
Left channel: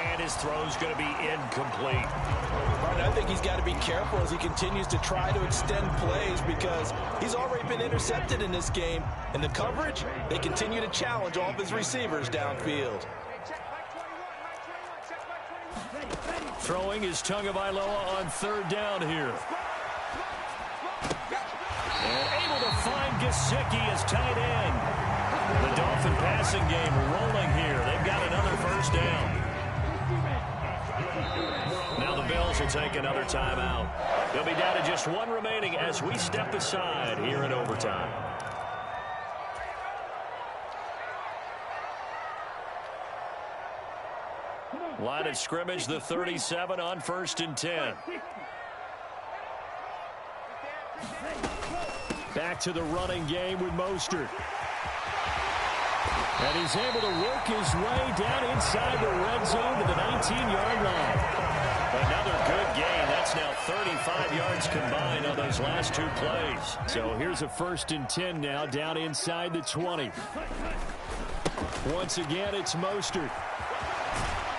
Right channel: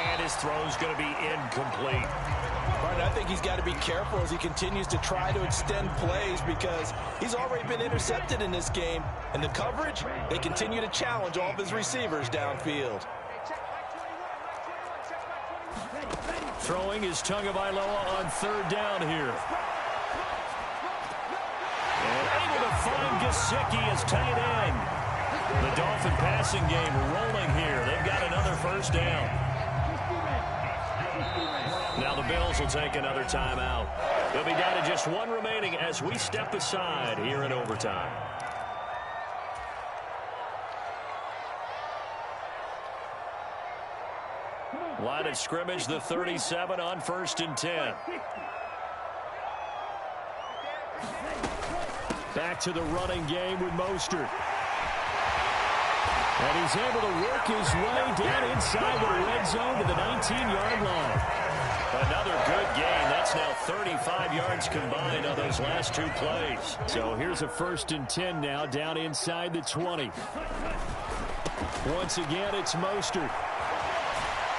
And his throw's going to be incomplete. Martin, I think he's got to be careful as he continues to try to extend plays because he's already been intercepted in this game. And the coverage, they continue to challenge all of his receivers downfield. Throwing is Tagovailoa on 3rd down here. And able to find Gesicki as tight end. The Dolphin passing game rolling here. They've got another 1st down. Now the Bills will take another timeout. They'll be down to just 1 remaining as we step aside here in overtime. Line of scrimmage, the 37 on 1st and 10. Back to the running game with Mostert. And he's able to work his way down inside the red zone to the 19-yard line. Another good gain. That's now 35 yards combined on those last 2 plays. So here's a 1st and 10 now down inside the 20. Once again, it's Mostert.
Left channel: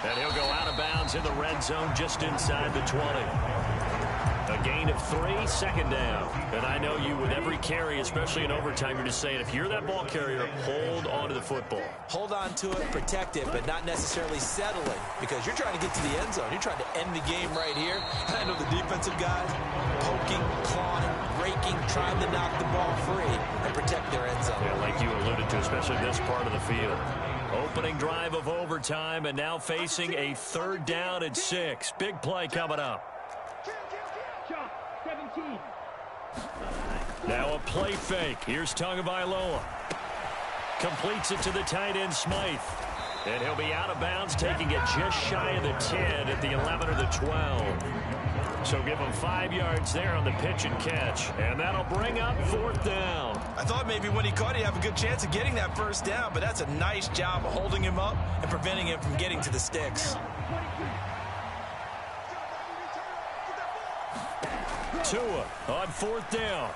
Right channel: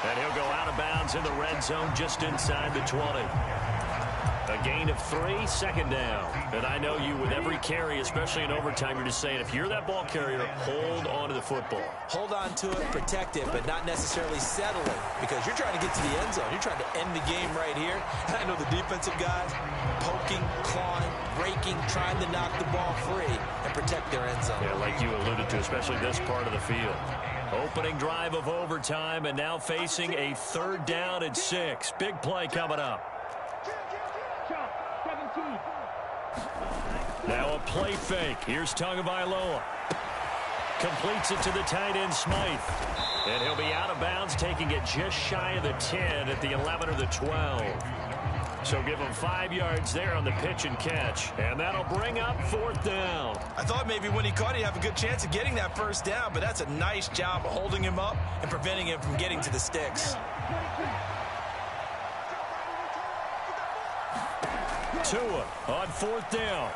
And he'll go out of bounds in the red zone just inside the 20. A gain of 3, 2nd down. And I know you, with every carry, especially in overtime, you're just saying, if you're that ball carrier, hold on to the football. Hold on to it, protect it, but not necessarily settle it because you're trying to get to the end zone. You're trying to end the game right here. And I know the defensive guys poking, clawing, raking, trying to knock the ball free and protect their end zone. Yeah, like you alluded to, especially this part of the field. Opening drive of overtime and now facing a 3rd down and 6. Big play coming up. 17. Now a play fake. Here's Tagovailoa. Completes it to the tight end, Smythe. And he'll be out of bounds, taking it just shy of the 10 at the 11 or the 12. So give him 5 yards there on the pitch and catch. And that'll bring up 4th down. I thought maybe when he caught it, he'd have a good chance of getting that 1st down, but that's a nice job of holding him up and preventing him from getting to the sticks. Tua on 4th down.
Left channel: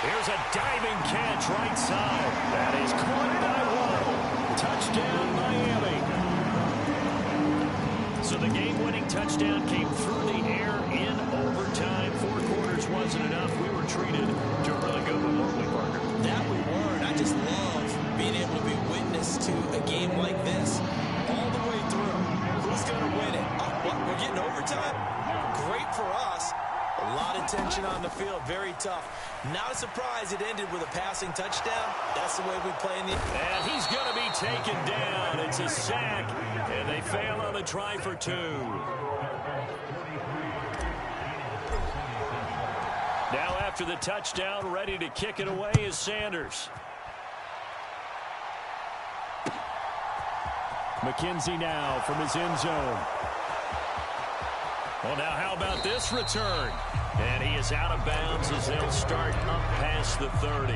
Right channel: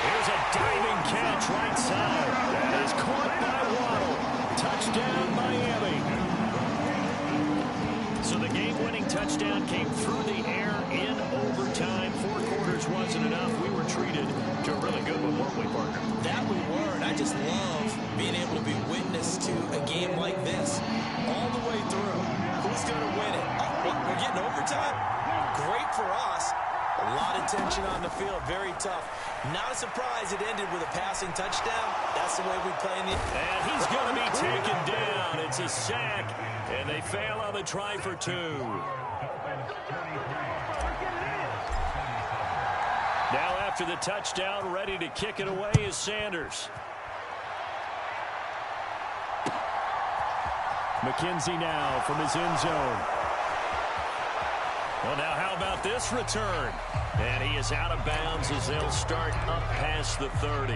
Here's a diving catch right side. That is caught by Waddle. Touchdown, Miami. So the game-winning touchdown came through the air in overtime. 4 quarters wasn't enough. We were treated to a really good one, weren't we, Parker? That we were, and I just love being able to be witness to a game like this. all the way through. Who's going to win it? Oh, what? We're getting overtime? Great for us. A lot of tension on the field. Very tough. Not a surprise it ended with a passing touchdown. That's the way we play in the... And he's going to be taken down. It's a sack, and they fail on the try for 2. Now after the touchdown, ready to kick it away is Sanders. McKenzie now from his end zone. Well, now how about this return? And he is out of bounds as they'll start up past the 30.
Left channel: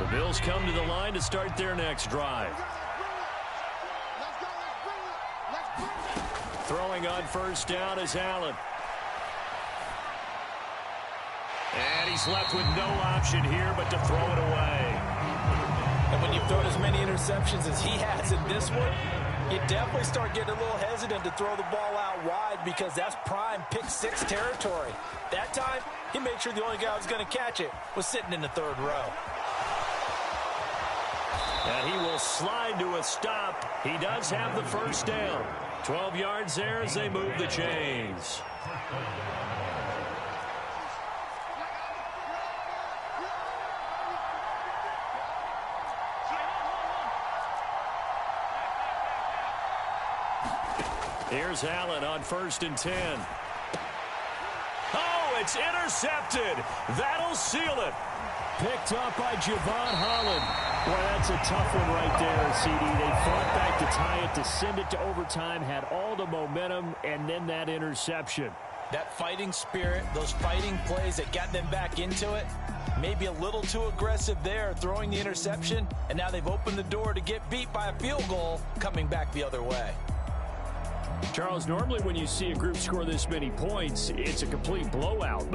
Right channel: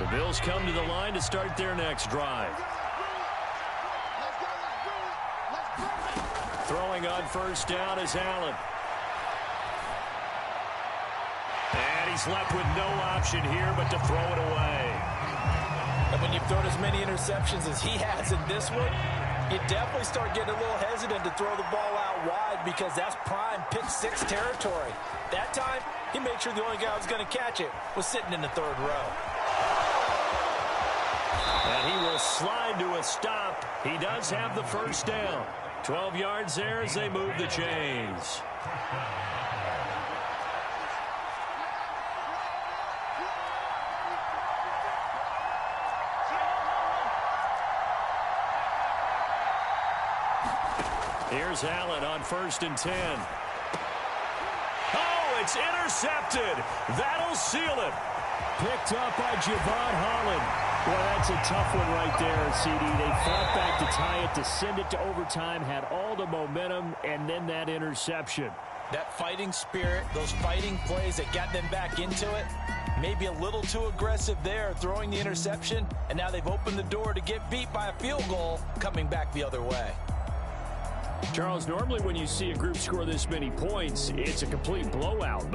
The Bills come to the line to start their next drive. Throwing on first down is Allen. And he's left with no option here but to throw it away. And when you've thrown as many interceptions as he has in this one, you definitely start getting a little hesitant to throw the ball out wide because that's prime pick-6 territory. That time, he made sure the only guy who was going to catch it was sitting in the 3rd row. And he will slide to a stop. He does have the first down. 12 yards there as they move the chains. Here's Allen on 1st and 10. Oh, it's intercepted. That'll seal it. Picked up by Javon Holland. Boy, that's a tough one right there, CD. They fought back to tie it, to send it to overtime, had all the momentum, and then that interception. That fighting spirit, those fighting plays that got them back into it, maybe a little too aggressive there, throwing the interception, and now they've opened the door to get beat by a field goal coming back the other way. Charles, normally when you see a group score this many points, it's a complete blowout. But